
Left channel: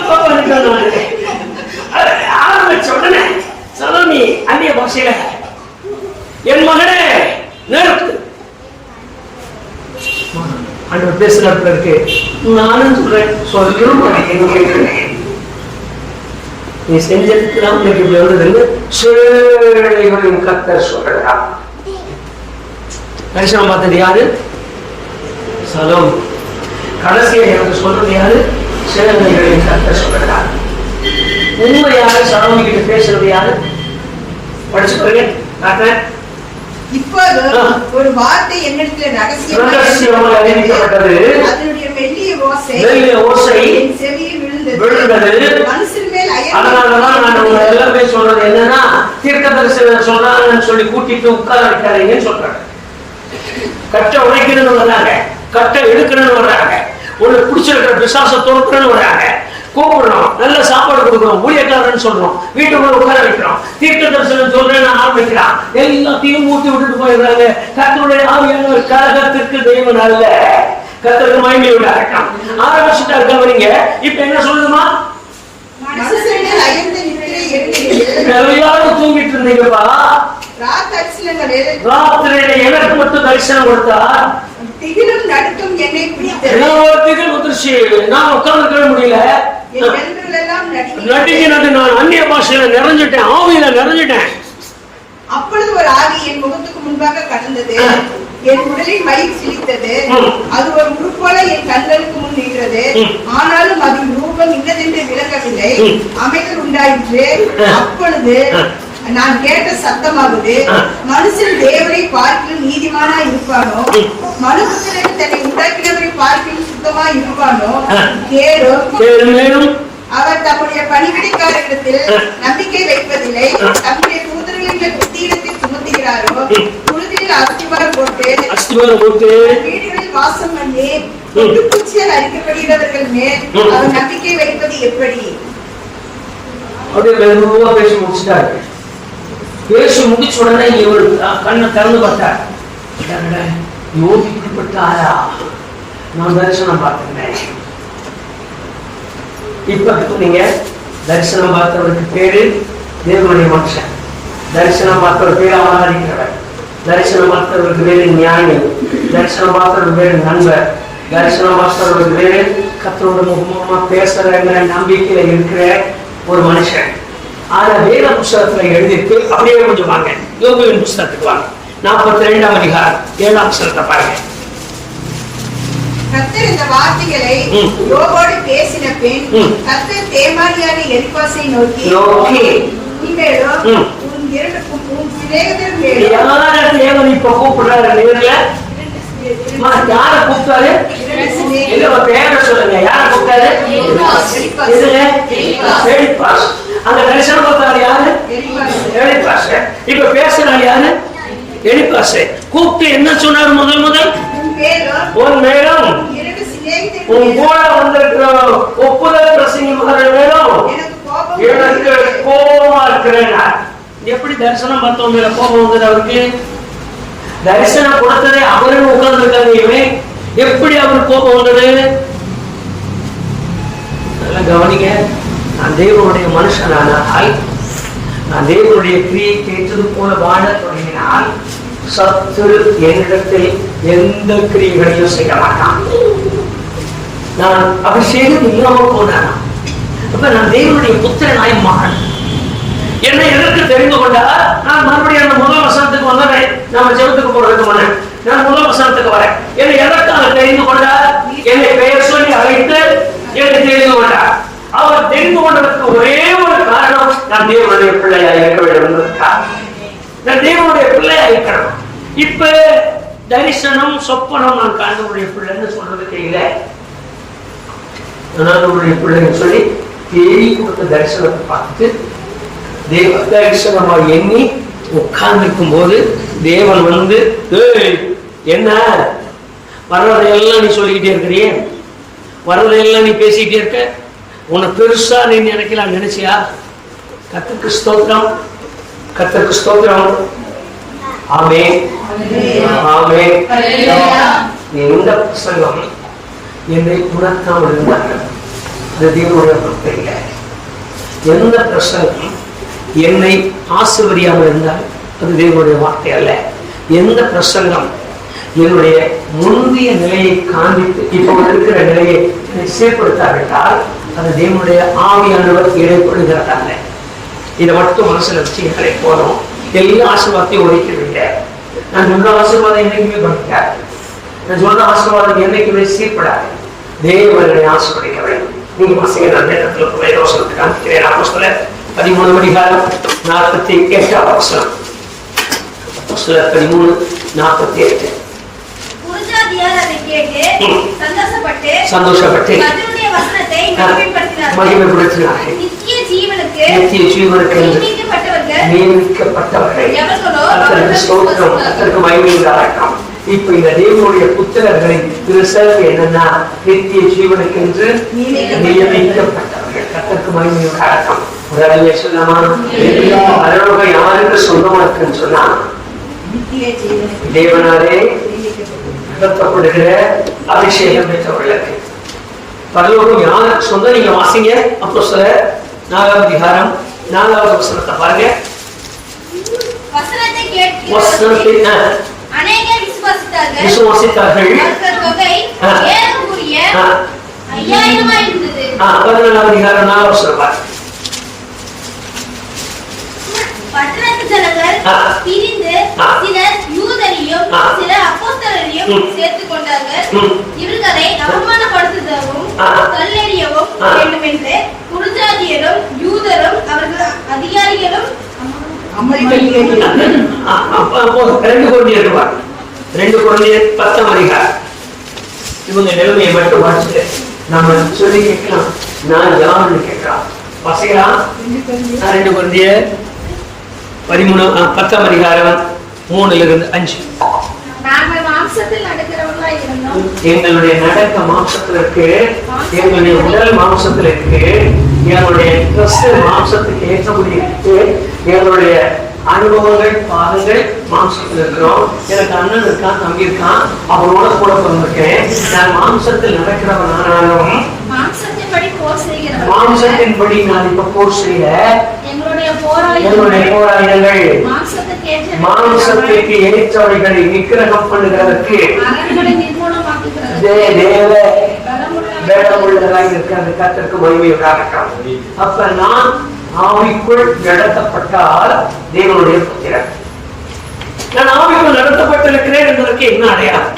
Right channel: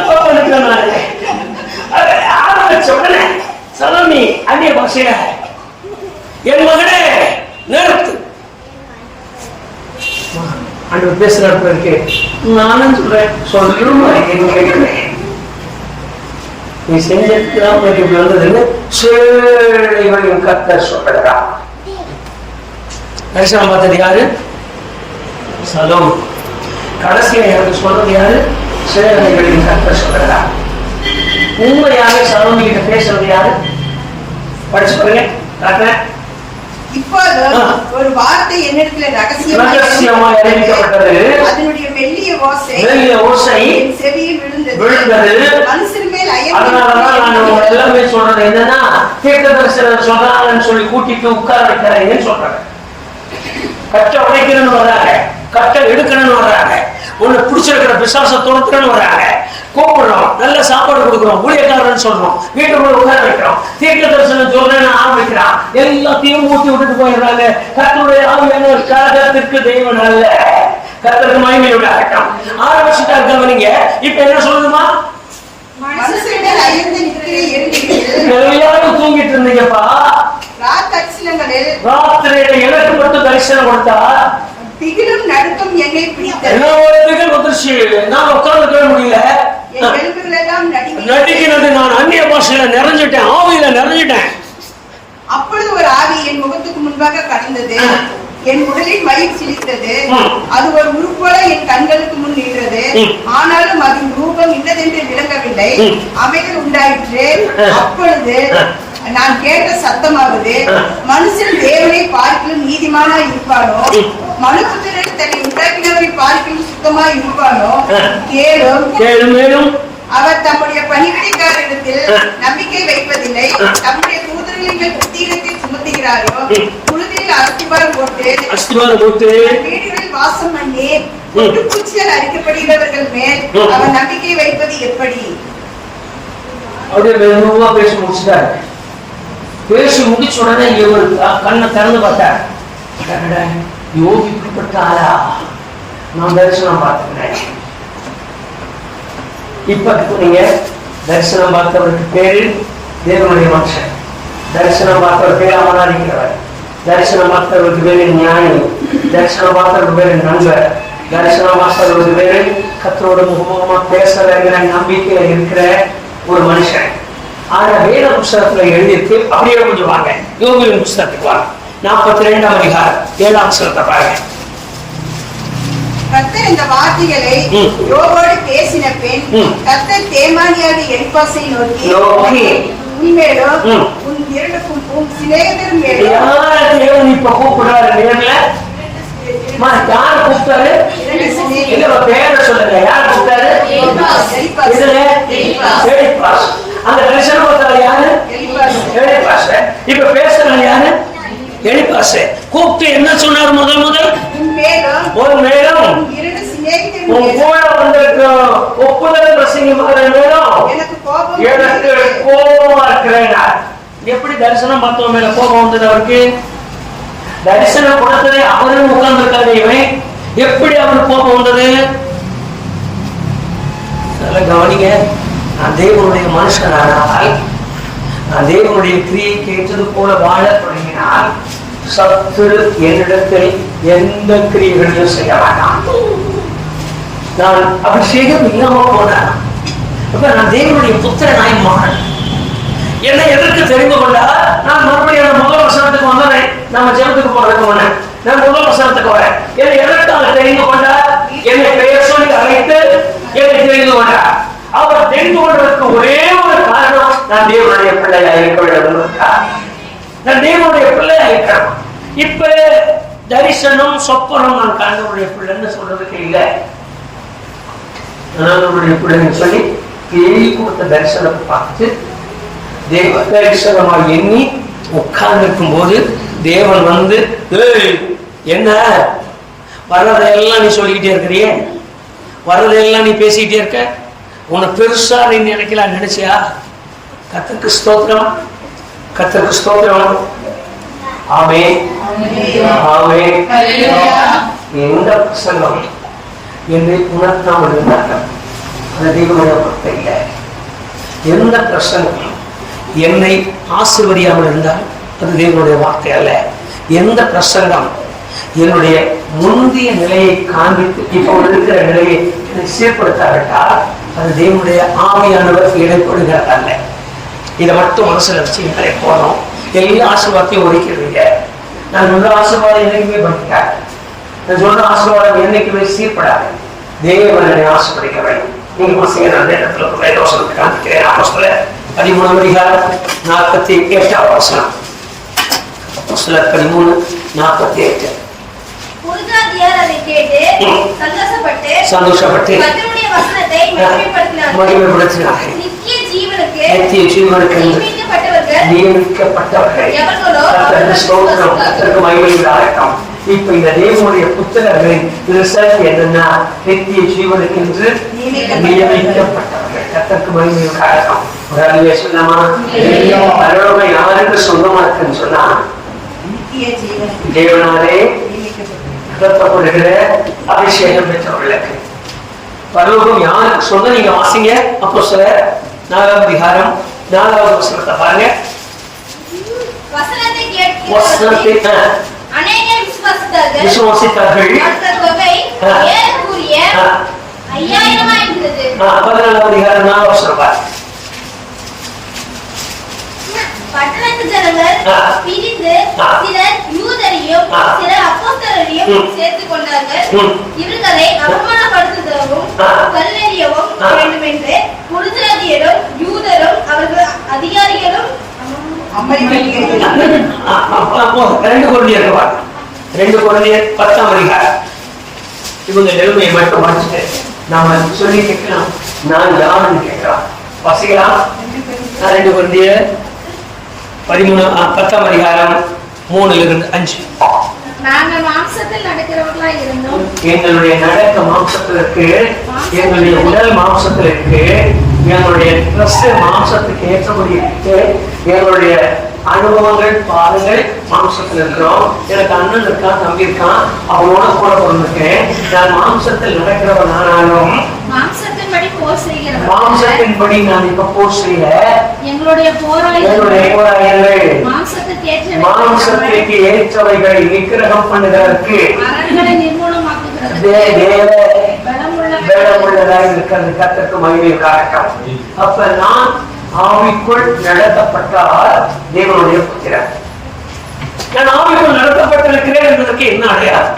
ஆரம்பிச்ச உடனே சலோமி அந்நிய பாஷையில, என் மகனே நிறுத்து அன்று பேசுறப்ப இருக்கு. நானும் சொல்றேன், சொல்லும் நீ செஞ்சிருக்கலாம் உனக்கு இப்படி வந்ததுன்னு சேழைகளின் கர்த்தர் சொல்றா. தரிசனம் பார்த்தது யாரு? சலோம். கடைசியா எனக்கு சொல்றது யாரு? சேழைகளின் கர்த்தர் சொல்றா. உண்மையாக சலோம் கிட்ட பேசுறது யாரு? படிச்சு பாருங்க. இப்போது ஒரு வார்த்தை என்னிடத்தில் ரகசியமாக அறிவிக்கப்பட்டது. அதனுடைய மெல்லிய ஓசை என் செவியில் விழுந்தது. மனுஷன் மேல் அதனாலதான் நான் எல்லாமே சொல்றது என்னன்னா, தீர்க்கதரிசனம் சொல்றாங்கன்னு சொல்லி கூட்டிட்டு உட்கார வைக்காதீங்கன்னு சொல்றாங்க. கட்டை உடைக்கணும்னு வர்றாங்க, கட்டை எடுக்கணும்னு வர்றாங்க, ஒண்ணு பிடிச்சிருக்கிற பிசாச துரத்துறன்னு வர்றாங்க, கூப்பிடுறோம், நல்ல சாப்பாடு கொடுக்குறோம், ஊழியக்காரன்னு சொல்றோம், வீட்டுக்குள்ள உட்கார வைக்கிறோம், தீர்க்க தரிசனம் சொல்றேன்னு ஆரம்பிக்கிறான், எல்லாத்தையும் ஊட்டி விட்டுட்டு போயிடுறாங்க. கர்த்தருடைய ஆவியான கழகத்திற்கு தெய்வம் நல்ல கர்த்தருக்கு மகிமையோட ஆட்டம் ஆரம்பிச்சுட்டா இருக்கவங்க. இப்ப என்ன சொல்லுமா? எல்லாரும் தூங்கிட்டு இருந்தீங்கப்பா, ராத்திரியில எனக்கு மட்டும் தரிசனம் கொடுத்தா திகிலும் நடுக்கம் என்னை பிடித்தது. திகில் வந்துருச்சு, நான் உட்கார்ந்து முடியல, நடிக்கிறது. நான் அந்நிய பாஷையில நிறைஞ்சிட்டேன், ஆவியில நிறைஞ்சிட்டேன். அப்பொழுது ஒரு ஆவி என் முகத்துக்கு முன்பாக கடந்தது, என் உடலில் மயிர் சிலித்தது, அது ஒரு உருப்போல என் கண்களுக்கு முன் நின்றது, ஆனாலும் அதன் ரூபம் இன்னதென்று விளங்கவில்லை, அமைதல் உண்டாயிற்று. அப்பொழுது நான் கேட்ட சத்தமாவது, மனுஷன் தேவனை பார்க்கிலும் நீதிமானா இருப்பானோ, மனுபுத்திரன் தன்னை உண்டாக்கினவரை பார்க்கிலும் சுத்தமா இருப்பானோ கேளும். அவர் தம்முடைய பணிவிடைக்காரரிடத்தில் நம்பிக்கை வைப்பதில்லை, தம்முடைய தூதர்களின் மேல் புத்தியிடத்தை சுமத்துகிறாரோ, புழுதியில் அஸ்திவாரம் போட்டு வீடுகளில் வாசம் பண்ணி குச்சியால் அரிக்கப்படுகிறவர்கள் மேல் அவர் நம்பிக்கை வைப்பது எப்படி? பேசி முடிச்சுட்டாரு. பேசி முடிச்ச உடனே இவர் கண்ணை திறந்து பார்த்தார். யோகிக்கப்பட்டாரா? நான் தரிசனம் பார்த்துக்கிறேன். இப்ப நீங்க தரிசனம் பார்த்தவருக்கு பேரு தேவனுடைய மனுஷன், தரிசனம் பார்த்தவர் பேர் அமராதிக்கிறவர், தரிசனம் பார்த்தவருக்கு பேரு ஞானி, தரிசனம் பார்த்தவருக்கு பேரு நண்பர், தரிசனம் பார்த்தவருக்கு பேரு கர்த்தரோட முகமா பேசுறங்கிற நம்பிக்கையில இருக்கிற ஒரு மனுஷன். ஆனா வேத புஸ்தகத்துல எழுதியிருக்கு. அப்படியே கொஞ்சம் வாங்க, யோகியின் புஸ்தகத்துக்கு வாங்க, 42ஆம் அதிகாரம் 7ஆம் வசனத்தை பாருங்க. கர்த்தர் இந்த வார்த்தைகளை யோபோடு பேசின பின் கர்த்தர் தேமானியாக எலிப்பாசை நோக்கி, இனிமேலும் உன் இரண்டுக்கும் சிநேகிதரும் தேவன் இப்ப கூப்பிடுறாரு நேர்ல. யார கூப்பிட்டாரு? பேர சொல்லுங்க. யார கூப்பிட்டாரு? அந்த தரிசனம் பார்த்தவர் யாரு? எலிப்பாசு. இப்ப பேசுறாரு யாரு? எலிப்பாசு. கூப்பிட்டு என்ன சொன்னார்? முதல் உன் மேலும் உன் கூட வந்திருக்க ஒப்புதல் பிரசங்கிமாரன் மேலும் எனக்கு கோபமா இருக்கிறேன். எப்படி தரிசனம் பார்த்தவங்க மேல கோபம் வந்தது அவருக்கு? தரிசனம் கொடுத்ததே அவரும் உட்கார்ந்து இருக்காங்க. இவன் எப்படி அவருக்கு கோபம் வந்தது? நல்லா கவனிங்க. நான் தேவனுடைய மனுஷனானால், நான் தேவனுடைய கிரியை கேட்டது போல வாழ தொடங்கினால், சத்துரு என்னிடத்தில் எந்த கிரியைகளையும் செய்ய மாட்டான். நான் அப்படி செய்து இல்லாம போனேன். அப்ப நான் தேவனுடைய புத்திரனாய் மாறேன். என்னை எதற்கு தெரிந்து கொண்டா, நான் மறுபடியும் அந்த முதல் வசனத்துக்கு வந்தேன். நம்ம ஜெபத்துக்கு போறதுக்கு முன்னே நான் முதல் வசனத்துக்கு வரேன். என்னை எதற்காக தெரிந்து கொண்டார்? என்னை பெயர் சொல்லி அழைத்து என்னை தெரிந்து கொண்டார். அவர் தெரிந்து கொண்டதற்கு ஒரே ஒரு காரணம், நான் தேவனுடைய பிள்ளையா இருக்க வேண்டும் என்பதற்காக. நான் தேவனுடைய பிள்ளையா இருக்கணும். இப்ப தரிசனம் சொப்பனம் நான் கணவனுடைய பிள்ளைன்னு சொல்றதுக்கு இல்லை. கணவனுடைய பிள்ளைன்னு சொல்லி தேடி கொடுத்த தரிசனத்தை பார்த்து தேவ தரிசனமா எண்ணி உட்கார்ந்துருக்கும் போது தேவன் வந்து, என்ன வர்றதையெல்லாம் நீ சொல்லிக்கிட்டே இருக்கிறிய, வர்றதையெல்லாம் நீ பேசிக்கிட்டே இருக்க, உன்னை பெருசா நீ நினைக்கலாம் நினைச்சியா? கர்த்தருக்கு ஸ்தோத்திரம், கர்த்தருக்கு ஸ்தோத்திரம். ஆமே ஆமே. எந்த பிரசங்கம் என்னை உணர்த்தாமல் இருந்தார்கள், அது தேவனுடைய பொறுத்த. எந்த பிரசங்கம் என்னை ஆசீர்வதியாமல் இருந்தால் அது தேவனுடைய வார்த்தை அல்ல. எந்த பிரசங்கம் என்னுடைய முந்தைய நிலையை காண்பித்து இப்போ இருக்கிற நிலையை என்னை சீர்படுத்தாவிட்டால் அது தேவனுடைய ஆவியானவர் இடைப்படுகிறார் அல்ல. இதை மட்டும் மனசுல வச்சு எங்களை போனோம். எல்லா ஆசீர்வாதத்தையும் ஒதுக்கிடுவீங்க. நான் சொல்ற ஆசீர்வாதம் என்னைக்குமே படிக்காது. நான் சொல்ற ஆசீர்வாதம் என்னைக்குமே சீர்படாது. தேவனை ஆசீர்வதிக்க வேண்டும். நீங்க பசங்க அந்த இடத்துல தோசனத்தை காண்பிக்கிறேன். அப்போஸ்தலர் 13:48 வசனம். அப்போஸ்தலர் 13:48. புருஷாதியார் அதை கேட்டு சந்தோஷப்பட்டு கர்த்தருடைய வசனத்தை மகிமைப்படுத்தினார்கள். நித்திய ஜீவனுக்கு நியமிக்கப்பட்டவர்கள் கர்த்தருக்கு மகிமை உண்டாகட்டும். இப்ப இந்த தேவனுடைய புத்திரர்களின் ரிசல்ட் என்னன்னா, நித்திய ஜீவனுக்கு என்று நியமிக்கப்பட்டவர்கள். கர்த்தருக்கு மகிமை உண்டாகட்டும். ஒரு அறிவிய சொன்னமா, பரலோகம் யாருக்கு சொந்தமா இருக்குன்னு சொன்னா, தேவனாரே நடத்தப்படுகிற அபிஷேகம் பெற்றவர்களுக்கு. பரலோகம் யாருக்கு சொந்தம்? நீங்க வாசிங்க அப்போஸ்தலர் 4:4 வசனத்தை பாருங்க. வசனத்தை அநேகர் விசுவாசித்தார்கள். தொகை ஏறக்குறைய 5000 இருந்தது. 14:4 வசனம் பாருங்க. பட்டணத்து ஜனங்கள் பிரிந்து சிலர் யூதரையும் சிலர் அப்போஸ்தலரையும் சேர்த்துக் கொண்டார்கள். இவர்களை அவமானப்படுத்துதவும் கல்லெறியவும் வேண்டும் என்று புருஷாதியரும் யூதரும் அவர்கள் அதிகாரிகளும் 2 கொரிந்தியர் 10 இவங்க நிலைமையை மட்டும் மாற்றிட்டு நாம சொல்லி கேட்கலாம். நான் யாருன்னு கேட்கலாம். வாசிக்கலாம். 2 கொரிந்தியர் 10:3-5. நாங்கள் மாம்சத்தில் நடக்கிறவர்களாய் இருந்தோம். எங்களுடைய நடக்க மாம்சத்தில் இருக்கு, எங்களுடைய உடல் மாம்சத்தில் இருக்கு, எங்களுடைய ட்ரெஸ் மாம்சத்துக்கு ஏற்றபடி இருக்கு, எங்களுடைய அனுபவங்கள் பாருங்கள் மாம்சத்தில் இருக்கிறோம். எனக்கு அண்ணன் இருக்கான், தம்பி இருக்கான், அவனோட கூட பிறந்திருக்கேன். நான் மாம்சத்தில் நடக்கிறவன் ஆனாலும் மாம்சத்தின்படி நான் இப்ப போர் செய்யல. எங்களுடைய போராயங்கள் மாம்சத்திற்கு ஏற்றவைகளை விக்கிரகம் பண்ணுகிறதற்கு உள்ளதாக இருக்கிறது. கர்த்தருக்கு மகிமை உண்டாகட்டும். அப்ப நான் ஆவிக்குள் நடத்தப்பட்டால் தேவனுடைய புத்திரன். நான் ஆவிக்குள் நடத்தப்பட்டிருக்கிறேன் என்பதற்கு என்ன அடையாளம்?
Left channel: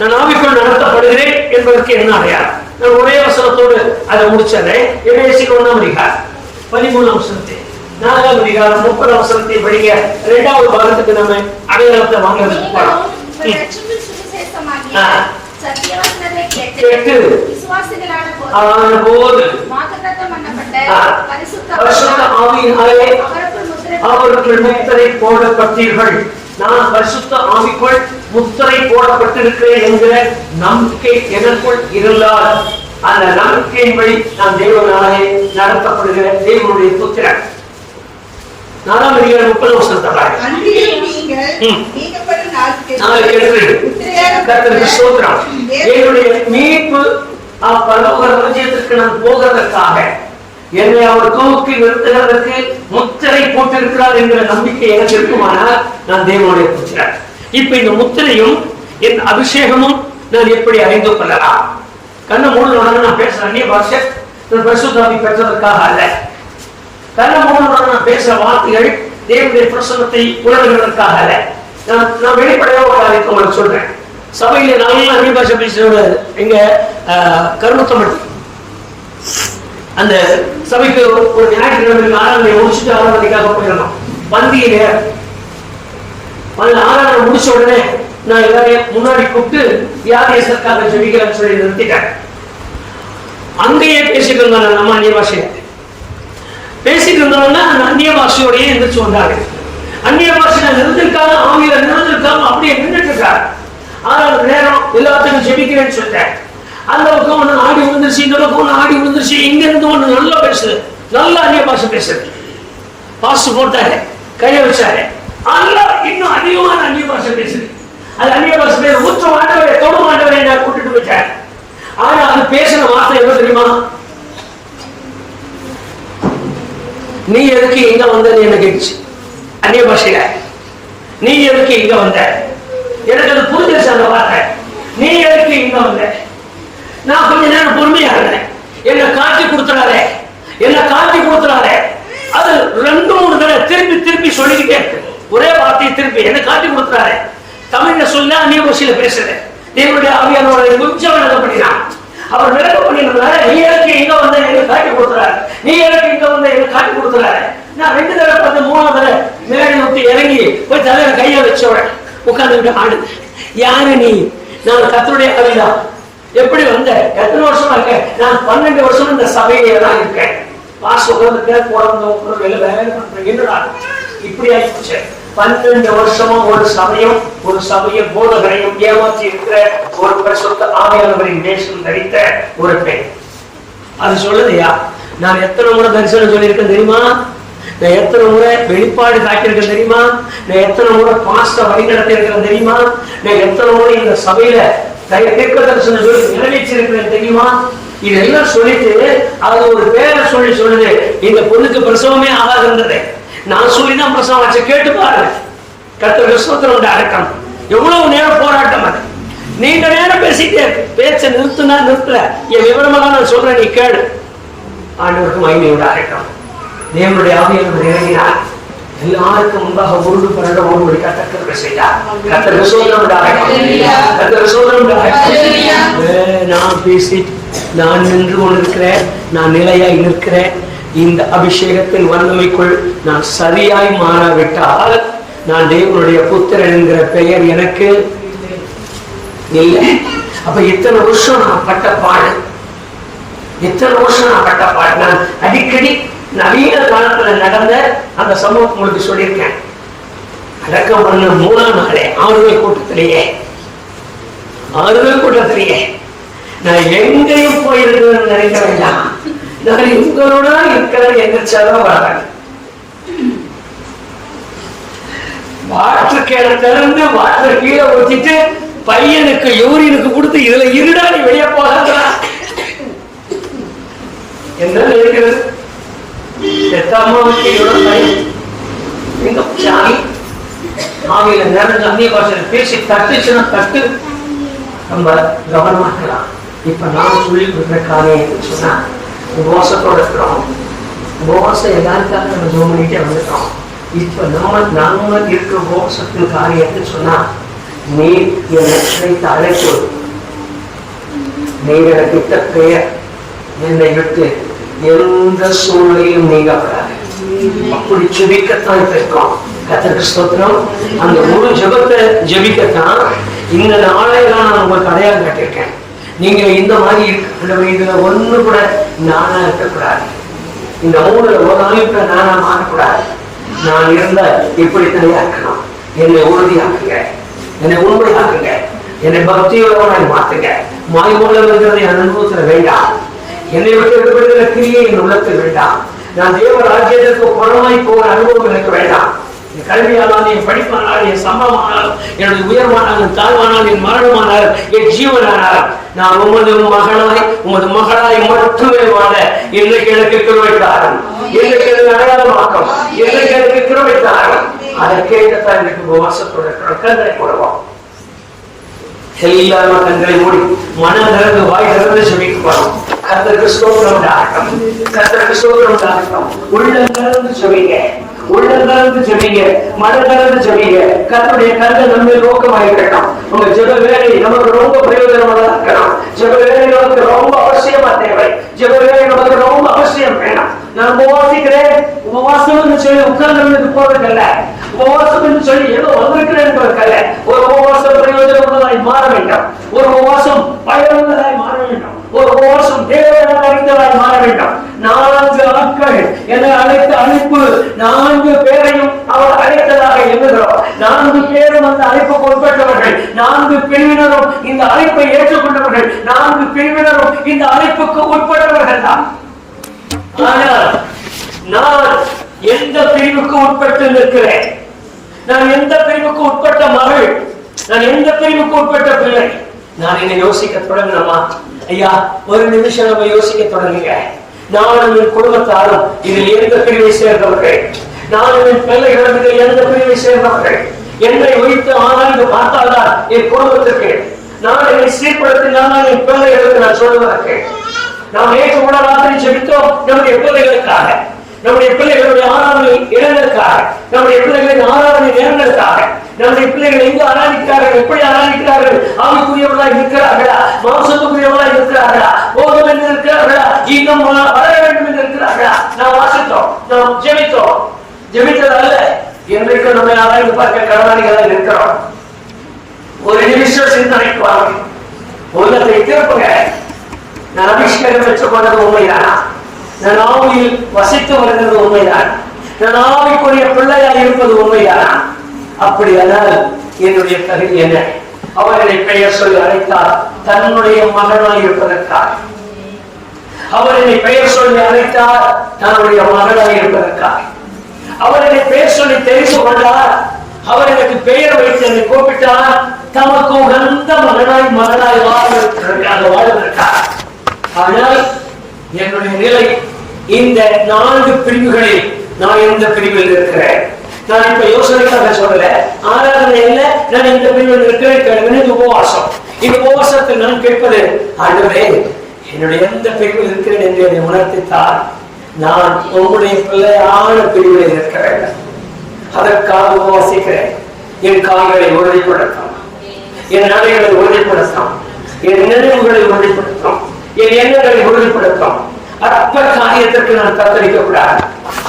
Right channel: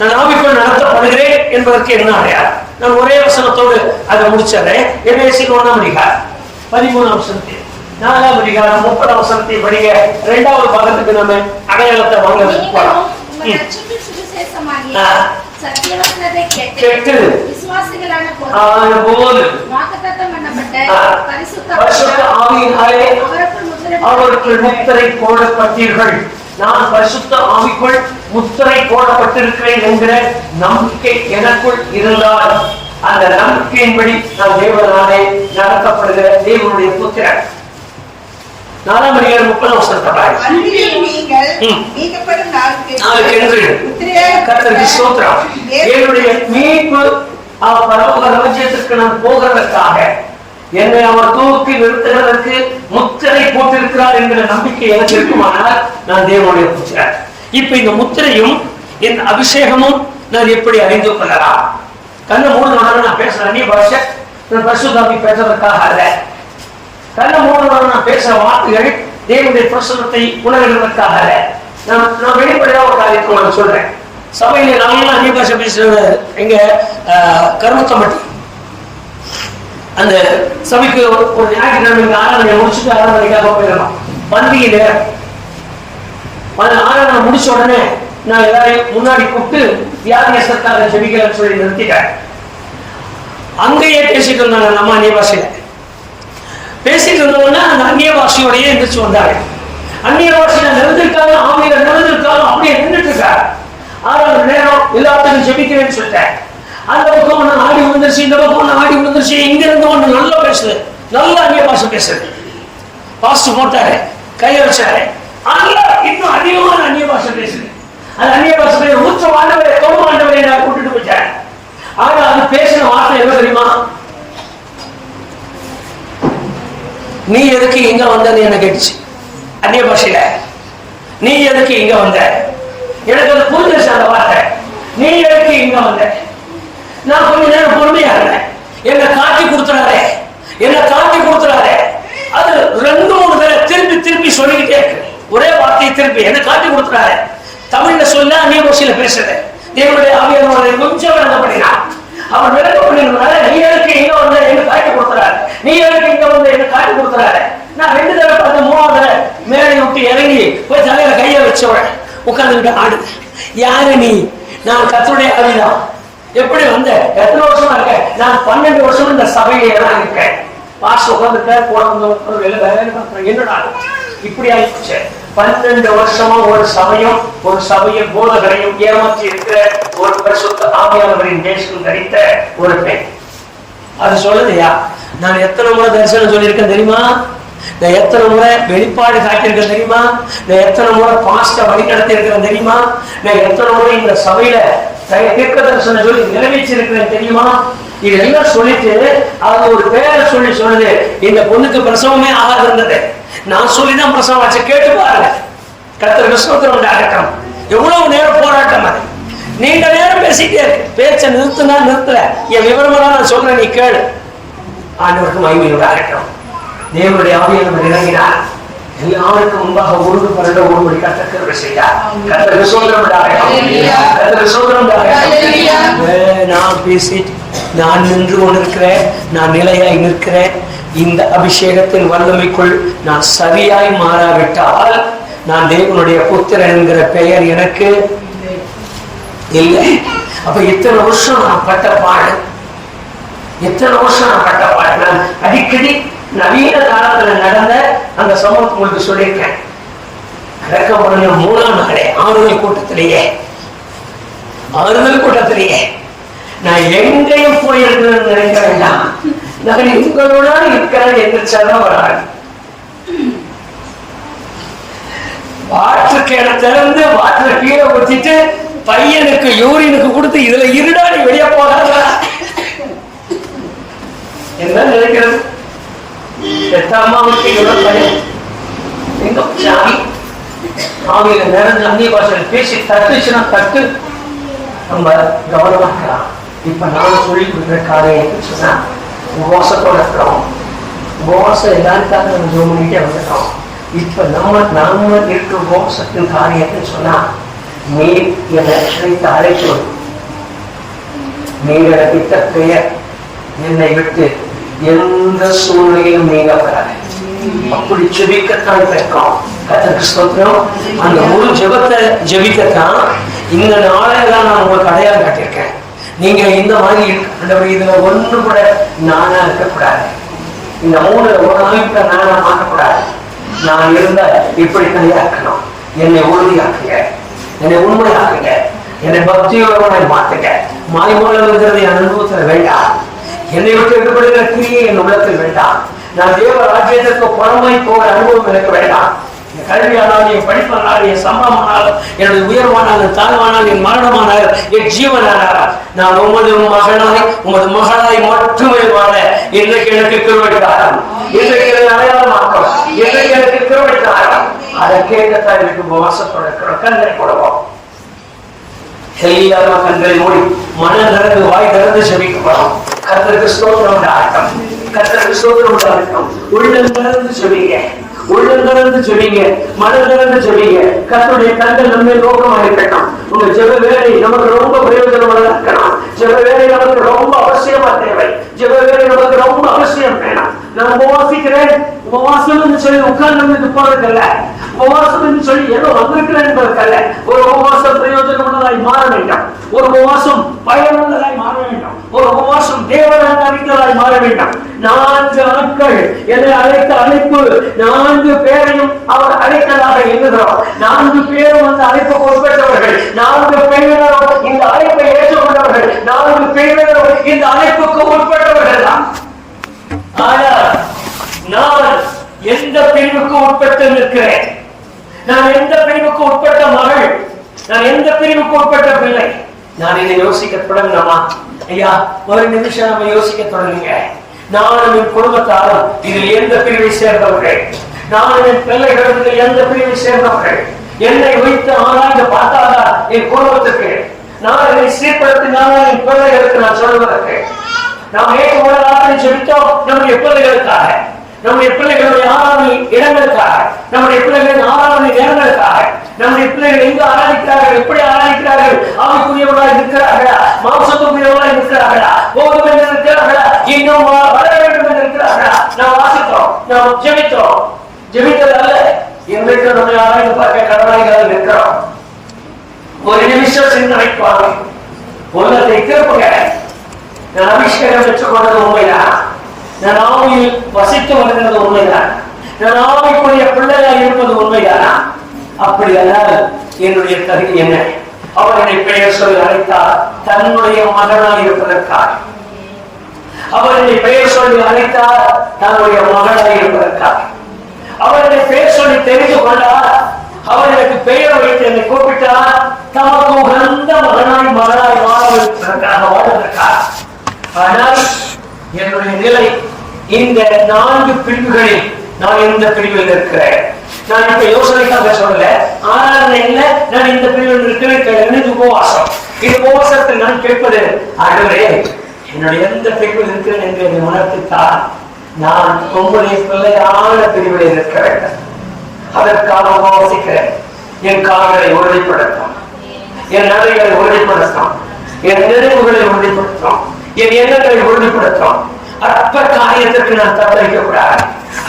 நான் ஆவிக்குள் நடத்தப்படுகிறேன் என்பதற்கு என்ன அடையாளம்? நான் ஒரே வசனத்தோடு அதை முடிச்சறேன். எபேசியர் 1:13 4:30 படிங்க. 2வது பாகத்துக்கு நம்ம அடையாளத்தை வாங்க போறோம். கேட்டு பரிசுத்த ஆவியினாலே அவருக்குள் முத்திரை போடப்பட்டீர்கள். நான் பரிசுத்த ஆவிக்குள் முத்திரை போடப்பட்டிருக்கிறேன் என்கிற நம்பிக்கை எனக்குள் இருந்தால் அந்த நம்பிக்கையின்படி நான் தேவனாலே நடத்தப்படுகிற தேவனுடைய புத்திரன். 4:30 என்னுடைய மீட்பு பரலோக ராஜ்யத்திற்கு நான் போகிறதற்காக என்னை அவர் தூக்கி நிறுத்துகிறதற்கு முத்திரை போட்டிருக்கிறார் என்கிற நம்பிக்கை எனக்கு இருக்குமானால் நான் தேவனுடைய புத்திரன். இப்ப இந்த முத்திரையும் என் அபிஷேகமும் நான் எப்படி அறிந்து கொள்ளலாம்? கண்ணை மூடுனவுடனே நான் பேசுற அந்நிய பாஷை பரிசுத்தாவி பெற்றதற்காக அல்ல. கண்ணை மூடுனவுடனே நான் பேசுற வார்த்தைகள் தேவனுடைய பிரசன்னத்தை உணர்வதற்காக அல்ல. நான் வெளிப்படையா ஒரு காரியத்தை உங்களுக்கு சொல்றேன். சபையில நானும் அந்நிய பாஷை பேசுறது எங்க கருமத்தம்பட்டி அந்த சபைக்கு ஒரு ஞாயிற்றுக்கிழமை ஆராதனை முடிச்சுட்டு ஆராதனைக்காக போயிடணும். பந்தியில ஆராதனை முடிச்ச உடனே நான் எல்லாரையும் முன்னாடி கூப்பிட்டு வியாதியஸ்தற்காக ஜெபிக்கிறேன்னு சொல்லி நிறுத்திட்டேன். அங்கேயே பேசிட்டு இருந்தாங்க. நம்ம அந்நிய பாஷையில பேசிட்டு இருந்தவங்க அந்த அந்நிய பாஷையோடய எந்திரிச்சு வந்தாங்க. அந்நிய பாஷையில நிறுத்திருக்காங்க, ஆவியில நிறுத்திருக்காங்க, அப்படியே நின்றுட்டு இருக்காங்க. ஆறாவது நேரம் எல்லாத்துக்கும் ஜெபிக்கிறேன்னு சொல்லிட்டேன். அந்த பக்கம் ஒண்ணு ஆடி விழுந்துருச்சு, இந்த பக்கம் ஒண்ணு ஆடி விழுந்துருச்சு. இங்க இருந்து ஒண்ணு நல்லா பேசுது, நல்ல அந்நிய பாஷை பேசுது. பாஸ்ட் போட்டாரு, கையை வச்சாரு, இன்னும் அதிகமான அந்நிய பாஷை பேசுது. அது அந்நிய பாஷை ஊற்ற ஆண்டவரை தொடு ஆண்டவரை நான் கூட்டிட்டு போயிட்டேன். ஆனா அது பேசின வார்த்தை என்ன தெரியுமா? நீ எதுக்கு இங்க வந்தன்னு என்ன கேட்டுச்சு அந்நிய பாஷையில. நீ எதுக்கு இங்க வந்த? எனக்கு அது புரிஞ்சிருச்சு அந்த வார்த்தை. நீ எதுக்கு இங்க வந்த? நான் கொஞ்ச நேரம் பொறுமையா இருந்தேன். என்ன காட்டி கொடுத்துறாரே, என்ன காட்டி கொடுத்துறாரே. அது 2-3 தடவை திருப்பி திருப்பி சொல்லிக்கிட்டே இருக்கு. ஒரே வார்த்தையை திருப்பி என்ன காட்டி கொடுத்துறாரு. தமிழ்ல சொல்ல அந்நிய பாஷையில பேசுறது. தேவனுடைய ஆவியானவரை கொஞ்சம் விளக்கப்படினார். அவர் விளக்க பண்ணிருந்தாரு. நீ எதுக்கு இங்க வந்த என்ன காட்டி கொடுத்துறாரு, நீ எதுக்கு இங்க வந்த என்ன காட்டி கொடுத்துறாரு. நான் 2 தடவை பார்த்து 3ஆவது தடவை மேலே விட்டு இறங்கி போய் தலையில கையை வச்சவன் உட்கார்ந்துகிட்ட ஆடுது. யாரு நீ? நான் கர்த்தருடைய ஆவிதான். எப்படி வந்த? எத்தனை வருஷமா இருக்கேன்? நான் 12 வருஷம் இந்த சபையிலே தான் இருக்கேன். பாஸ் உட்காந்துருக்க என்னடா இப்படி ஆயிடுச்சு. 12 வருஷமா ஒரு சபையை போதகரையும் ஏமாற்றி இருக்கிற ஒரு பரிசுத்த ஆவியானவரின் தேசம் தரித்த ஒரு பெண். அது சொல்லுதையா, நான் எத்தனை முறை தரிசனம் சொல்லியிருக்கேன் தெரியுமா? நான் எத்தனை முறை வெளிப்பாடு காட்டியிருக்கேன் தெரியுமா? நான் எத்தனை முறை பாஸ்ட வழி நடத்தி இருக்கிறேன் தெரியுமா? நான் எத்தனை முறை இந்த சபையில தீர்க்க தரிசனம் சொல்லி நிறைவேற்றிருக்கிறேன் தெரியுமா? இதெல்லாம் சொல்லிட்டு அது ஒரு பேரை சொல்லி சொல்லுது. இந்த பொண்ணுக்கு பிரசவமே ஆகாது இருந்தது. நான் சொல்லிதான் பிரசவம் ஆச்சு. கேட்டு பாருங்க. கர்த்தர் விஸ்வத்தரோட அடக்கம் எவ்வளவு நேரம் போராட்டம். அது நீண்ட நேரம் பேசிட்டே இருக்கு. பேச்சை நிறுத்தினா நிறுத்தல. என் விவரமா தான் நான் சொல்றேன், நீ கேளு. ஆண்டவருக்கு மகிமையோட அடக்கம். தேவனுடைய ஆவியானவர் இறங்கினார். எல்லாருக்கும் முன்பாக 1-12 கர்த்தர் செய்தார். கர்த்தர் விசுவாசத்தோட அடக்கம். கர்த்தர் விசுவாசத்தோட அடக்கம். நான் பேசிட்டு நான் நின்று கொண்டிருக்கிறேன். நான் நிலையாய் நிற்கிறேன். இந்த அபிஷேகத்தின் வல்லமைக்குள் நான் சரியாய் மாறாவிட்டால் நான் தேவனுடைய புத்திரன் என்கிற பெயர் எனக்கு இல்லை. அப்ப இத்தனை வருஷம் நான் பட்ட பாடு, நான் அடிக்கடி நவீன காலத்துல நடந்த அந்த சம்பவம் உங்களுக்கு சொல்லியிருக்கேன். அடக்கம் பண்ண 3ஆம் நாளே ஆறுதல் கூட்டத்திலேயே நான் எங்கேயும் போயிருக்கிறேன்னு நினைக்க வேண்டாம். நான் உங்களோட இருக்கிறேன் எந்திரிச்சாதான் வராங்க. வாட்டர் கேனை திறந்து வாட்டர் கீழே ஊத்திட்டு பையனுக்கு யூரினுக்கு கொடுத்து இதுல இருடா நீ வெளியே போகாத என்ன நினைக்கிறது? அம்மாவுக்கு பையன் எங்க சாமி ஆவியில நிறைஞ்ச அந்நிய பாஷையில் பேசி தட்டுச்சுன்னா தட்டு நம்ம கவனமா இருக்கலாம். இப்ப நான் சொல்லி கொடுக்குற காரியம் சொன்னா உபவாசத்தோட இருக்கிறோம். உபவாசம் எல்லாருக்காக நம்ம ஜோம் பண்ணிட்டே வந்துட்டோம். இப்ப நாம இருக்கிற உபவாசத்தின் காரியத்தை சொன்னா நீர் என்னை அழைப்பது, நீர் எனக்கு பெயர் என்னை விட்டு எந்த சூழ்நிலையும் நீங்க வராது. அப்படி ஜெபிக்கத்தான் இருக்கோம். கர்த்தருக்கு ஸ்தோத்திரம். அந்த முழு ஜெபத்தை ஜெபிக்கத்தான் இந்த நாளையெல்லாம் நான் உங்களுக்கு அடையாளம் காட்டியிருக்கேன். நீங்க இந்த மாதிரி இருக்க இதுல ஒண்ணு கூட நானா இருக்கக்கூடாது. இந்த 3 ஒரு அமைப்பை நானா மாற்றக்கூடாது. நான் இருந்த இப்படி தனியாக்கணும். என்னை உறுதியாக்குங்க, என்னை உண்மையாக்குங்க, என்னை பக்தியோட மாத்துங்க. மாய்மூலங்கிறது என் அனுபவத்துல வேண்டாம். என்னை விட்டு எடுக்கப்படுகிற கிரியை என் உள்ளத்தில் வேண்டாம். நான் தேவ ராஜ்யத்திற்கு புறமாய் போகிற அனுபவம் எனக்கு வேண்டாம். என் கல்வியானால், என் படிப்பானால், என் சம்பவமானால், என்னுடைய உயர்வானால், என் தாழ்வானால், என் மரணமானால், என் ஜீவனானால் நான் உமது மகளாய் மட்டுமே வாழ இன்றைக்கு எனக்கு கிருபைத்தாரும், இன்றைக்கு எனக்கு அடையாளமாக்கம், இன்றைக்கு எனக்கு கிருபைத்தாரும். அதை கேட்கத்தான் எனக்கு உபவாசத்தோட கண்களை போடுவோம். எல்லாரும் கண்களை மூடி மனம் திறந்து வாய் திறந்து செபிக்கப்படும். கர்த்தருக்கு ஸ்தோத்திரம் உண்டாகட்டும். கர்த்தருக்கு ஸ்தோத்திரம் உண்டாகட்டும். உள்ளம் திறந்து செபிங்க. உள்ளங்கலந்து சொல்லிங்க, மனங்கலந்து சொல்லிங்க. கர்த்தருடைய கண்கள் நம்ம நோக்கமாக இருக்கட்டும். உங்க ஜெப வேலை நமக்கு ரொம்ப பிரயோஜனமாக இருக்கணும். ஜெப வேலை நமக்கு ரொம்ப அவசியமா தேவை. ஜெப வேலை நமக்கு ரொம்ப அவசியம் வேணும். நான் உபவாசிக்கிறேன், உபவாசம் சொல்லி உட்கார்ந்து போறதுக்கல்ல, உபவாசம் சொல்லி ஏதோ வந்திருக்கிறேன் என்பதற்கல்ல. ஒரு உபவாசம் பிரயோஜனம் உள்ளதாய் மாற வேண்டும். ஒரு உபவாசம் பயனுள்ளதாய் மாற வேண்டும். ஒரு உபவாசம் தேவனை அறிந்ததாய் மாற வேண்டும். 4 நாட்கள் என்னை அழைத்த அழைப்பு, 4 பேரையும் அவர் அழைத்ததாக எண்ணுகிறோம். 4 பேரும் அந்த அழைப்புக்கு உட்பட்டவர்கள். 4 பிரிவினரும் இந்த அழைப்பை ஏற்றுக்கொண்டவர்கள். 4 பிரிவினரும் இந்த அழைப்புக்கு உட்பட்டவர்கள் தான். ஆனால் நான் எந்த பிரிவுக்கு உட்பட்டு நிற்கிறேன்? நான் எந்த பிரிவுக்கு உட்பட்ட மகள்? நான் எந்த பிரிவுக்கு உட்பட்ட பிள்ளை? நான் இதை யோசிக்க தொடங்கினமா? ஐயா, ஒரு நிமிஷம் நம்ம யோசிக்க தொடங்குங்க. நானும் என் குடும்பத்தாரும் இதில் எந்த பிரிவை சேர்ந்தவர்கள்? நானும் என் பிள்ளைகளும் இதில் எந்த பிரிவை சேர்ந்தவர்கள்? என்னை வைத்து ஆராய்ந்து பார்த்தால்தான் என் குடும்பத்துக்கு, நான் என்னை சீர்படுத்தினாலும் என் பிள்ளைகளுக்கு நான் சொல்வதற்கு. நாம் ஏற்று உள்ள ராத்திரி செபித்தோம் நம்முடைய பிள்ளைகளுக்காக, நம்முடைய பிள்ளைகளுடைய ஆராதனை இடங்களுக்காக, நம்முடைய பிள்ளைகளின் ஆராதனை நேரங்களுக்காக. நம்முடைய பிள்ளைகள் எங்கு ஆராதிக்கிறார்கள், எப்படி ஆராதிக்கிறார்கள்? ஆவிக்குரியவர்களாய் இருக்கிறார்களா? மாம்சத்துக்குரியவர்களாய் இருக்கிறார்களா? போதும் என்று இருக்கிறார்களா? இன்னும் வளர வேண்டும் என்று இருக்கிறார்களா? நாம் வாசித்தோம், நாம் ஜெபித்தோம். ஜெபித்ததல்ல, இன்றைக்கு நம்மை ஆராய்ந்து பார்க்க கடனாளிகளாக இருக்கிறோம். ஒரு நிமிஷம் சிந்தனைக்கு வாங்க. உலகத்தை திருப்புங்க. நான் அபிஷேகம் பெற்றுக் கொண்டது உண்மைதானா? நான் ஆவியில் வசித்து வருகிறது உண்மைதான்? நான் ஆவிக்குரிய பிள்ளையாக இருப்பது உண்மைதானா? அப்படியானால் என்னுடைய தகுதி என்ன? அவர் என்னை பெயர் சொல்லி அழைத்தார் தன்னுடைய மகனாய் இருப்பதற்காக. அவர் என்னை பெயர் சொல்லி அழைத்தார் தன்னுடைய மகனாய் இருப்பதற்காக. அவர் என்னை பெயர் சொல்லி தெரிந்து கொண்டார். அவர் எனக்கு பெயர் வைத்து என்னை கூப்பிட்டார் தமக்கு உகந்த மகனாய் வாழ்வதற்காக. ஆனால் என்னுடைய நிலை இந்த 4 பிரிவுகளில் நான் எந்த பிரிவில் இருக்கிறேன்? நான் இப்ப யோசனைக்காக சொல்ல, ஆராதனை இல்ல, நான் இந்த பிரிவில் இருக்கிறேன். இது உபவாசம். இந்த உபவாசத்தில் நான் கேட்பது, ஆண்டவரே என்னுடைய எந்த பிரிவில் இருக்கிறேன் என்று என்னை உணர்த்தித்தார். நான் உங்களுடைய பிள்ளையான பிரிவில் இருக்க வேண்டும். அதற்காக உபவாசிக்கிறேன். என் கால்களை உறுதிப்படுத்தும், என் நடைகளை உறுதிப்படுத்தும், என் நினைவுகளை உறுதிப்படுத்தும், என் எண்ணங்களை உறுதிப்படுத்தும். அற்ப காரியத்திற்கு நான் தத்தளிக்க கூடாது.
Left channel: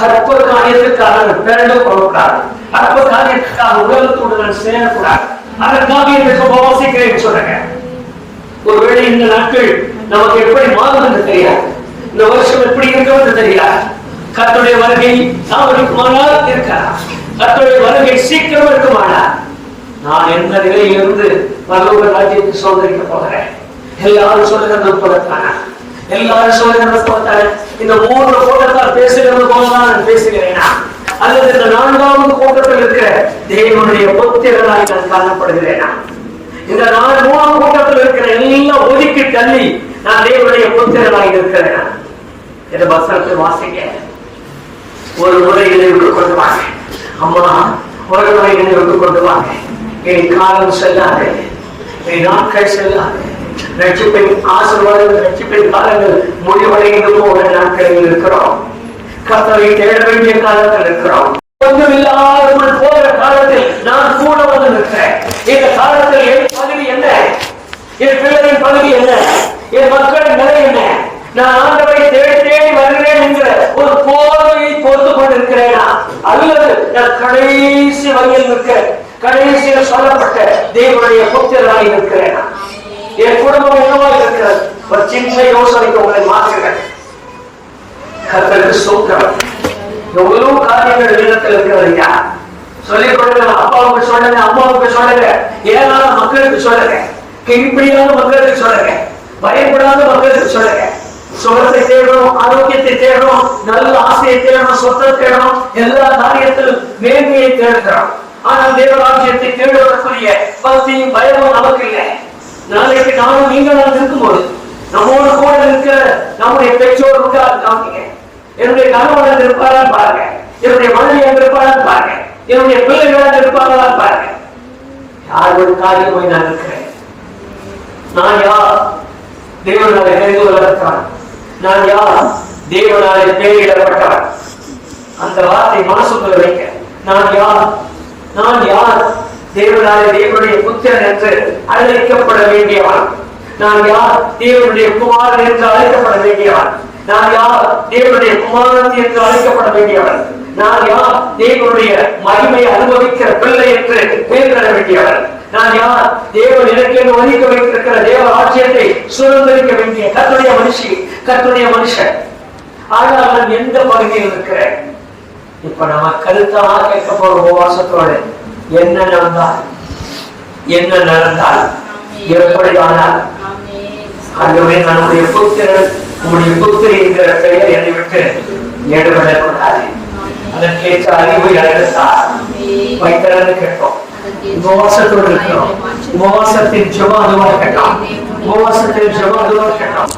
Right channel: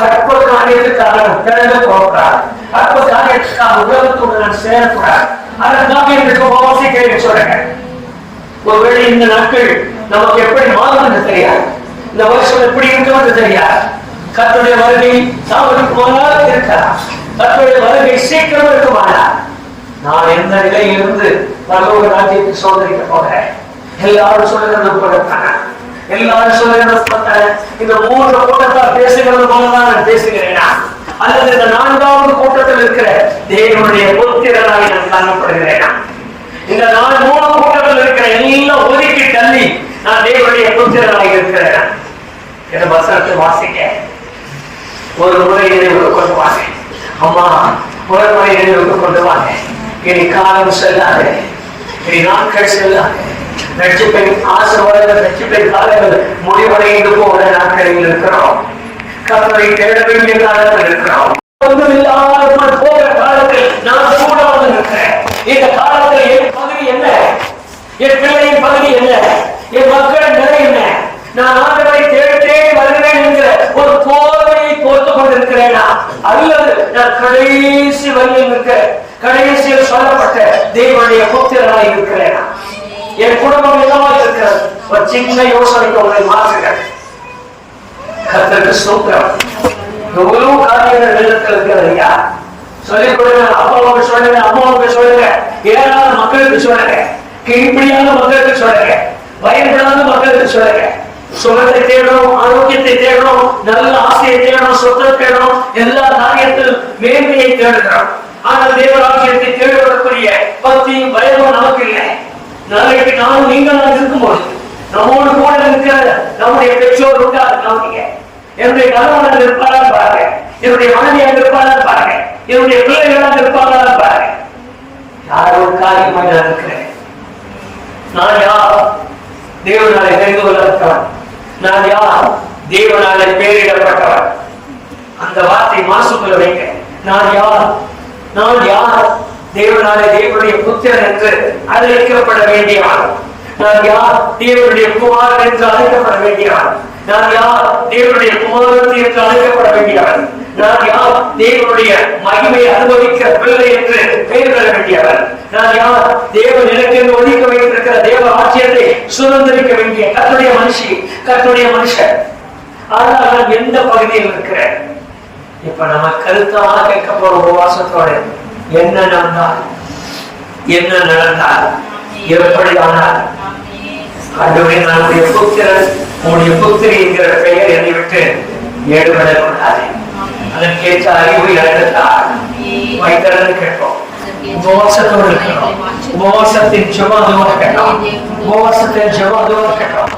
அற்ப காரியத்துக்காக நான் பிறந்து போகக்கூடாது. அற்ப காரியத்துக்காக உலகத்தோடு நான் சேரக்கூடாது. அதற்காக இன்றைக்கு உபவாசிக்கிறேன் சொல்லுங்க. ஒருவேளை இந்த நாட்கள் நமக்கு எப்படி மாறும் என்று தெரியாது. இந்த வருஷம் எப்படி இருக்கும் என்று தெரியாது. கர்த்தருடைய வருகை தாமதிக்குமானால் இருக்கலாம். கர்த்தருடைய வருகை சீக்கிரம் இருக்குமானால் நான் எந்த நிலையிலிருந்து பரலோக ராஜ்யத்துக்கு சோதரிக்க போகிறேன்? எல்லாரும் சொல்லுகிறது போலத்தான, எல்லாரும் சொல்லுகிறது போலத்தான. இந்த 3 கூட்டத்தால் பேசுகிறது போலதான் பேசுகிறேனா? அல்லது இந்த 4வது கூட்டத்தில் இருக்கிற தேவனுடைய புத்திரனாய் நான் காணப்படுகிறேனா? இந்த 3 கூட்டத்தில் இருக்கிற எல்லாம் ஒதுக்கி தள்ளி நான் தேவனுடைய புத்திரனாய் இருக்கிறேனா? இந்த வசனத்தை வாசிக்க ஒரு முறை நினைவுக்கு கொண்டு வாங்க. அம்மா, ஒரு முறை நினைவுக்கு கொண்டு வாங்க. இனி காலம் செல்லாது, இனி நாட்கள் செல்லாது. ரட்சிப்பின் ஆசீர்வாதங்கள், ரட்சிப்பின் காலங்கள் முடிவடைந்து போகிற நாட்களில் இருக்கிறோம். கர்த்தரை தேட வேண்டிய காலத்தில் இருக்கிறோம். ஒன்றுமில்லாமல் போகிற காலத்தில் நான் கூட வந்து நிற்கிறேன். இந்த காலத்தில் என் பகுதி என்ன? என் பிள்ளையின் பகுதி என்ன? என் மக்களின் நிலை என்ன? நான் ஆண்டவரை தேடி வருகிறேன் என்கிற ஒரு போர்வையை போர்த்து கொண்டிருக்கிறேனா? அல்லது நான் கடைசி வகையில் நிற்க, கடைசியில் சொல்லப்பட்ட தேவனுடைய புத்திரனாய் இருக்கிறேனா? என் குடும்பம் என்னவா இருக்கிறது? ஒரு சின்ன யோசனைக்கு உங்களை மாற்றுங்கள். கர்த்தருக்கு ஸ்தோத்திரம். எவ்வளவு காரியங்கள் இல்லத்தில் இருக்கிறது. சொல்லிக் கொடுங்க. அப்பாவுக்கு சொல்லுங்க, அம்மாவுக்கு சொல்லுங்க, ஏழாத மக்களுக்கு சொல்லுங்க, கீழ்ப்படியாத மக்களுக்கு சொல்லுங்க, பயன்படாத மக்களுக்கு சொல்லுங்க. சுகத்தை தேடணும், ஆரோக்கியத்தை தேடணும், நல்ல ஆசையை தேடணும், சொத்தை தேடணும், எல்லா காரியத்திலும் மேன்மையை தேடுகிறோம். ஆனால் தேவராஜ்யத்தை தேடுவதற்குரிய பக்தியும் பயமும் நமக்கு இல்லை. நாளைக்கு நானும் நீங்களும் இருக்கும்போது நம்மோடு கூட இருக்கிற நம்முடைய பெற்றோர் இருக்காங்க. என்னுடைய கணவன் இருப்பாளா பாருங்க, என்னுடைய மனைவியாக இருப்பாளா பாருங்க, என்னுடைய பிள்ளைகளாக இருப்பாங்களா பாருங்க. யார் ஒரு காரியமாய் நான் இருக்கிறேன்? நான் யார்? தேவனாலே தெரிந்து கொள்ளப்பட்டவன். நான் யார்? தேவனாலே பெயரிடப்பட்டவன். அந்த வார்த்தை மனசுக்குள்ள வைக்க. நான் யார்? நான் யார்? தேவனாலே தேவனுடைய புத்திரன் என்று அழைக்கப்பட வேண்டியவன். நான் யார்? தேவனுடைய குமாரன் என்று அழைக்கப்பட வேண்டியவன். நான் யார்? தேவனுடைய குமாரன் என்று அழைக்கப்பட வேண்டியவன். நான் யார்? தேவனுடைய மகிமை அனுபவிக்கிற பிள்ளை என்று பெயர் பெற வேண்டியவன். நான் யார்? தேவன் எனக்கு ஒதுக்க வைத்திருக்கிற தேவ ஆட்சியத்தை சுதந்திரிக்க வேண்டிய கர்த்தருடைய மனுஷி, கர்த்தருடைய மனுஷன். ஆனால் நான் எந்த பகுதியில் இருக்கிறேன்? இப்ப நம்ம கருத்தமா கேட்க போற உபவாசத்தோடு என்ன நடந்தால், என்ன நடந்தால், எப்படியானால், ஆண்டவரே நம்முடைய புத்திரன் உங்களுடைய புத்திரி என்கிற பெயர் என்னை விட்டு ஏடுபடக்கூடாது. அதற்கேற்ற அறிவை அழைத்தார் வைத்திருந்து கேட்போம். உபவாசத்தோடு இருக்கிறோம். உபவாசத்தின் ஜெபம் அதுவாக கேட்டோம். உபவாசத்தின் ஜெபம் அதுவாக கேட்டோம்.